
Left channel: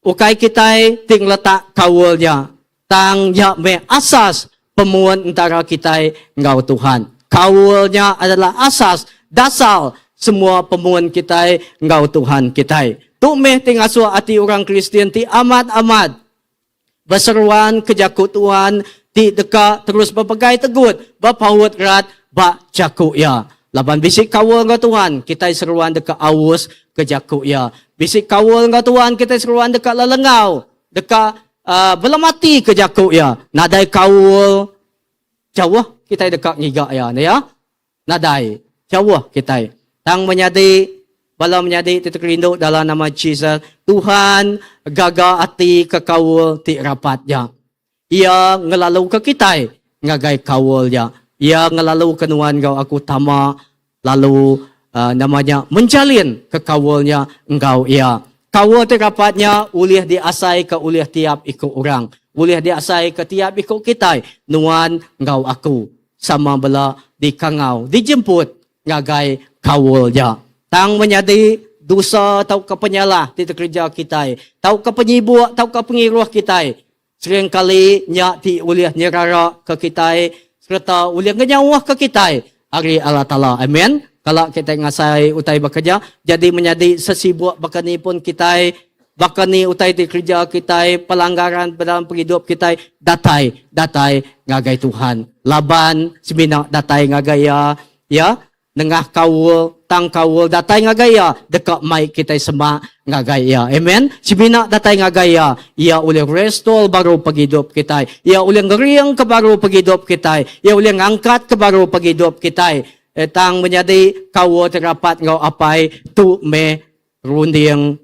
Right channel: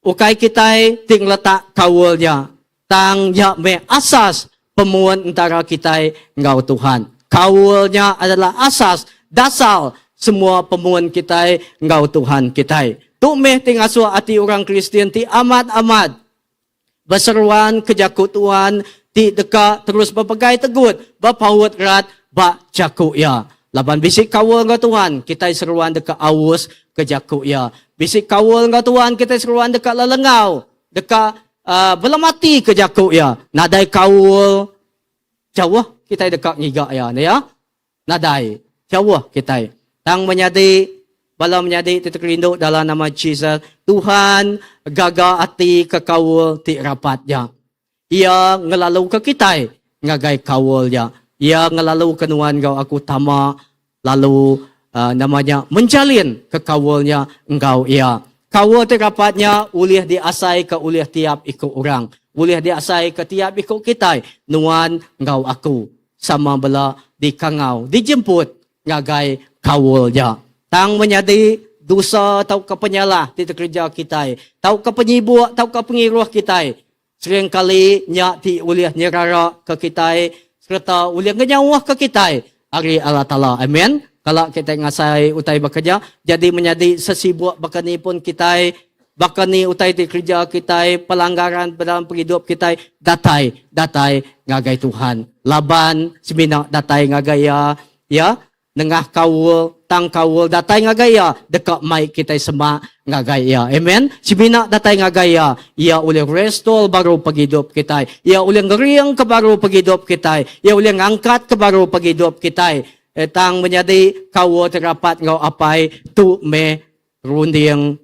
ukai kita ting letak kaulnya. Tang ya me asas pemuan antara kita ngau Tuhan. Kaulnya adalah asas dasar semua pemuan kita ngau Tuhan kita. Tu meh ting aswa ati orang Kristian ti amat-amat berseruan kejaku Tuhan ti deka terus berpegai tegut berpaut rat ba jaku ya. Laban bisik kawal ngau Tuhan kita seruan deka awus kejaku ya. Bisik kawal ngau Tuhan kita seruan deka lelengau deka belamati kejaku ya. Nadai kawal jauh kita dekat ngiga ya. Nadai jauh kita. Tang menyadi bala menyadi titik rindu dalam nama Jesus. Tuhan gaga ati kekawal ti rapatnya. Ia ngelalu ke kita ngagai kawal ya. Ia ngelalu kenuan kau aku tama lalu namanya menjalin kekawalnya engkau ia. Kawal ti rapatnya ulih diasai ke ulih tiap ikut orang. Ulih diasai ke tiap ikut kita. Nuan engkau aku sama bala di kangau dijemput ngagai kawalnya. Tang menyadi dosa tau ke penyalah di kerja kita. Tau ke penyibuk, tau ke pengiruh kita. Sering kali nyak ti uliah nyerara ke kita. Serta uliah ngenyawah ke kita. Ari Allah Ta'ala. Amen. Kalau kita ngasai utai bekerja. Jadi menyadi sesibuk bakani pun kita. Bakani utai di kerja kita. Pelanggaran dalam penghidup kita. Datai ngagai Tuhan. Laban semina datai ngagaya. Ya. Nengah kawul, tang kawul, datai ngagaya, dekat mic kita semua ngagaya. Amen. Sibina datai ngagaya, ia uling restore baru paghidup kita. Ia uling ngeriang ke baru paghidup kita. Ia uling angkat ke baru paghidup kita. Tang menjadi kawul terapat ngau apai, tu me runding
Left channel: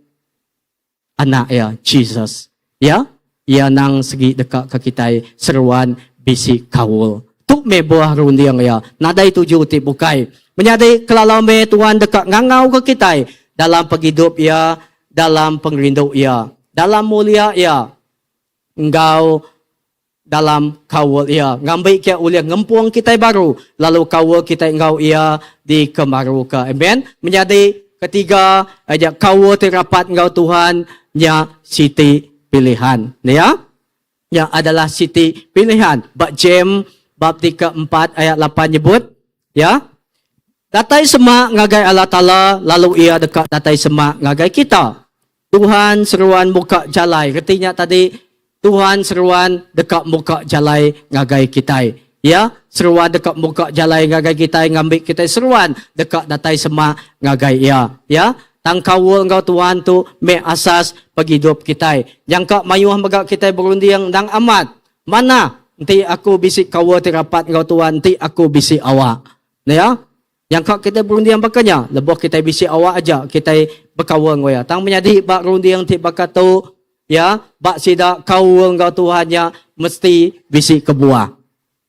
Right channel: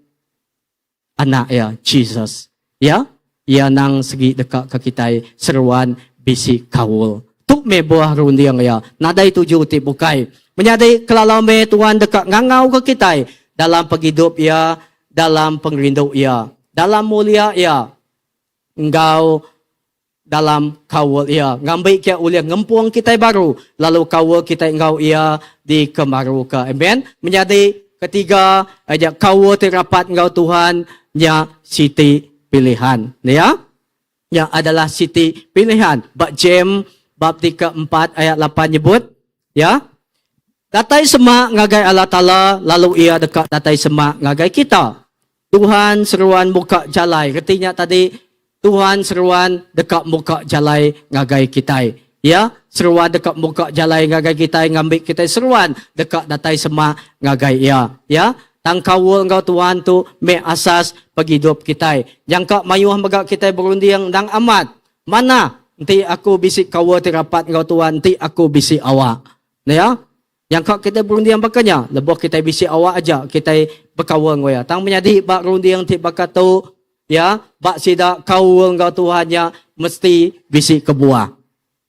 anak ya, Jesus. Ya, ia nang segi dekat ke kita, seruan bisi kawul. Tu me buah runding ya, nadai tuju ti bukai. Menyadari kelalau me Tuhan dekat ngangau ke kita dalam penghidup ya, dalam pengrindu ya, dalam mulia ya, engkau dalam kawal ya, ngambil kia uliah ngempuang kita baru, lalu kawal kita engkau ya di kemaru ke. Amen. Menyadari ketiga aja kawal terapat engkau Tuhan ya siti pilihan. Ya, yang adalah siti pilihan. Bab Jem bab 4 ayat 8 nyebut ya. Datai semak ngagai Allah Ta'ala, lalu ia dekat datai semak ngagai kita. Tuhan seruan buka jalai. Artinya tadi, Tuhan seruan dekat buka jalai ngagai kita. Ya, seruan dekat buka jalai ngagai kita, ngambil kita seruan dekat datai semak ngagai ia. Ya, tangkawul engkau Tuhan tu, me asas penghidup kita. Yang kak mayuh megak kita berunding dang amat. Mana? Nanti aku bisik kawul terapat engkau Tuhan, nanti aku bisik awak. Ya, yang kak kita berunding bakanya, lebuh kita bisi awak aja, kita berkawal ngoya. Tang menyadi bak runding ti bakatu, ya, bak sida kawal ngau Tuhannya mesti bisi kebuah.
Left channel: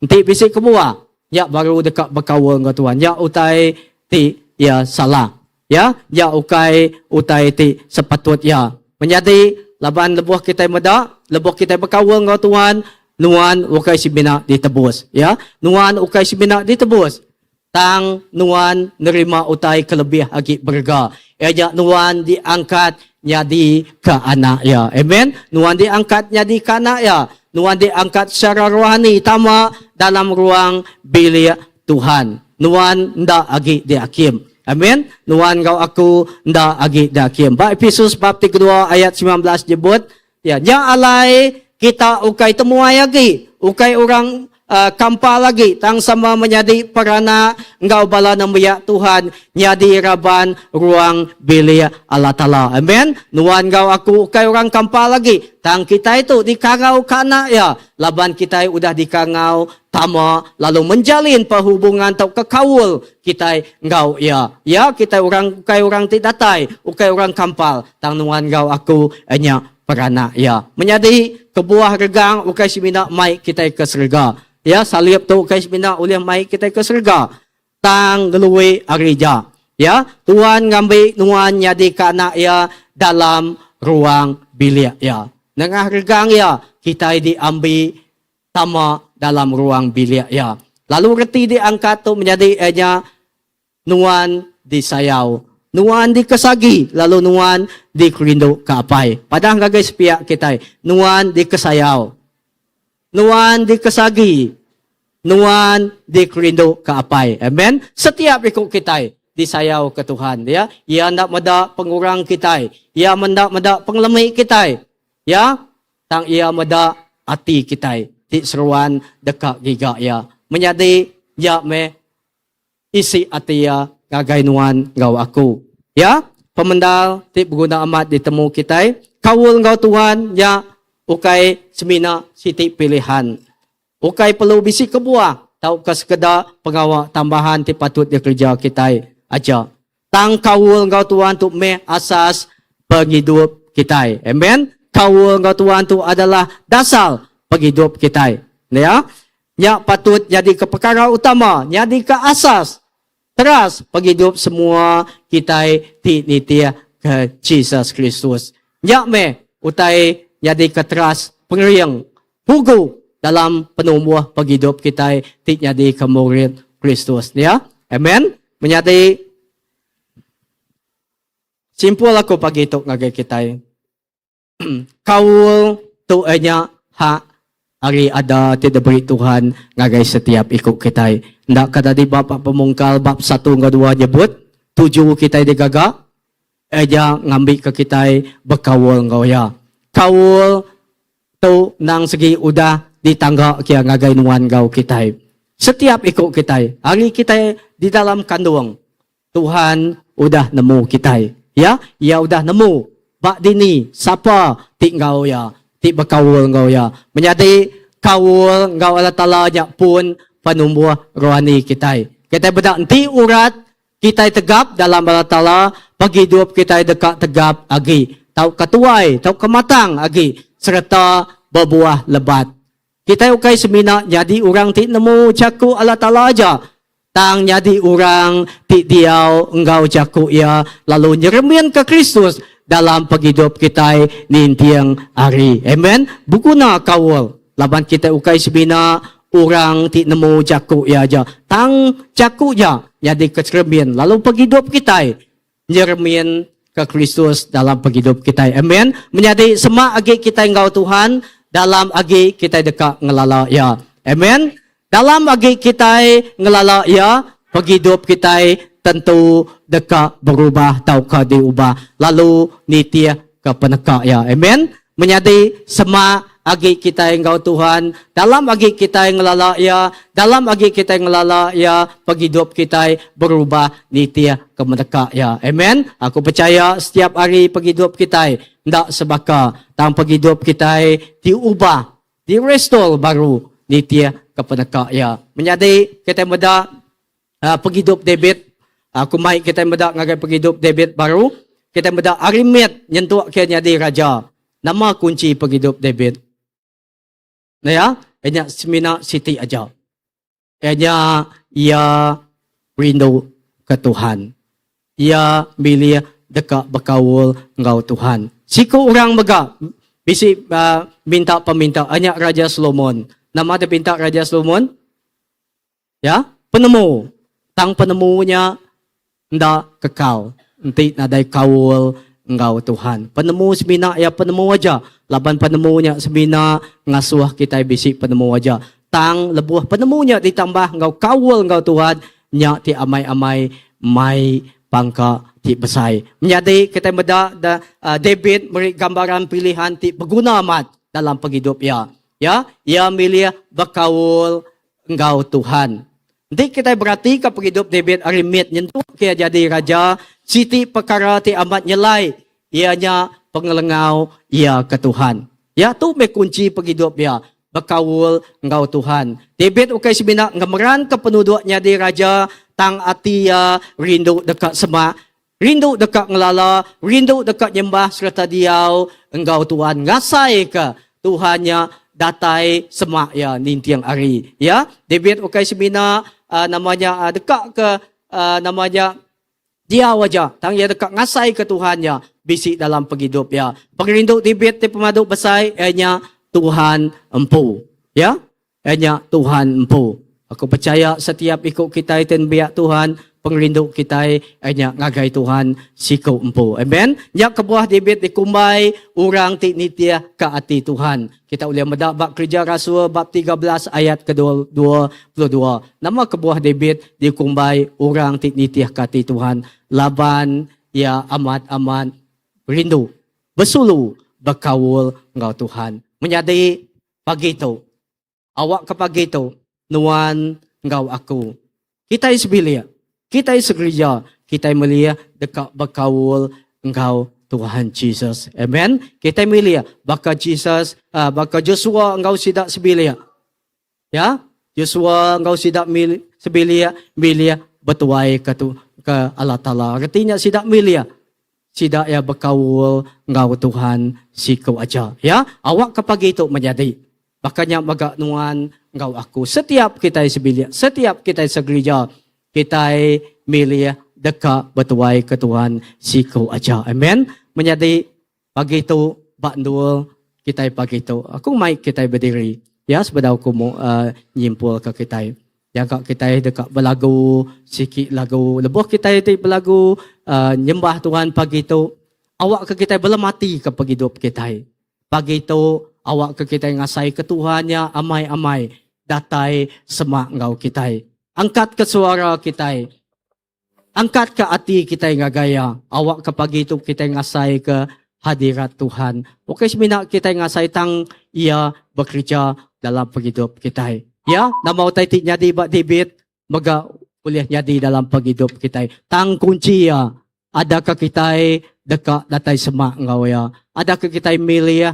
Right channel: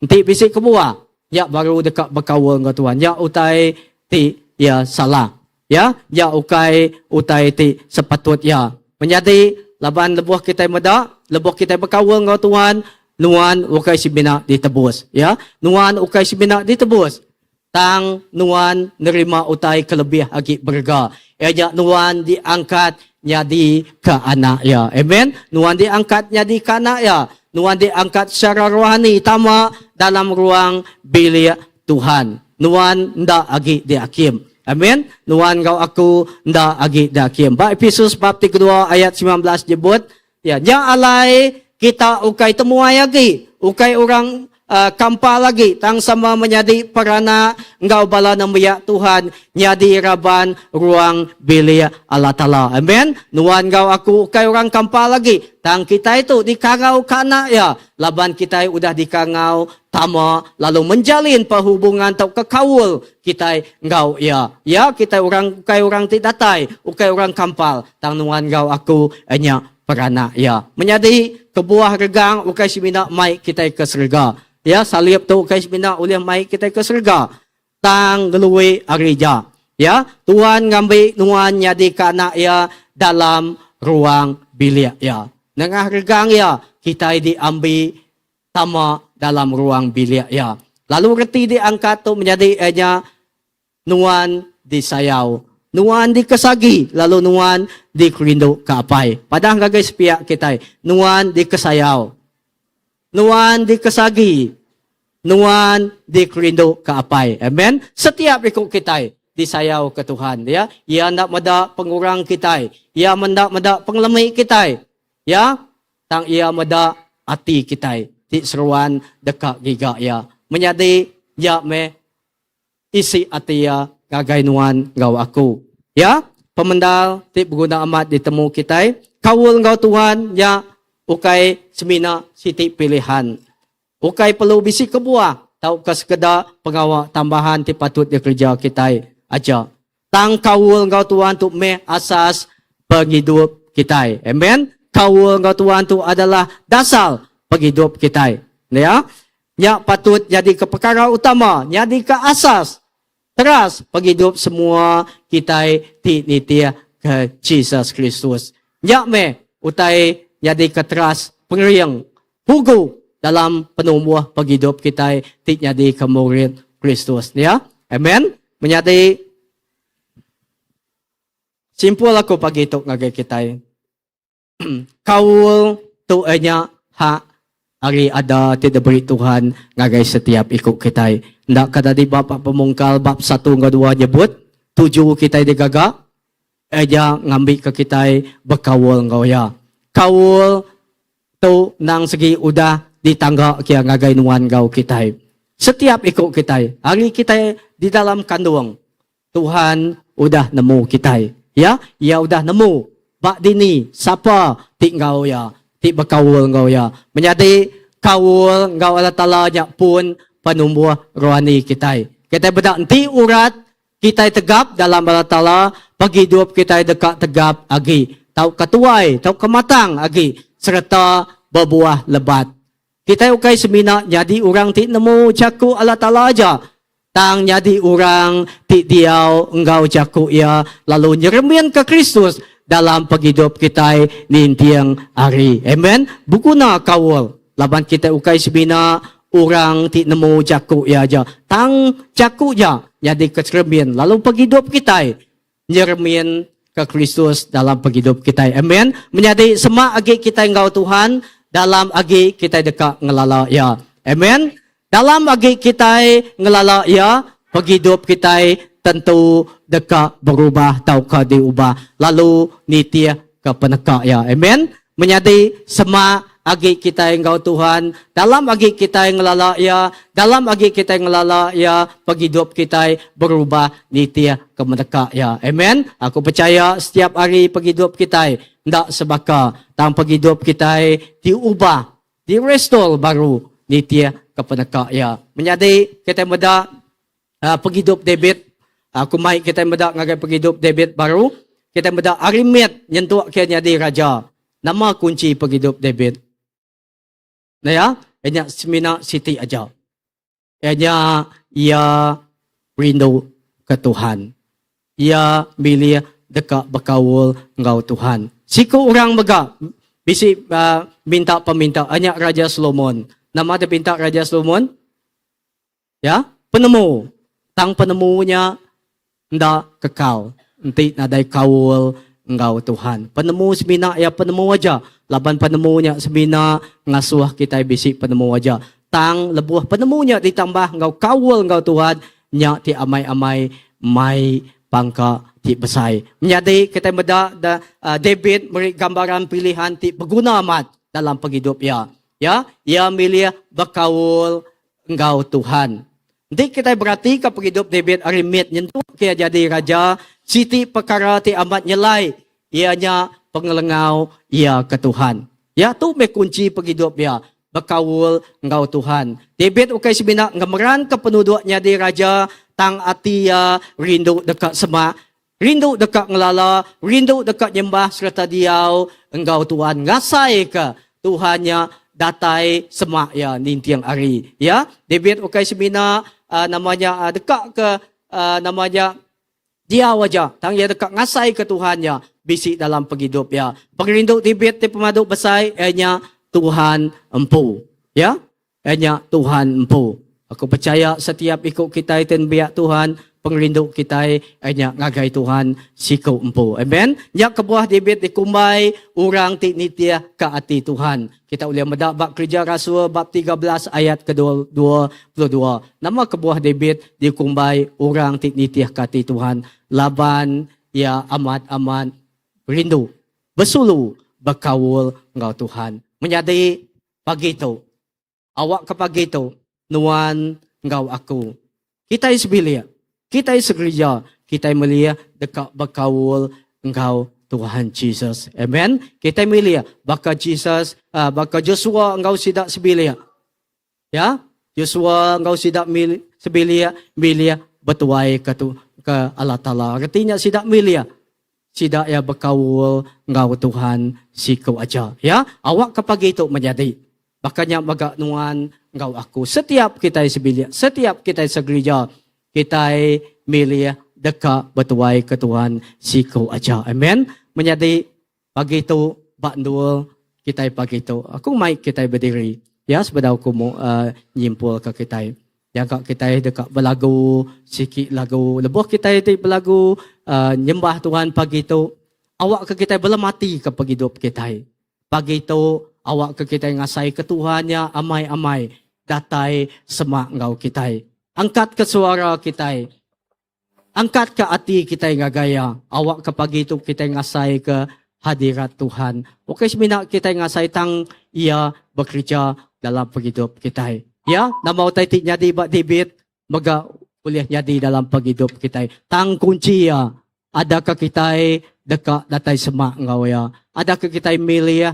Nanti bisi kebuah, ya baru dekat berkawal ngau Tuhan. Ya utai ti ya salah. Ya ukai utai ti sepatut ya. Menyadi laban lebuh kita meda, lebuh kita berkawal ngau Tuhan, nuan ukai sibina ditebus. Ya, nuan ukai sibina ditebus. Tang nuan nerima utai kelebih agi berga. Eja nuan diangkat nyadi ke anak ya. Amen. Nuan diangkat nyadi ke anak ya. Nuan diangkat secara rohani tama dalam ruang bilik Tuhan. Nuan nda agi diakim. Amen. Nuan kau aku nda agi diakim. Ba Efesus bab 3 ayat 19 jebut ya, nya alai kita ukai temuai agi. Ukai orang kampa lagi tang sama menjadi perana engkau bala nambiya Tuhan nyadi raban ruang bilik Allah Ta'ala. Amen. Nuan engkau aku kay orang kampa lagi tang kita itu dikangau kana ya laban kita udah dikangau tama lalu menjalin perhubungan atau kekawul kita engkau ya kita orang kay orang tidatai ukay orang kampal tang nuan engkau aku anya perana ya menjadi kebuah regang ukay simina mai kita ke surga ya salib tu ukay simina ulih mai kita ke surga tang geluwi arija ya Tuhan ngambil nuan nyadi kana ya dalam ruang bilik ya nengah regang ya kita diambil tama dalam ruang bilik ya lalu reti diangkat tu menjadi nuan disayau nuan dikesagi lalu nuan dikerindu kapai padahal guys pihak kita nuan dikesayau nuan dikesagi nuan dikerindu kapai amen setiap ikut kita disayau ke Tuhan ya ia hendak meda pengurang kita ia hendak meda penglemih kita ya tang ia meda hati kita di seruan dekat giga ya menjadi ya me isi hati ya kagainuan ngau aku ya pemendal ti berguna amat ditemu kita kawul ngau Tuhan ya ukai semina siti pilihan ukai perlu bisi kebuah tau ke sekedar pengawa tambahan ti patut dikerja kita aja tang kawul ngau Tuhan tu me asas penghidup kita amen kawul ngau Tuhan tu adalah dasar penghidup kita ya patut jadi ke perkara utama jadi ke asas teras penghidup semua kita ti nitia ke Jesus Kristus ya me utai jadi ke teras pengeriang hugu dalam penumbuh penghidup kita ti jadi ke murid Kristus ya amen menjadi simpul aku pagi itu ngagai kita kawul tu anya hak hari ada tidak beri Tuhan ngagai setiap ikut kita. Ndak kata di bab pemungkal bab 1 ke 2 nyebut 7 kita digagak aja ngambil ke kita berkawul ngau ya. Kawul tu nang segi udah ditangga kia ngagai nuan ngau kita. Setiap ikut kita hari kita di dalam kandung Tuhan udah nemu kita ya ia udah nemu bak dini siapa tinggal ya ti berkawul ngau ya menjadi kawul ngau Allah Ta'ala pun penumbuh rohani kita bedak nanti urat kita tegap dalam Allah Ta'ala pagi hidup kita dekat tegap agi tau ketuai tau kematang agi serta berbuah lebat kita ukai semina jadi orang ti nemu caku Allah Ta'ala aja tang jadi orang ti diau engkau caku ya lalu nyeremian ke Kristus dalam penghidup kita nintiang hari. Amen. Bukuna kawal. Laban kita ukai sebina orang ti nemu jaku ya aja. Tang jaku ya jadi kecermin. Lalu penghidup kita nyermin ke Kristus dalam penghidup kita. Amen. Menjadi semak agi kita engkau Tuhan dalam agi kita dekat ngelala ya. Amen. Dalam agi kita ngelala ya penghidup kita tentu dekat berubah tau ke diubah lalu nitia ke peneka ya amen menjadi sema agi kita engkau Tuhan dalam agi kita yang ngelala ya dalam agi kita yang ngelala ya penghidup kita berubah nitia ke peneka ya amen aku percaya setiap hari penghidup kita ndak sebaka tang penghidup kita diubah di restore baru nitia ke peneka ya menjadi kita muda penghidup David aku mai kita medak ngagai penghidup David baru kita medak Arimet nyentuh kia jadi raja nama kunci penghidup David nah ya hanya semina siti aja hanya ia rindu ke Tuhan ia milih dekat berkawul ngau Tuhan siku orang mega bisi minta peminta hanya Raja Solomon nama dia minta Raja Solomon ya penemu tang penemunya ndak kekal nanti nadai kawul engkau Tuhan penemu semina ya penemu aja laban penemunya semina ngasuh kita bisi penemu aja tang lebuh penemunya ditambah engkau kawul engkau Tuhan nya ti amai-amai mai pangka ti besai menjadi kita meda David beri gambaran pilihan ti berguna amat dalam penghidup ya ia milih berkawul Engkau Tuhan. Nanti kita berarti ke hidup David Arimit nyentuh kia jadi raja, siti perkara ti amat nyelai, ianya pengelengau ia ke Tuhan. Ya tu me kunci hidup dia. Berkawul engkau Tuhan. David ukai sebina ngemeran ke penduduknya di raja, tang ati ya rindu dekat semak, rindu dekat ngelala, rindu dekat nyembah serta diau engkau Tuhan. Ngasai ke Tuhannya datai semak ya nintiang hari. Ya, David ukai sebina namanya dekat ke namanya dia wajah, tang ia dekat ngasai ke Tuhannya, bisik dalam penghidup ya. Pengrindu David di pemaduk besai, ianya Tuhan empu. Ya, ianya Tuhan empu. Aku percaya setiap ikut kita dan biak Tuhan, pengrindu kita ianya ngagai Tuhan siku empu. Amen. Ya kebuah David dikumbai, orang ti nitia ke hati Tuhan. Kita boleh medak bab kerja Rasul bab 13 ayat ke-22. Nama kebuah David dikumbai, orang ti nitia ke hati Tuhan. Laban ya amat-amat rindu, bersulu, berkawul engkau Tuhan. Menjadi pagi itu, awak ke pagi itu, nuan engkau aku. Kita sebilia, kita segereja, kita melia dekat berkawul engkau Tuhan Jesus. Amen. Kita melia baka Jesus, baka Joshua engkau sidak sebilia. Ya, Joshua engkau sidak sebilia, milia betuai ke Allah Ta'ala. Artinya sidak milia. Sidak ya berkawul engkau Tuhan siku aja. Ya, awak ke pagi itu menjadi. Makanya magak nuan engkau aku. Setiap kita sebilia, setiap kita segereja, kita milih dekat betuai ke Tuhan siku aja. Amen. Menjadi pagi itu bakndul kita pagi itu. Aku mai kita berdiri. Ya, sebenarnya aku mau nyimpul ke kita. Jaga kita dekat berlagu, sikit lagu. Lebuh kita itu berlagu, nyembah Tuhan pagi itu. Awak ke kita belum mati ke pagi hidup kita. Pagi itu, awak ke kita ngasai ke Tuhannya amai-amai. Datai semak engkau kita. Angkat ke suara kita. Angkat ke hati kita ngagaya. Awak ke pagi itu kita ngasai ke hadirat Tuhan. Oke, semina kita ngasai tang ia bekerja dalam penghidup kita. Ya, nama utai ti nyadi bak David, maga boleh nyadi dalam penghidup kita. Tang kunci ya, adakah kita dekat datai semak ngau ya, adakah kita milih ya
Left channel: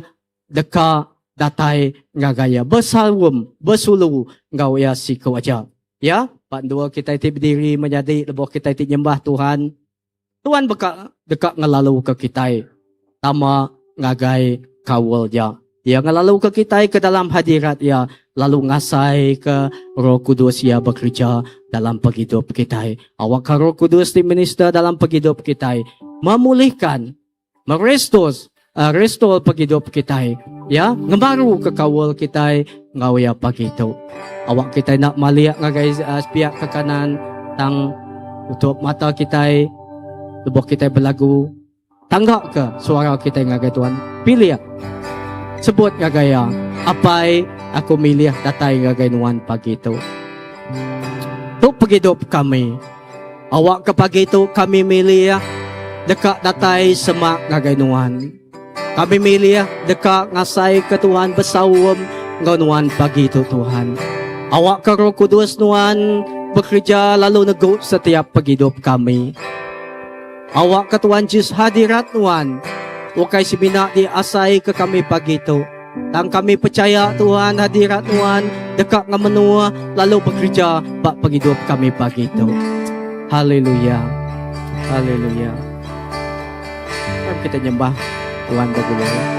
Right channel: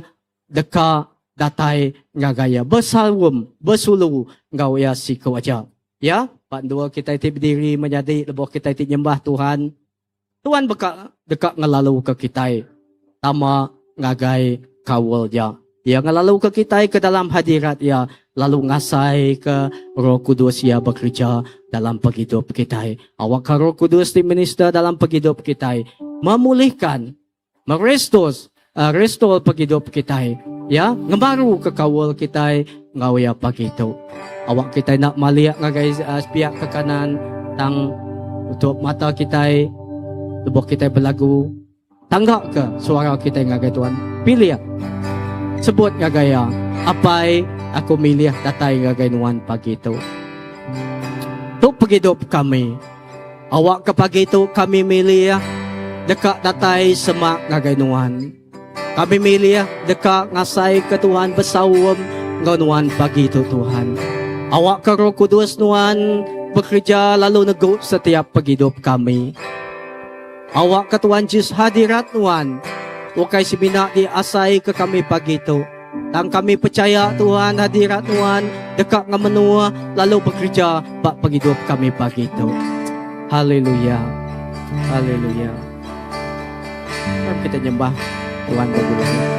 dekat datai ngagaya. Bersulu ngau ya siku aja. Ya, pak dua kita ti berdiri menjadi lebuh kita ti nyembah Tuhan. Tuhan dekat ngelalu ke kita. Tama ngagai kawal ya. Ya ngelalu ke kita ke dalam hadirat ya, lalu ngasai ke Roh Kudus ya bekerja dalam penghidup kita. Awak ke Roh Kudus di minister dalam penghidup kita, memulihkan, restore penghidup kita. Ya, ngebaru ke kawal kita ngau ya pagi itu. Awak kita nak maliak ngagai pihak ke kanan tang untuk mata kita, lebuh kita berlagu. Tanggap ke suara kita ngagai Tuhan. Pilih ya. Sebut ngagaya, apai aku milih datai ngagai nuan pagi itu. Tu penghidup kami. Awak ke pagi itu kami milih dekat datai semak ngagai nuan. Kami milih dekat ngasai ke Tuhan bersawam nuan pagi itu Tuhan. Awak ke Roh Kudus nuan bekerja lalu negup setiap penghidup kami. Awak ke Tuhan Yesus hadirat nuan. Ukai semina diasai ke kami pagi itu. Dan kami percaya Tuhan hadirat Tuhan dekat dengan menua lalu bekerja bak penghidup kami pagi itu. Haleluya. Haleluya. Dan kita nyembah Tuhan berdulu.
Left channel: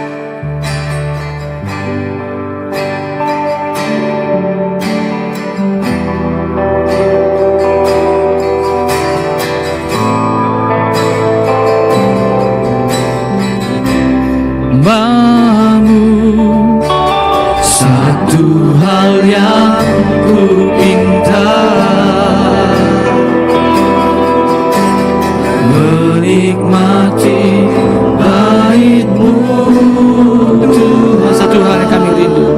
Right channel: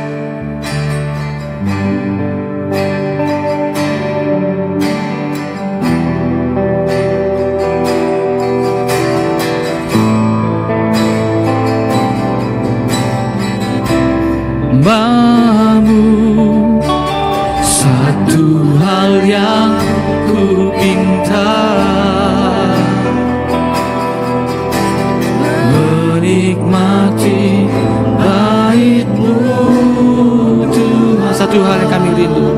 Bangun satu hal yang ku minta, menikmati bait-Mu Tuhan. Satu hal yang kami rindu,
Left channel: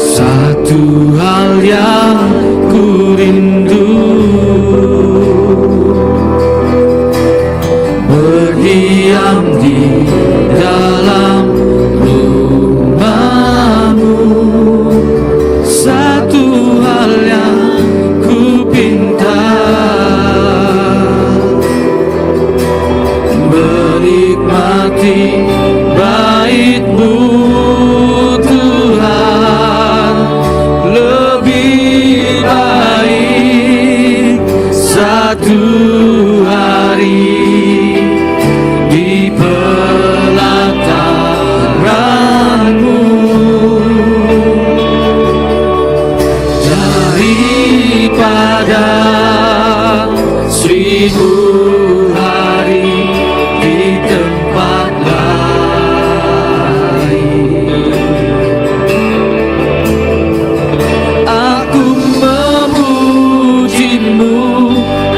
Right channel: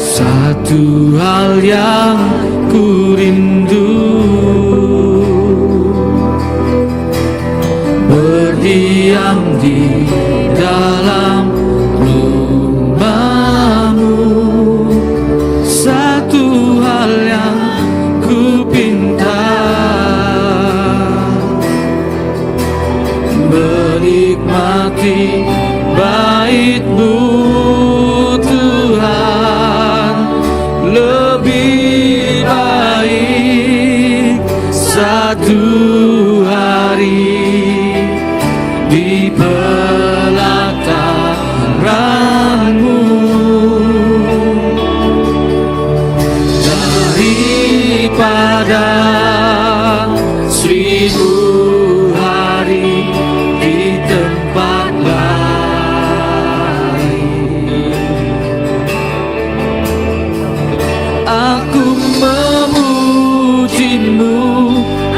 satu hal yang ku rindu, berdiam di dalam rumah-Mu. Satu hal menikmati baik-Mu Tuhan, lebih baik satu hari di pelataran-Mu daripada 1000 hari di tempat lain. Aku memuji-Mu,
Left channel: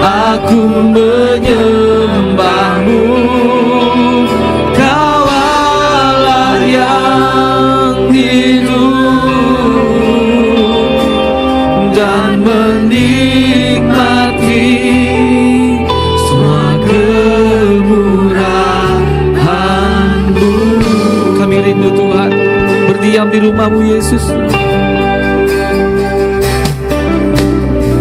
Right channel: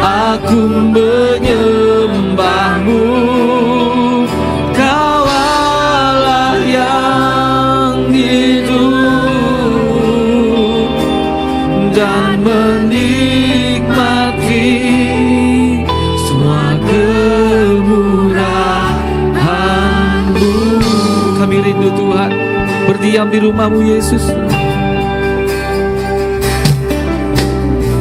aku menyembah-Mu. Kau Allah yang hidup dan menikmati semua kemurahan-Mu. Kami rindu Tuhan berdiam di rumah-Mu Yesus.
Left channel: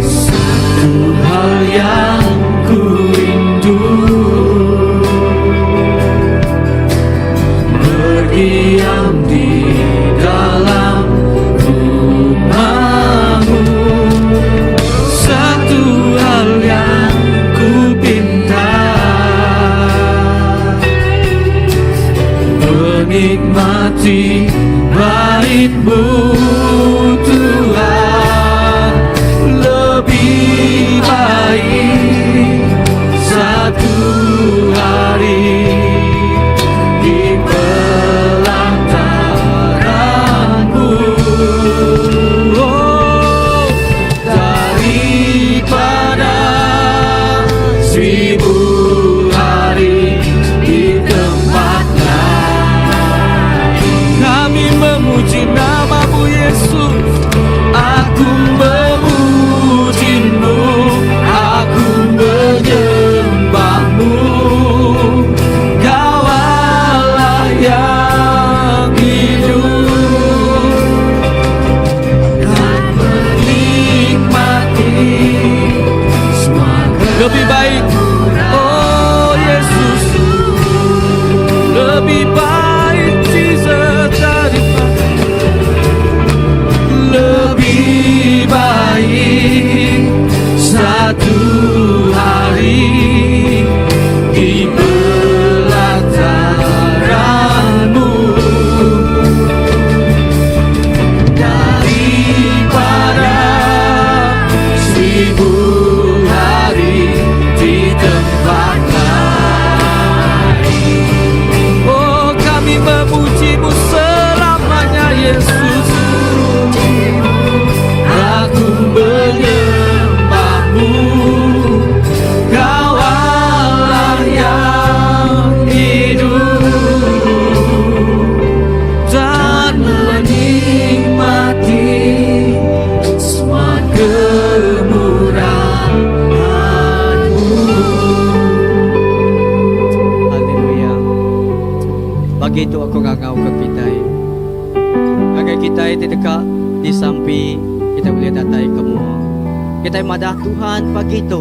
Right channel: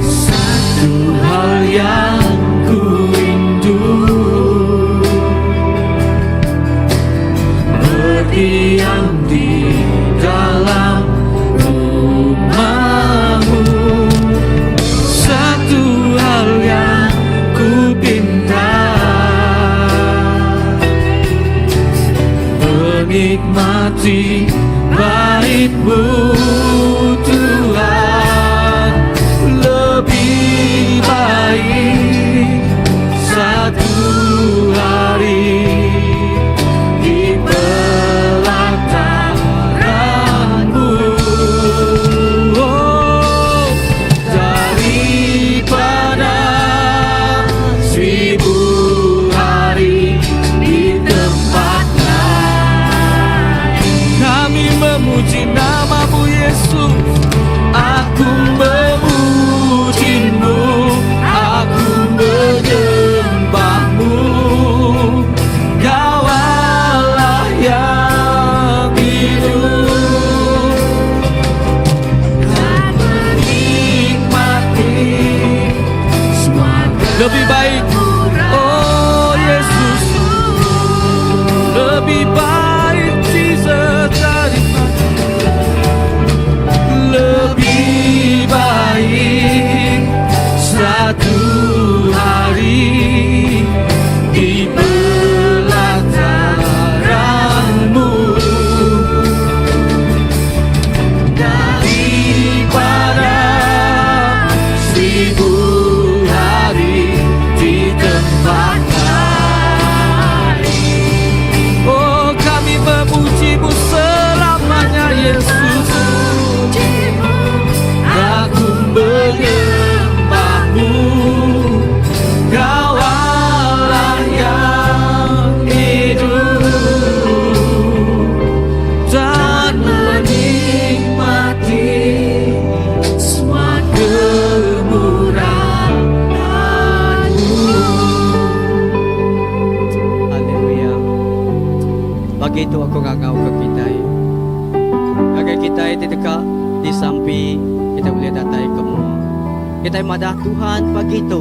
Satu hal yang ku rindu, berdiam di dalam rumah-Mu. Satu hal yang ku pinta, menikmati baik-Mu Tuhan, lebih baik satu hari di pelataran-Mu. Daripada 1000 hari di tempat lain. Kami memuji nama-Mu Yesus. Aku memuji-Mu, aku menyembah-Mu. Kau Allah yang hidup dan menikmati semua. Lebih baik, oh Yesus, lebih baik Jesus lebih baik satu hari di pelataran-Mu daripada 1000 hari di tempat lain. Oh, kami memuji-Mu selamanya Yesus. Aku menyembah-Mu, Kau Allah yang hidup dan menikmati semua kemurahan-Mu. Haleluya. Bagi itu aku ngangau ke kita. Agar kita tidak di samping kita boleh datai kamu. Kita madah Tuhan pagi itu.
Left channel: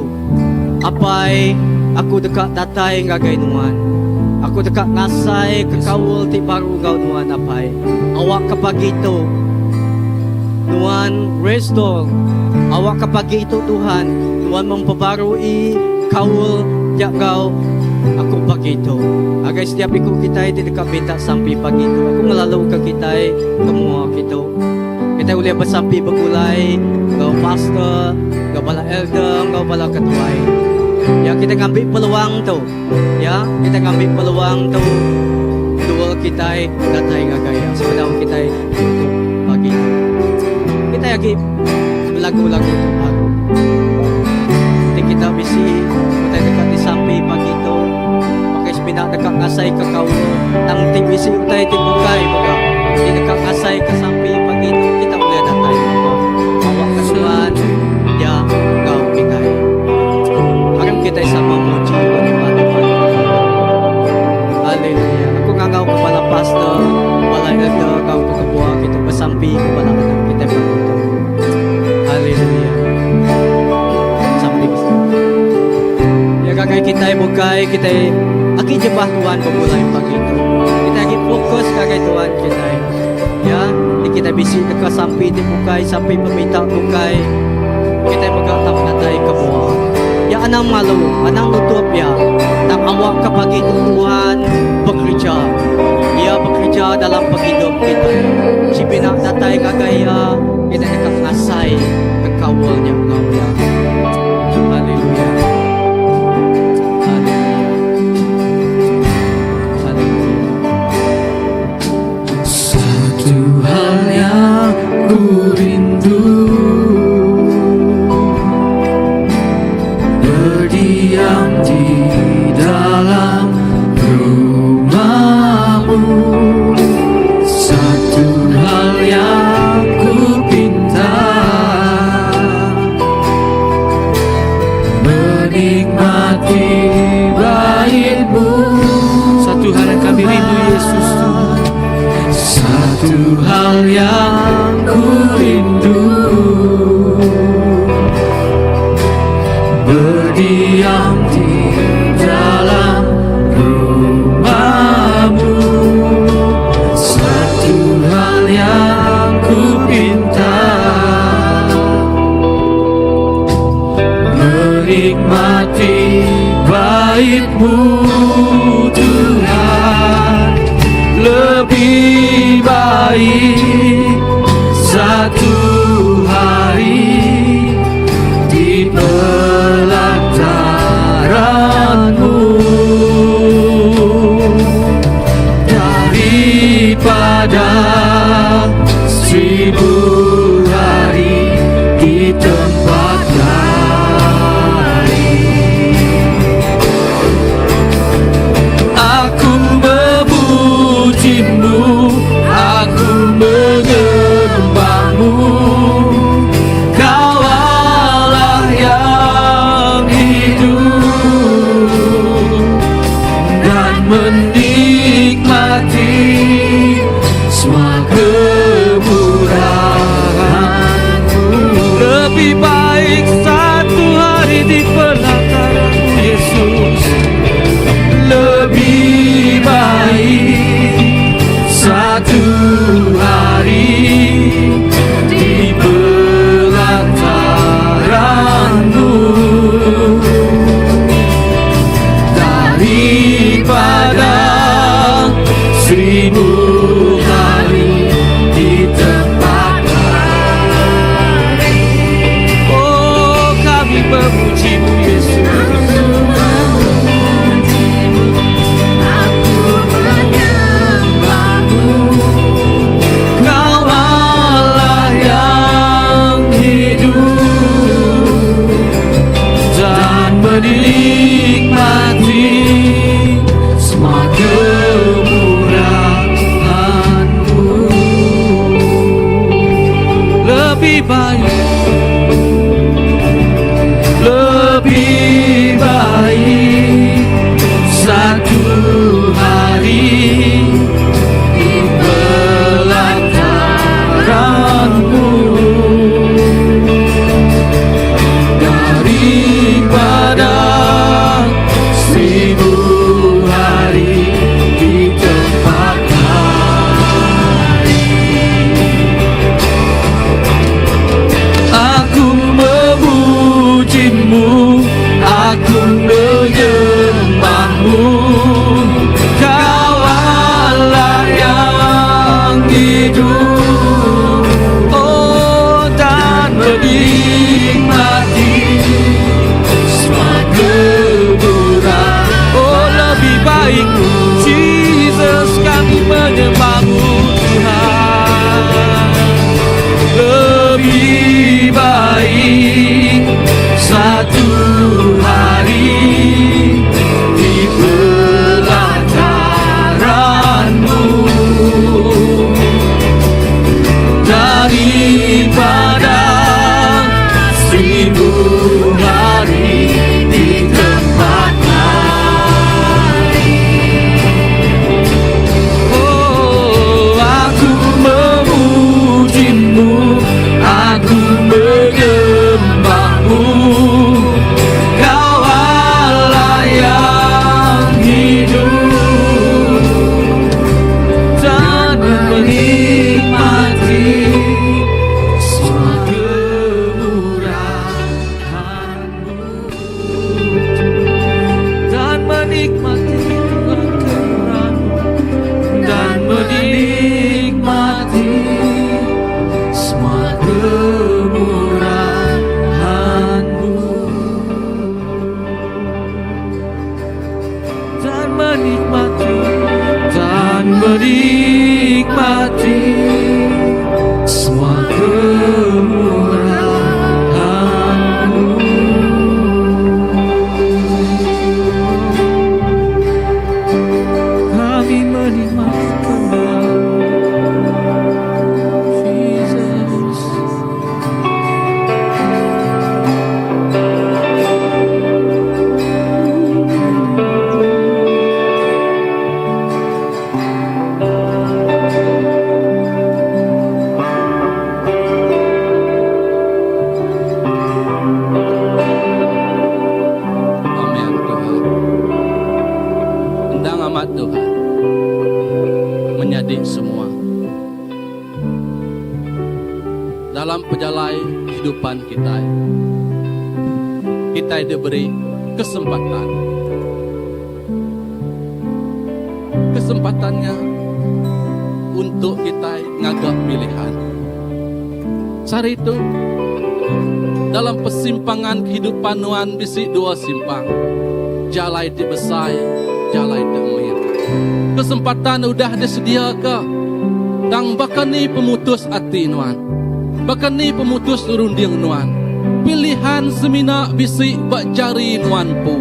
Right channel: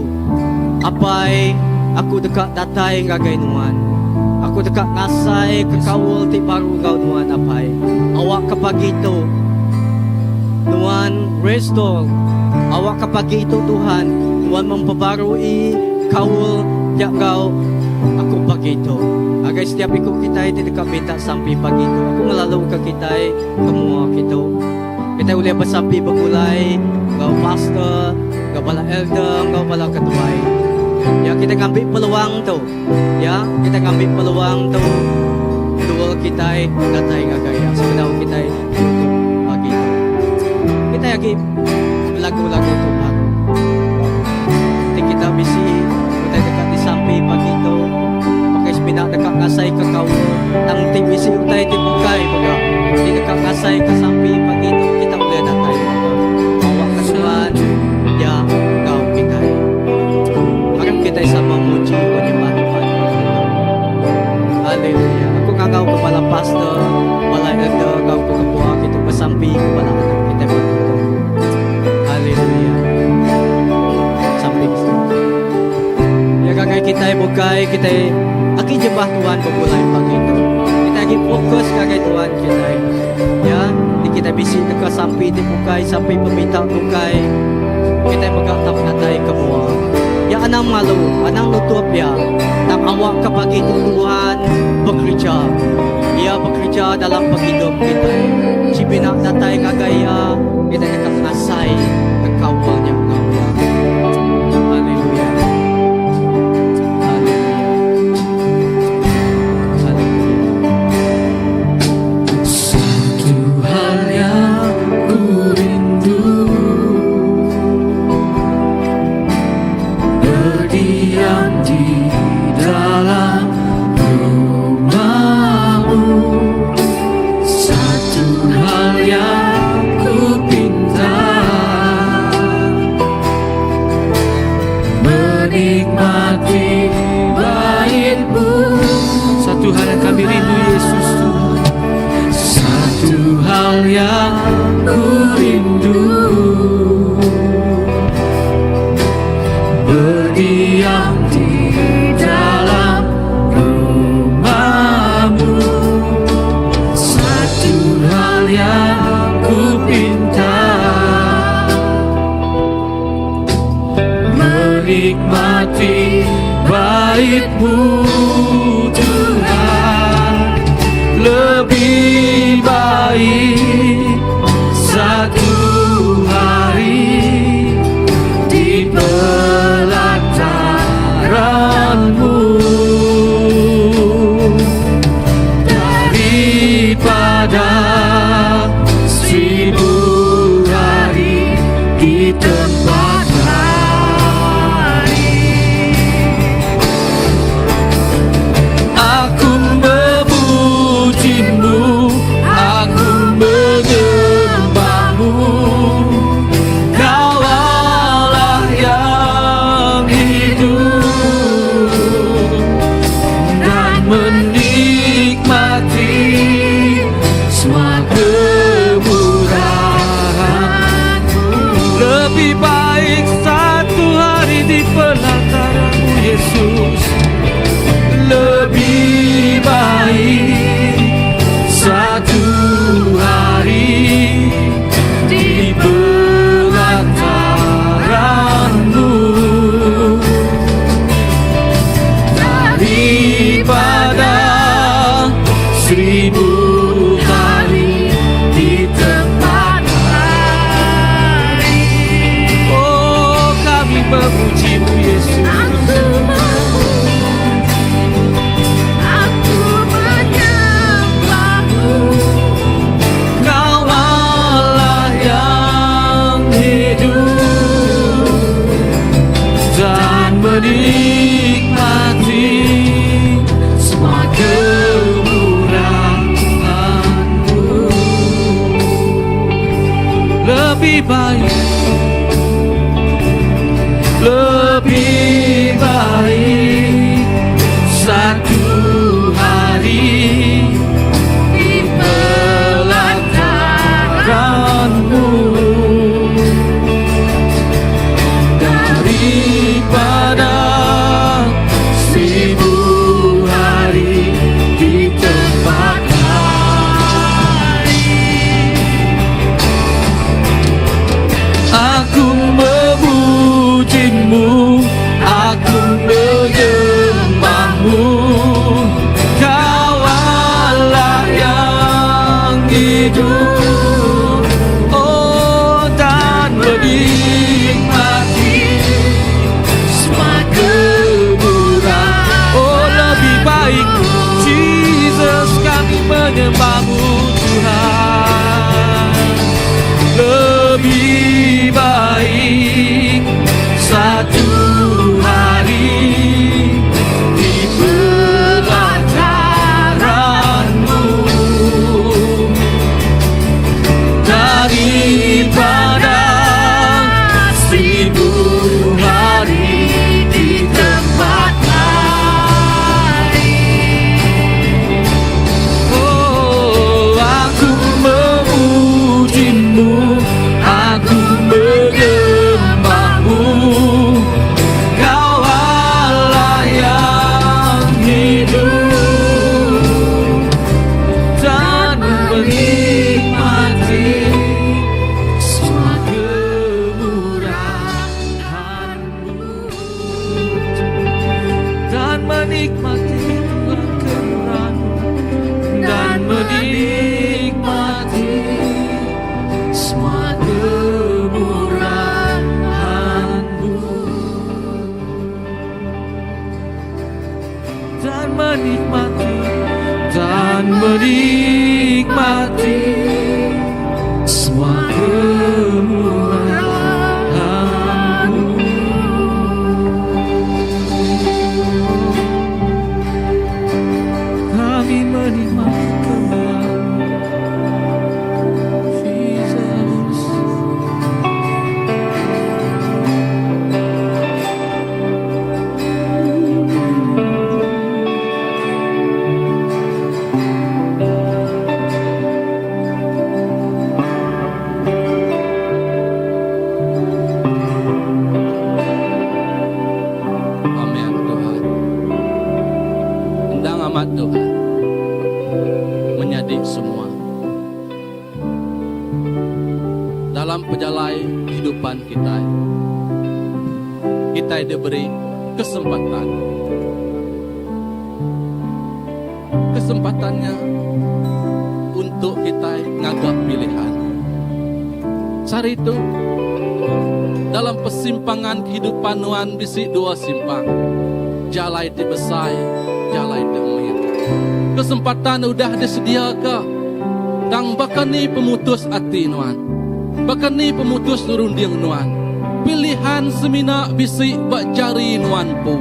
Apai aku dekat datai ngagai Tuhan. Aku dekat ngasai ke kawul ti baru kau Tuhan apai. Awak ke pagi itu Tuhan restore. Awak ke pagi itu Tuhan. Tuhan memperbarui kawul tiap kau. Aku pagi itu. Agar setiap ikut kita tidak minta sampai pagi itu. Aku melalui ke kita semua kita. Kita boleh bersampai bergulai, kau pastor, kau bala elder, kau bala ketua. Ya kita ngambil peluang tu, ya kita ngambil peluang tu. Dua kita datai ngagaya, sebenarnya kita pagi. Kita yakin lagu-lagu itu baru. Jadi kita mesti kita dekat di samping pagi tu. Pakai sepeda dekat ngasai ke kau. Nanti mesti kita itu bukai buka. Di dekat ngasai ke samping pagi tu. Kita sama muji bagaimana haleluya. Aku ngangau kepala pastor, kepala elder, kau ketua kita bersampi kepala kita begitu. Haleluya. Sampai ya kakak kita bukai kita aki jebah Tuhan bermulai pagi itu. kita bisi dekat sampai di bukai sampai peminta bukai kita magkakap na tayo kamo ya anang malu anang nutup ya nang awak kapagi Tuhan bekerja dia bekerja dalam penghidup kita si binak na tayo kagaya kita nakakasay kekawalnya Allah. Haleluya. Satu hal yang ku rindu, berdiam di dalam rumah-Mu. Satu hal yang ku pinta, menikmati bait-Mu. Satu hal yang kami rindu Yesus Tuhan. Satu hal yang ku rindu, berdiam di dalam rumah-Mu. Satu hal yang ku pinta, menikmati bait-Mu Tuhan. Lebih baik satu hari di pelataran-Mu daripada 1000 hari di tempat lain. Aku memuji-Mu, aku menyembah-Mu. Kau Allah yang hidup dan menikmati semua kemurahan-Mu. Lebih baik satu hari di pelataran Yesus. Lebih baik satu hari di pelataran-Mu daripada 1000 hari di tempat lain. Oh, kami memuji-Mu Yesus. Kau Allah yang hidup dan menikmati semua kemurahan-Mu. Lebih baik, lebih baik satu hari di pelataran-Mu daripada 1000 hari di tempat lain. Aku memuji-Mu, aku menyembah-Mu. Kau Allah yang hidup, oh, dan menikmati semua kemurahan. Oh, lebih baik Jesus kami menyembah-Mu Tuhan. Lebih baik satu hari di pelataran-Mu daripada menikmati semua kemuliaan-Mu. Kami menikmati Jesus. Amin Tuhan. Endang amat Tuhan menyadik semua dalam perjalanan kehidupan kita. Kita diberi kesempatannya untuk kita ngagak pilihan. Sari itu dalam persimpangan kehidupan nuan bisi dua simpang. Jalai di besai, jalai di umir. Kesempatan udah disediakan. Tang bahkan ni pemutus hati nuan. Bahkan ni pemutus runding nuan. Pilihan semina bisi bak jari nuan pu.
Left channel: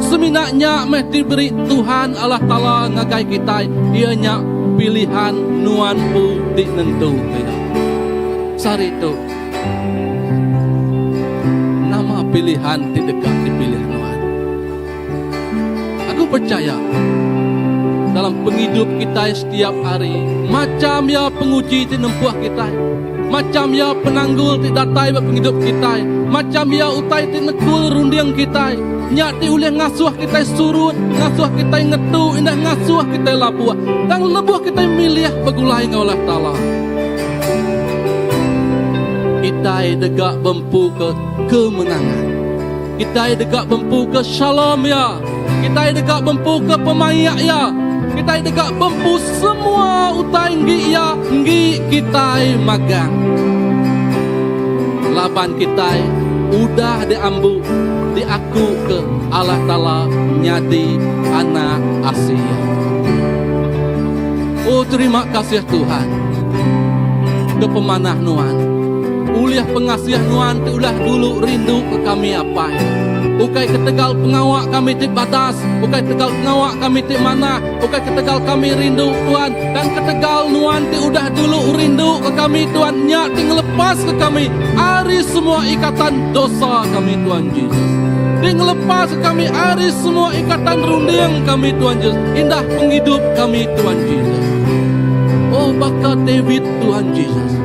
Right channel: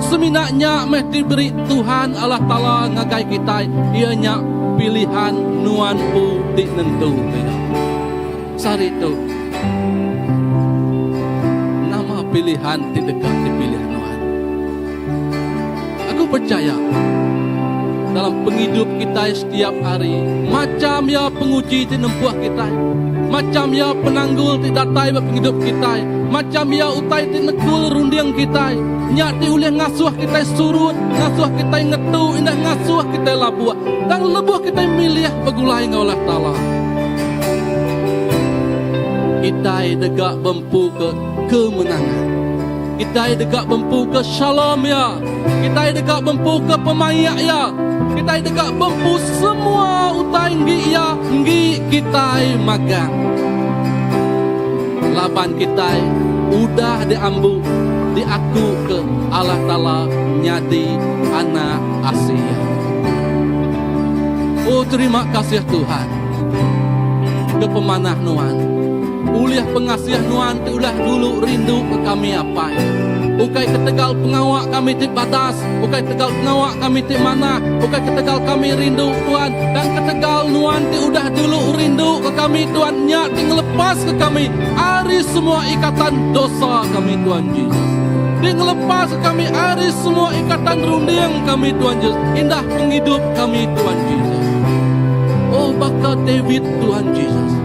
Seminanya meh diberi Tuhan Allah Ta'ala ngagai kita. Ianya pilihan nuan pu dinentu. Sari itu pilihan di dekat dipilih Tuhan. Aku percaya dalam penghidup kita setiap hari, macam ya penguji di nempuh kita, macam ya penanggul di datai penghidup kita, macam ya utai di nekul rundiang kita, nyati ulih ngasuh kita surut, ngasuh kita ngetu, indah ngasuh kita labuah, dan lebuh kita milih begulai ngaulah ta'ala. Kita dekat bempu ke kemenangan. Kita dekat bempu ke shalom ya. Kita dekat bempu ke pemayak ya. Kita dekat bempu semua utai nggi ya. Nggi kita magang. Laban kita udah diambu diaku ke Allah Ta'ala nyadi anak Asia. Oh terima kasih Tuhan. Ke pemanah nuan. Uliah pengasiah nuan ulah dulu rindu ke kami apa ya. Bukai ketegal pengawak kami di batas, bukai tegal pengawak kami di mana, bukai ketegal kami rindu Tuhan, dan ketegal nuan udah dulu rindu ke kami Tuhan, nyak ngelepas ke kami hari semua ikatan dosa kami Tuhan Yesus. Dia ngelepas ke kami hari semua ikatan rundiang kami Tuhan Yesus. Indah penghidup kami Tuhan Yesus. Oh bakal David Tuhan Yesus.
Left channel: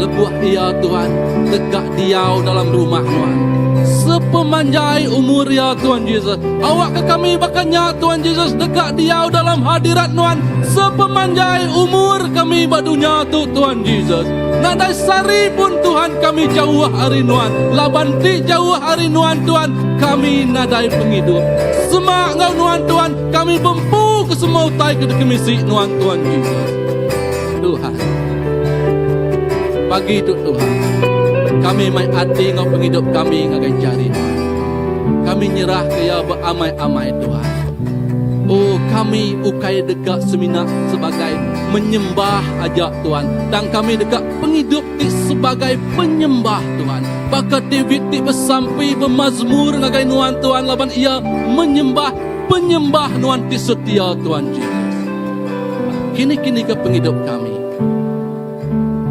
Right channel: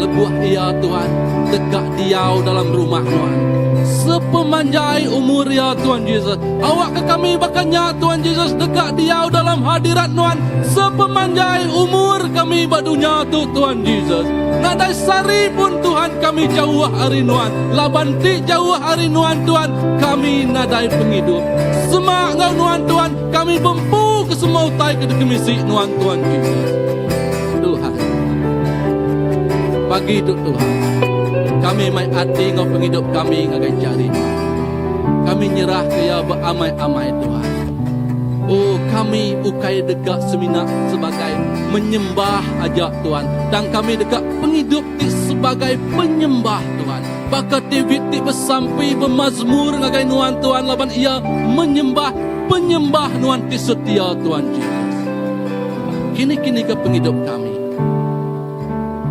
Lebuah ia Tuhan, tegak diau dalam rumah Tuhan. Sepemanjai umur ya Tuhan Yesus. Awak ke kami bakannya Tuhan Yesus, tegak diau dalam hadirat Tuhan. Sepemanjai umur kami badunya tu Tuhan Yesus. Nadai sari pun Tuhan kami jauh hari Tuhan. Labanti jauh hari Tuhan, kami nadai penghidup. Semak ngau Tuhan, kami bempu ke semua utai ke dekemisi Tuhan Yesus. Tuhan. Bagi itu Tuhan, kami mai hati ngau penghidup kami ngagai jari. Kami nyerah ke ya beramai-amai Tuhan. Oh kami ukai dekat semina sebagai menyembah aja Tuhan. Dan kami dekat penghidup di sebagai penyembah Tuhan. Bakat David di bersampai bermazmur ngagai nuan Tuhan. Laban ia menyembah penyembah nuan di setia Tuhan Yesus. Kini-kini ke penghidup kami.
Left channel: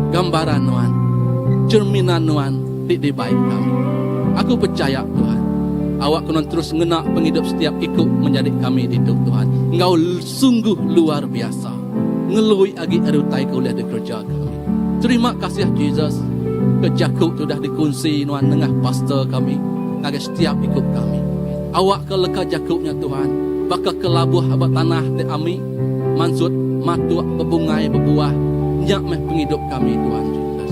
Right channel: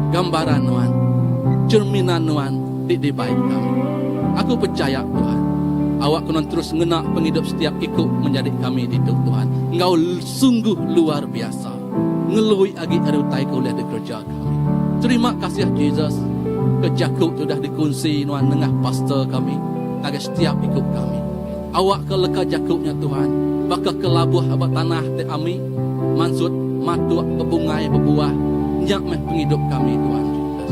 Gambaran Tuhan, cerminan Tuhan di baik kami. Aku percaya Tuhan, awak kena terus ngenak penghidup setiap ikut menjadi kami di Tuhan. Engkau sungguh luar biasa. Ngelui agi arutai kuliah di kerja kami. Terima kasih Yesus. Kejakuk sudah dikunci Tuhan tengah pastor kami. Agar setiap ikut kami. Awak ke leka jakuknya Tuhan. Bakal ke labuh abad tanah di ami. Mansut matuak bebungai bebuah. Nyak meh penghidup kami Tuhan Yesus.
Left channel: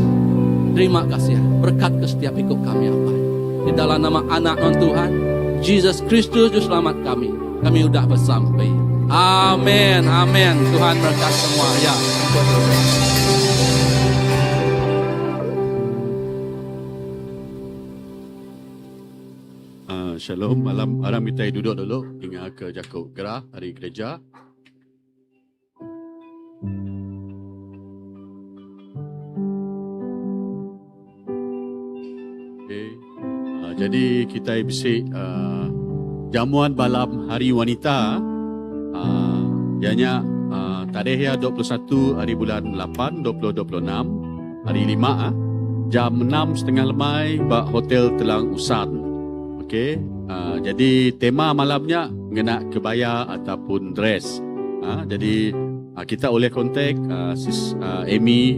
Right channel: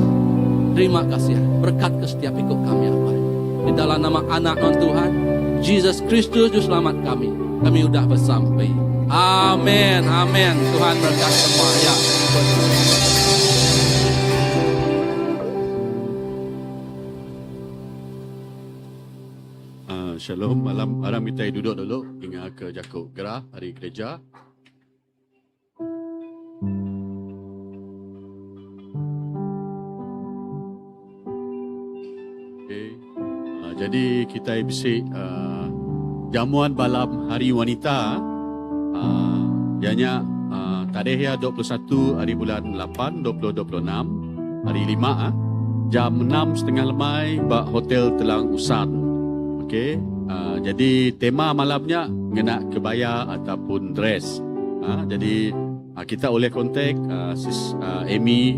Terima kasih berkat ke setiap ikut kami apa. Di dalam nama anak non Tuhan Yesus Kristus Juru Selamat kami udah bersampai. Amin, amin. Tuhan berkat semua ya. Shalom, malam kita duduk dulu hingga ke Jakub Gerah hari gereja. Jadi kita bisik jamuan malam hari wanita. Ianya tarikh 21 hari bulan 8 2026 hari 5 jam 6.30 lemai bak Hotel Telang Usan. Okey. Jadi tema malamnya kena kebaya ataupun dress. Jadi kita boleh kontak Sis Amy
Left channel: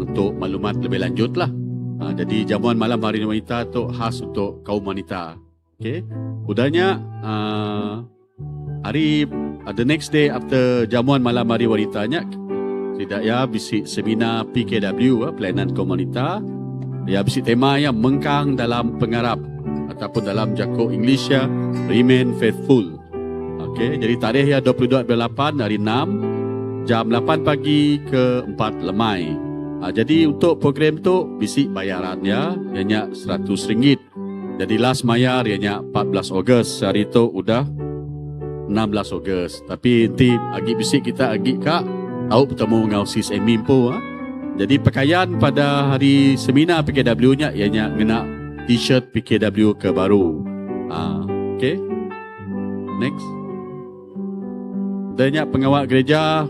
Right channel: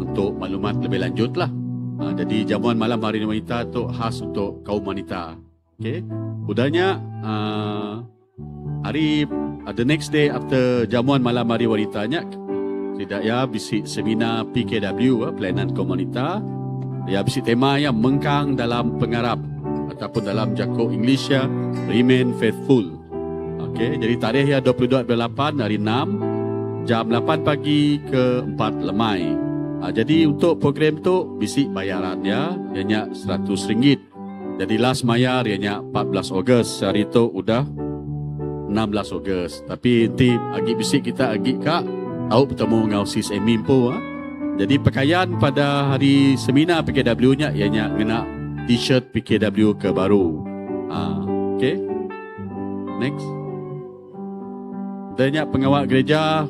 untuk maklumat lebih lanjut lah. Jadi jamuan malam hari wanita tu khas untuk kaum wanita. Okey. Udahnya hari the next day after jamuan malam hari wanitanya tidak ya bisik seminar PKW pelayanan kaum wanita. Ya bisik tema yang mengkang dalam pengarap ataupun dalam jakok English ya remain faithful. Okey, jadi tarikh ya 22/8 hari 6 jam 8 pagi ke 4 lemai. Jadi untuk program tu bisik bayaran ya ianya RM100. Jadi last mayar ianya 14 Ogos. Hari tu udah 16 Ogos. Tapi nanti agi bisik kita agi kak tahu bertemu dengan Sis Amy po. Jadi pakaian pada hari seminar PKW-nya ianya kena t-shirt PKW ke baru. Okey. Next. Adanya pengawal gereja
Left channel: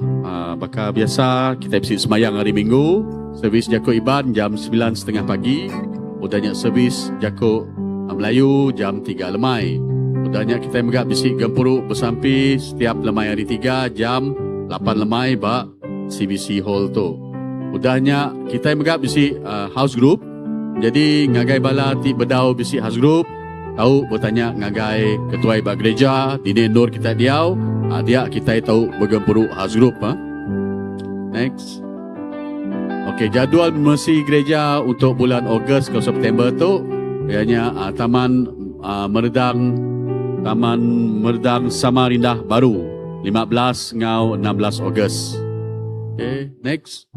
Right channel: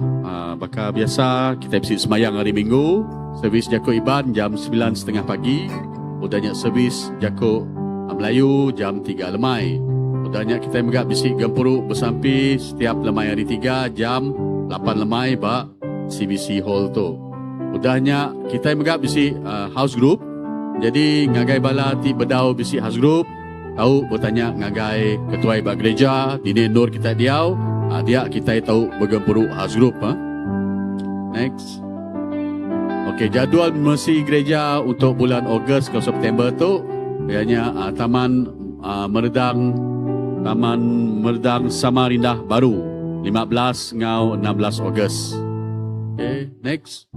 bakal biasa kita bisik semayang hari Minggu. Servis Jakok Iban jam 9.30 pagi. Udahnya servis Jakok Melayu jam 3 lemai. Udahnya kita megak bisik gempuruk bersampi setiap lemai hari 3 jam 8 lemai bak CBC Hall tu. Udahnya kita megak bisik house group. Jadi ngagai bala ti bedau bisik house group. Tahu bertanya ngagai ketua ibadat gereja di Nur kita diau. Dia kita tahu bergempuruk house group. Next. Okey, jadual mesti gereja untuk bulan Ogos ke September tu ianya Taman Meredang Samarinda baru 15 ngau 16 Ogos. Okey, next.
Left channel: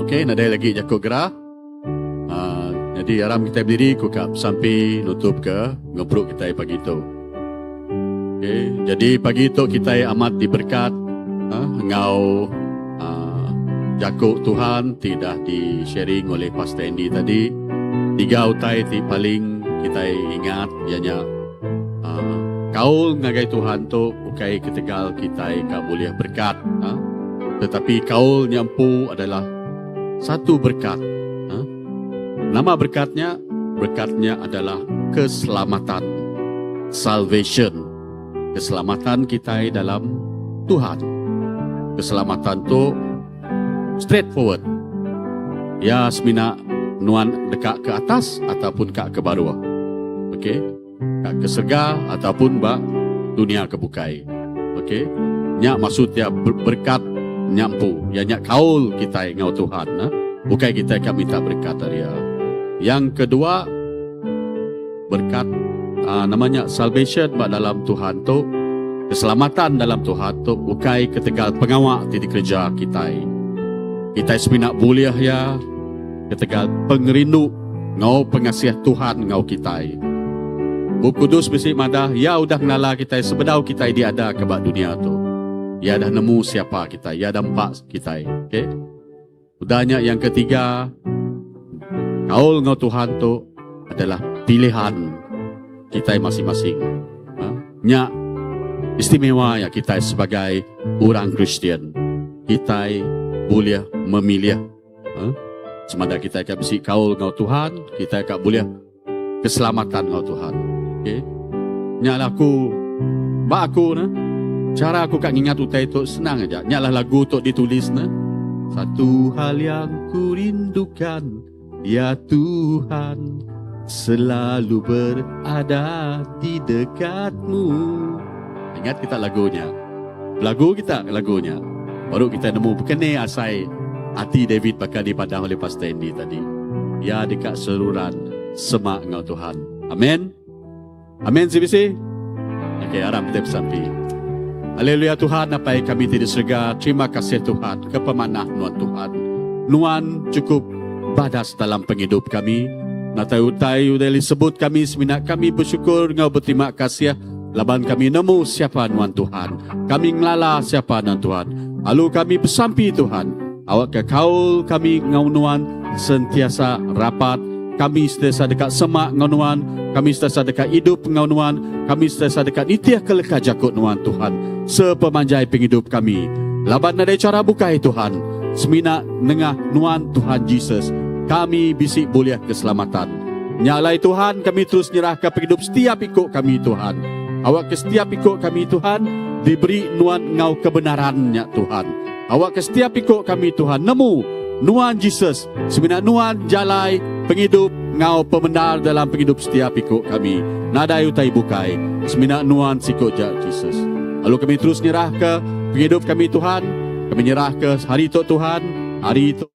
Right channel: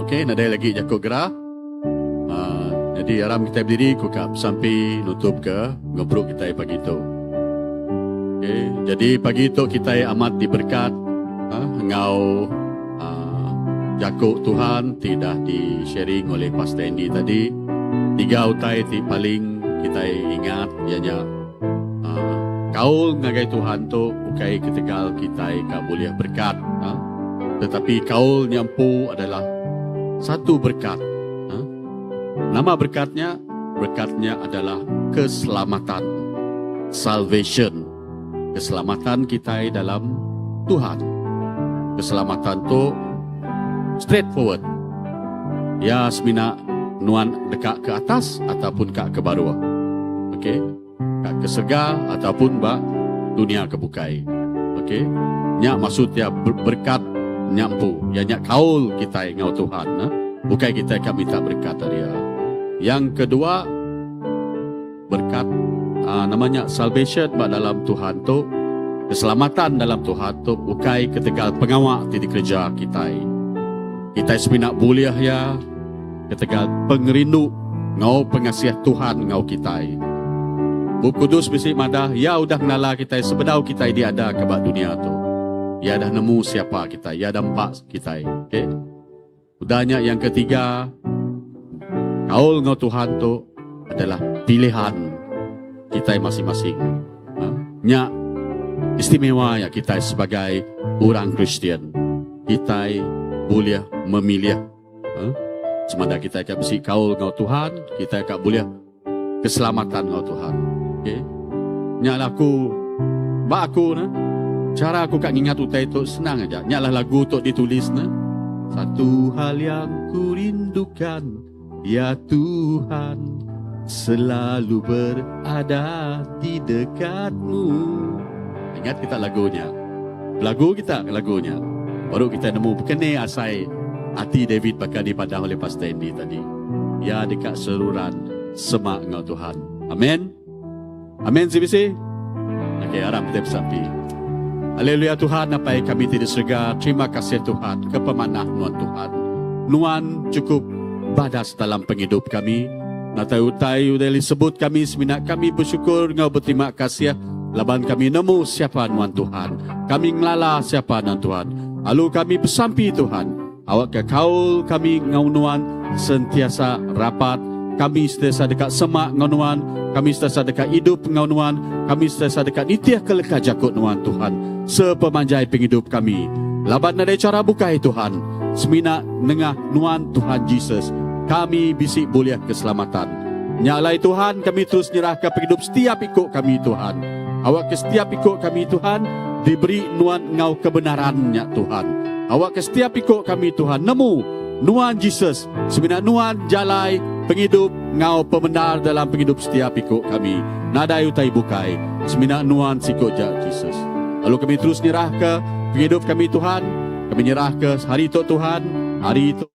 Okey, ada lagi Jakok Gerah. Jadi aram kita berdiri kukap sampai nutup ke ngobrol kita pagi tu. Okey, jadi pagi tu kita amat diberkat ngau Jakok Tuhan tidak di-sharing oleh Pastor Andy tadi. 3 utai ti paling kita ingat ianya kaul ngagai Tuhan tu bukai ketegal kita ka boleh berkat. Tetapi kaul nyampu adalah satu berkat. Nama berkatnya adalah keselamatan. Salvation. Keselamatan kita dalam Tuhan. Keselamatan tu straightforward. Ya semina nuan dekat ke atas ataupun ke bawah. Okey. Kak ke surga ataupun ba dunia kebukai. Okey. Nya maksud ya berkat nyampu. Ya nya kaul kita ngau Tuhan. Bukai kita akan minta berkat dari dia. Yang kedua berkat namanya salvation dalam Tuhan tu. Keselamatan dalam Tuhan tu bukai ketegal pengawal di kerja kita. Kita semina boleh ya ketegal pengerindu ngau pengasiah Tuhan ngau kita. Buku Kudus bisik madah ya udah kenala kita sebedau kita dia ada ke dunia tu. Ya dah nemu siapa kita, ya dah empak kita. Okey. Udahnya yang ketiga kaul ngau Tuhan tu adalah pilihan kita masing-masing. Nya istimewa ya kita sebagai orang Kristian. Kita boleh memilih. Semada kita akan bersih kaul ngau Tuhan, kita akan boleh keselamatan ngau Tuhan. Okay. Nyalah aku cara aku kak ingat utai tu senang aja. Nyalah lagu tu ditulis satu hal yang ku rindukan, ya Tuhan, selalu berada di dekatmu. Ingat kita lagunya. Lagunya. Baru kita nemu bukannya asai hati David bakal dipandang oleh Pastor Andy tadi. Ya dekat seruran semak ngau Tuhan. Amin. Amin CBC. Okey, aram kita bersampi. Haleluya Tuhan, apa yang kami tidak serga. Terima kasih Tuhan, kepemanah Nuan Tuhan. Nuan cukup badas dalam penghidup kami. Natai-utai udah disebut kami seminat kami bersyukur ngau berterima kasih. Laban kami nemu siapa Nuan Tuhan. Kami ngelala siapa Nuan Tuhan. Lalu kami bersampi Tuhan. Awak ke kaul kami ngau Nuan sentiasa rapat kami sentiasa dekat semak ngau Nuan, kami sentiasa dekat hidup ngau Nuan, kami sentiasa dekat nitiah kelekah jakut Nuan Tuhan, sepemanjai penghidup kami. Labat nadai cara bukai Tuhan, semina nengah Nuan Tuhan Yesus, kami bisik boleh keselamatan. Nyalai Tuhan, kami terus nyerahkan penghidup setiap ikut kami Tuhan. Awak ke setiap ikut kami Tuhan, diberi Nuan ngau kebenarannya Tuhan. Awak ke setiap ikut kami Tuhan, nemu Nuan Yesus, semina Nuan jalai penghidup ngau pembenar dalam penghidup setiap ikut kami. Nadai utai bukai, semina Nuan sikut Yesus. Lalu kami terus nyerah ke penghidup kami Tuhan, kami nyerah ke hari itu Tuhan, hari itu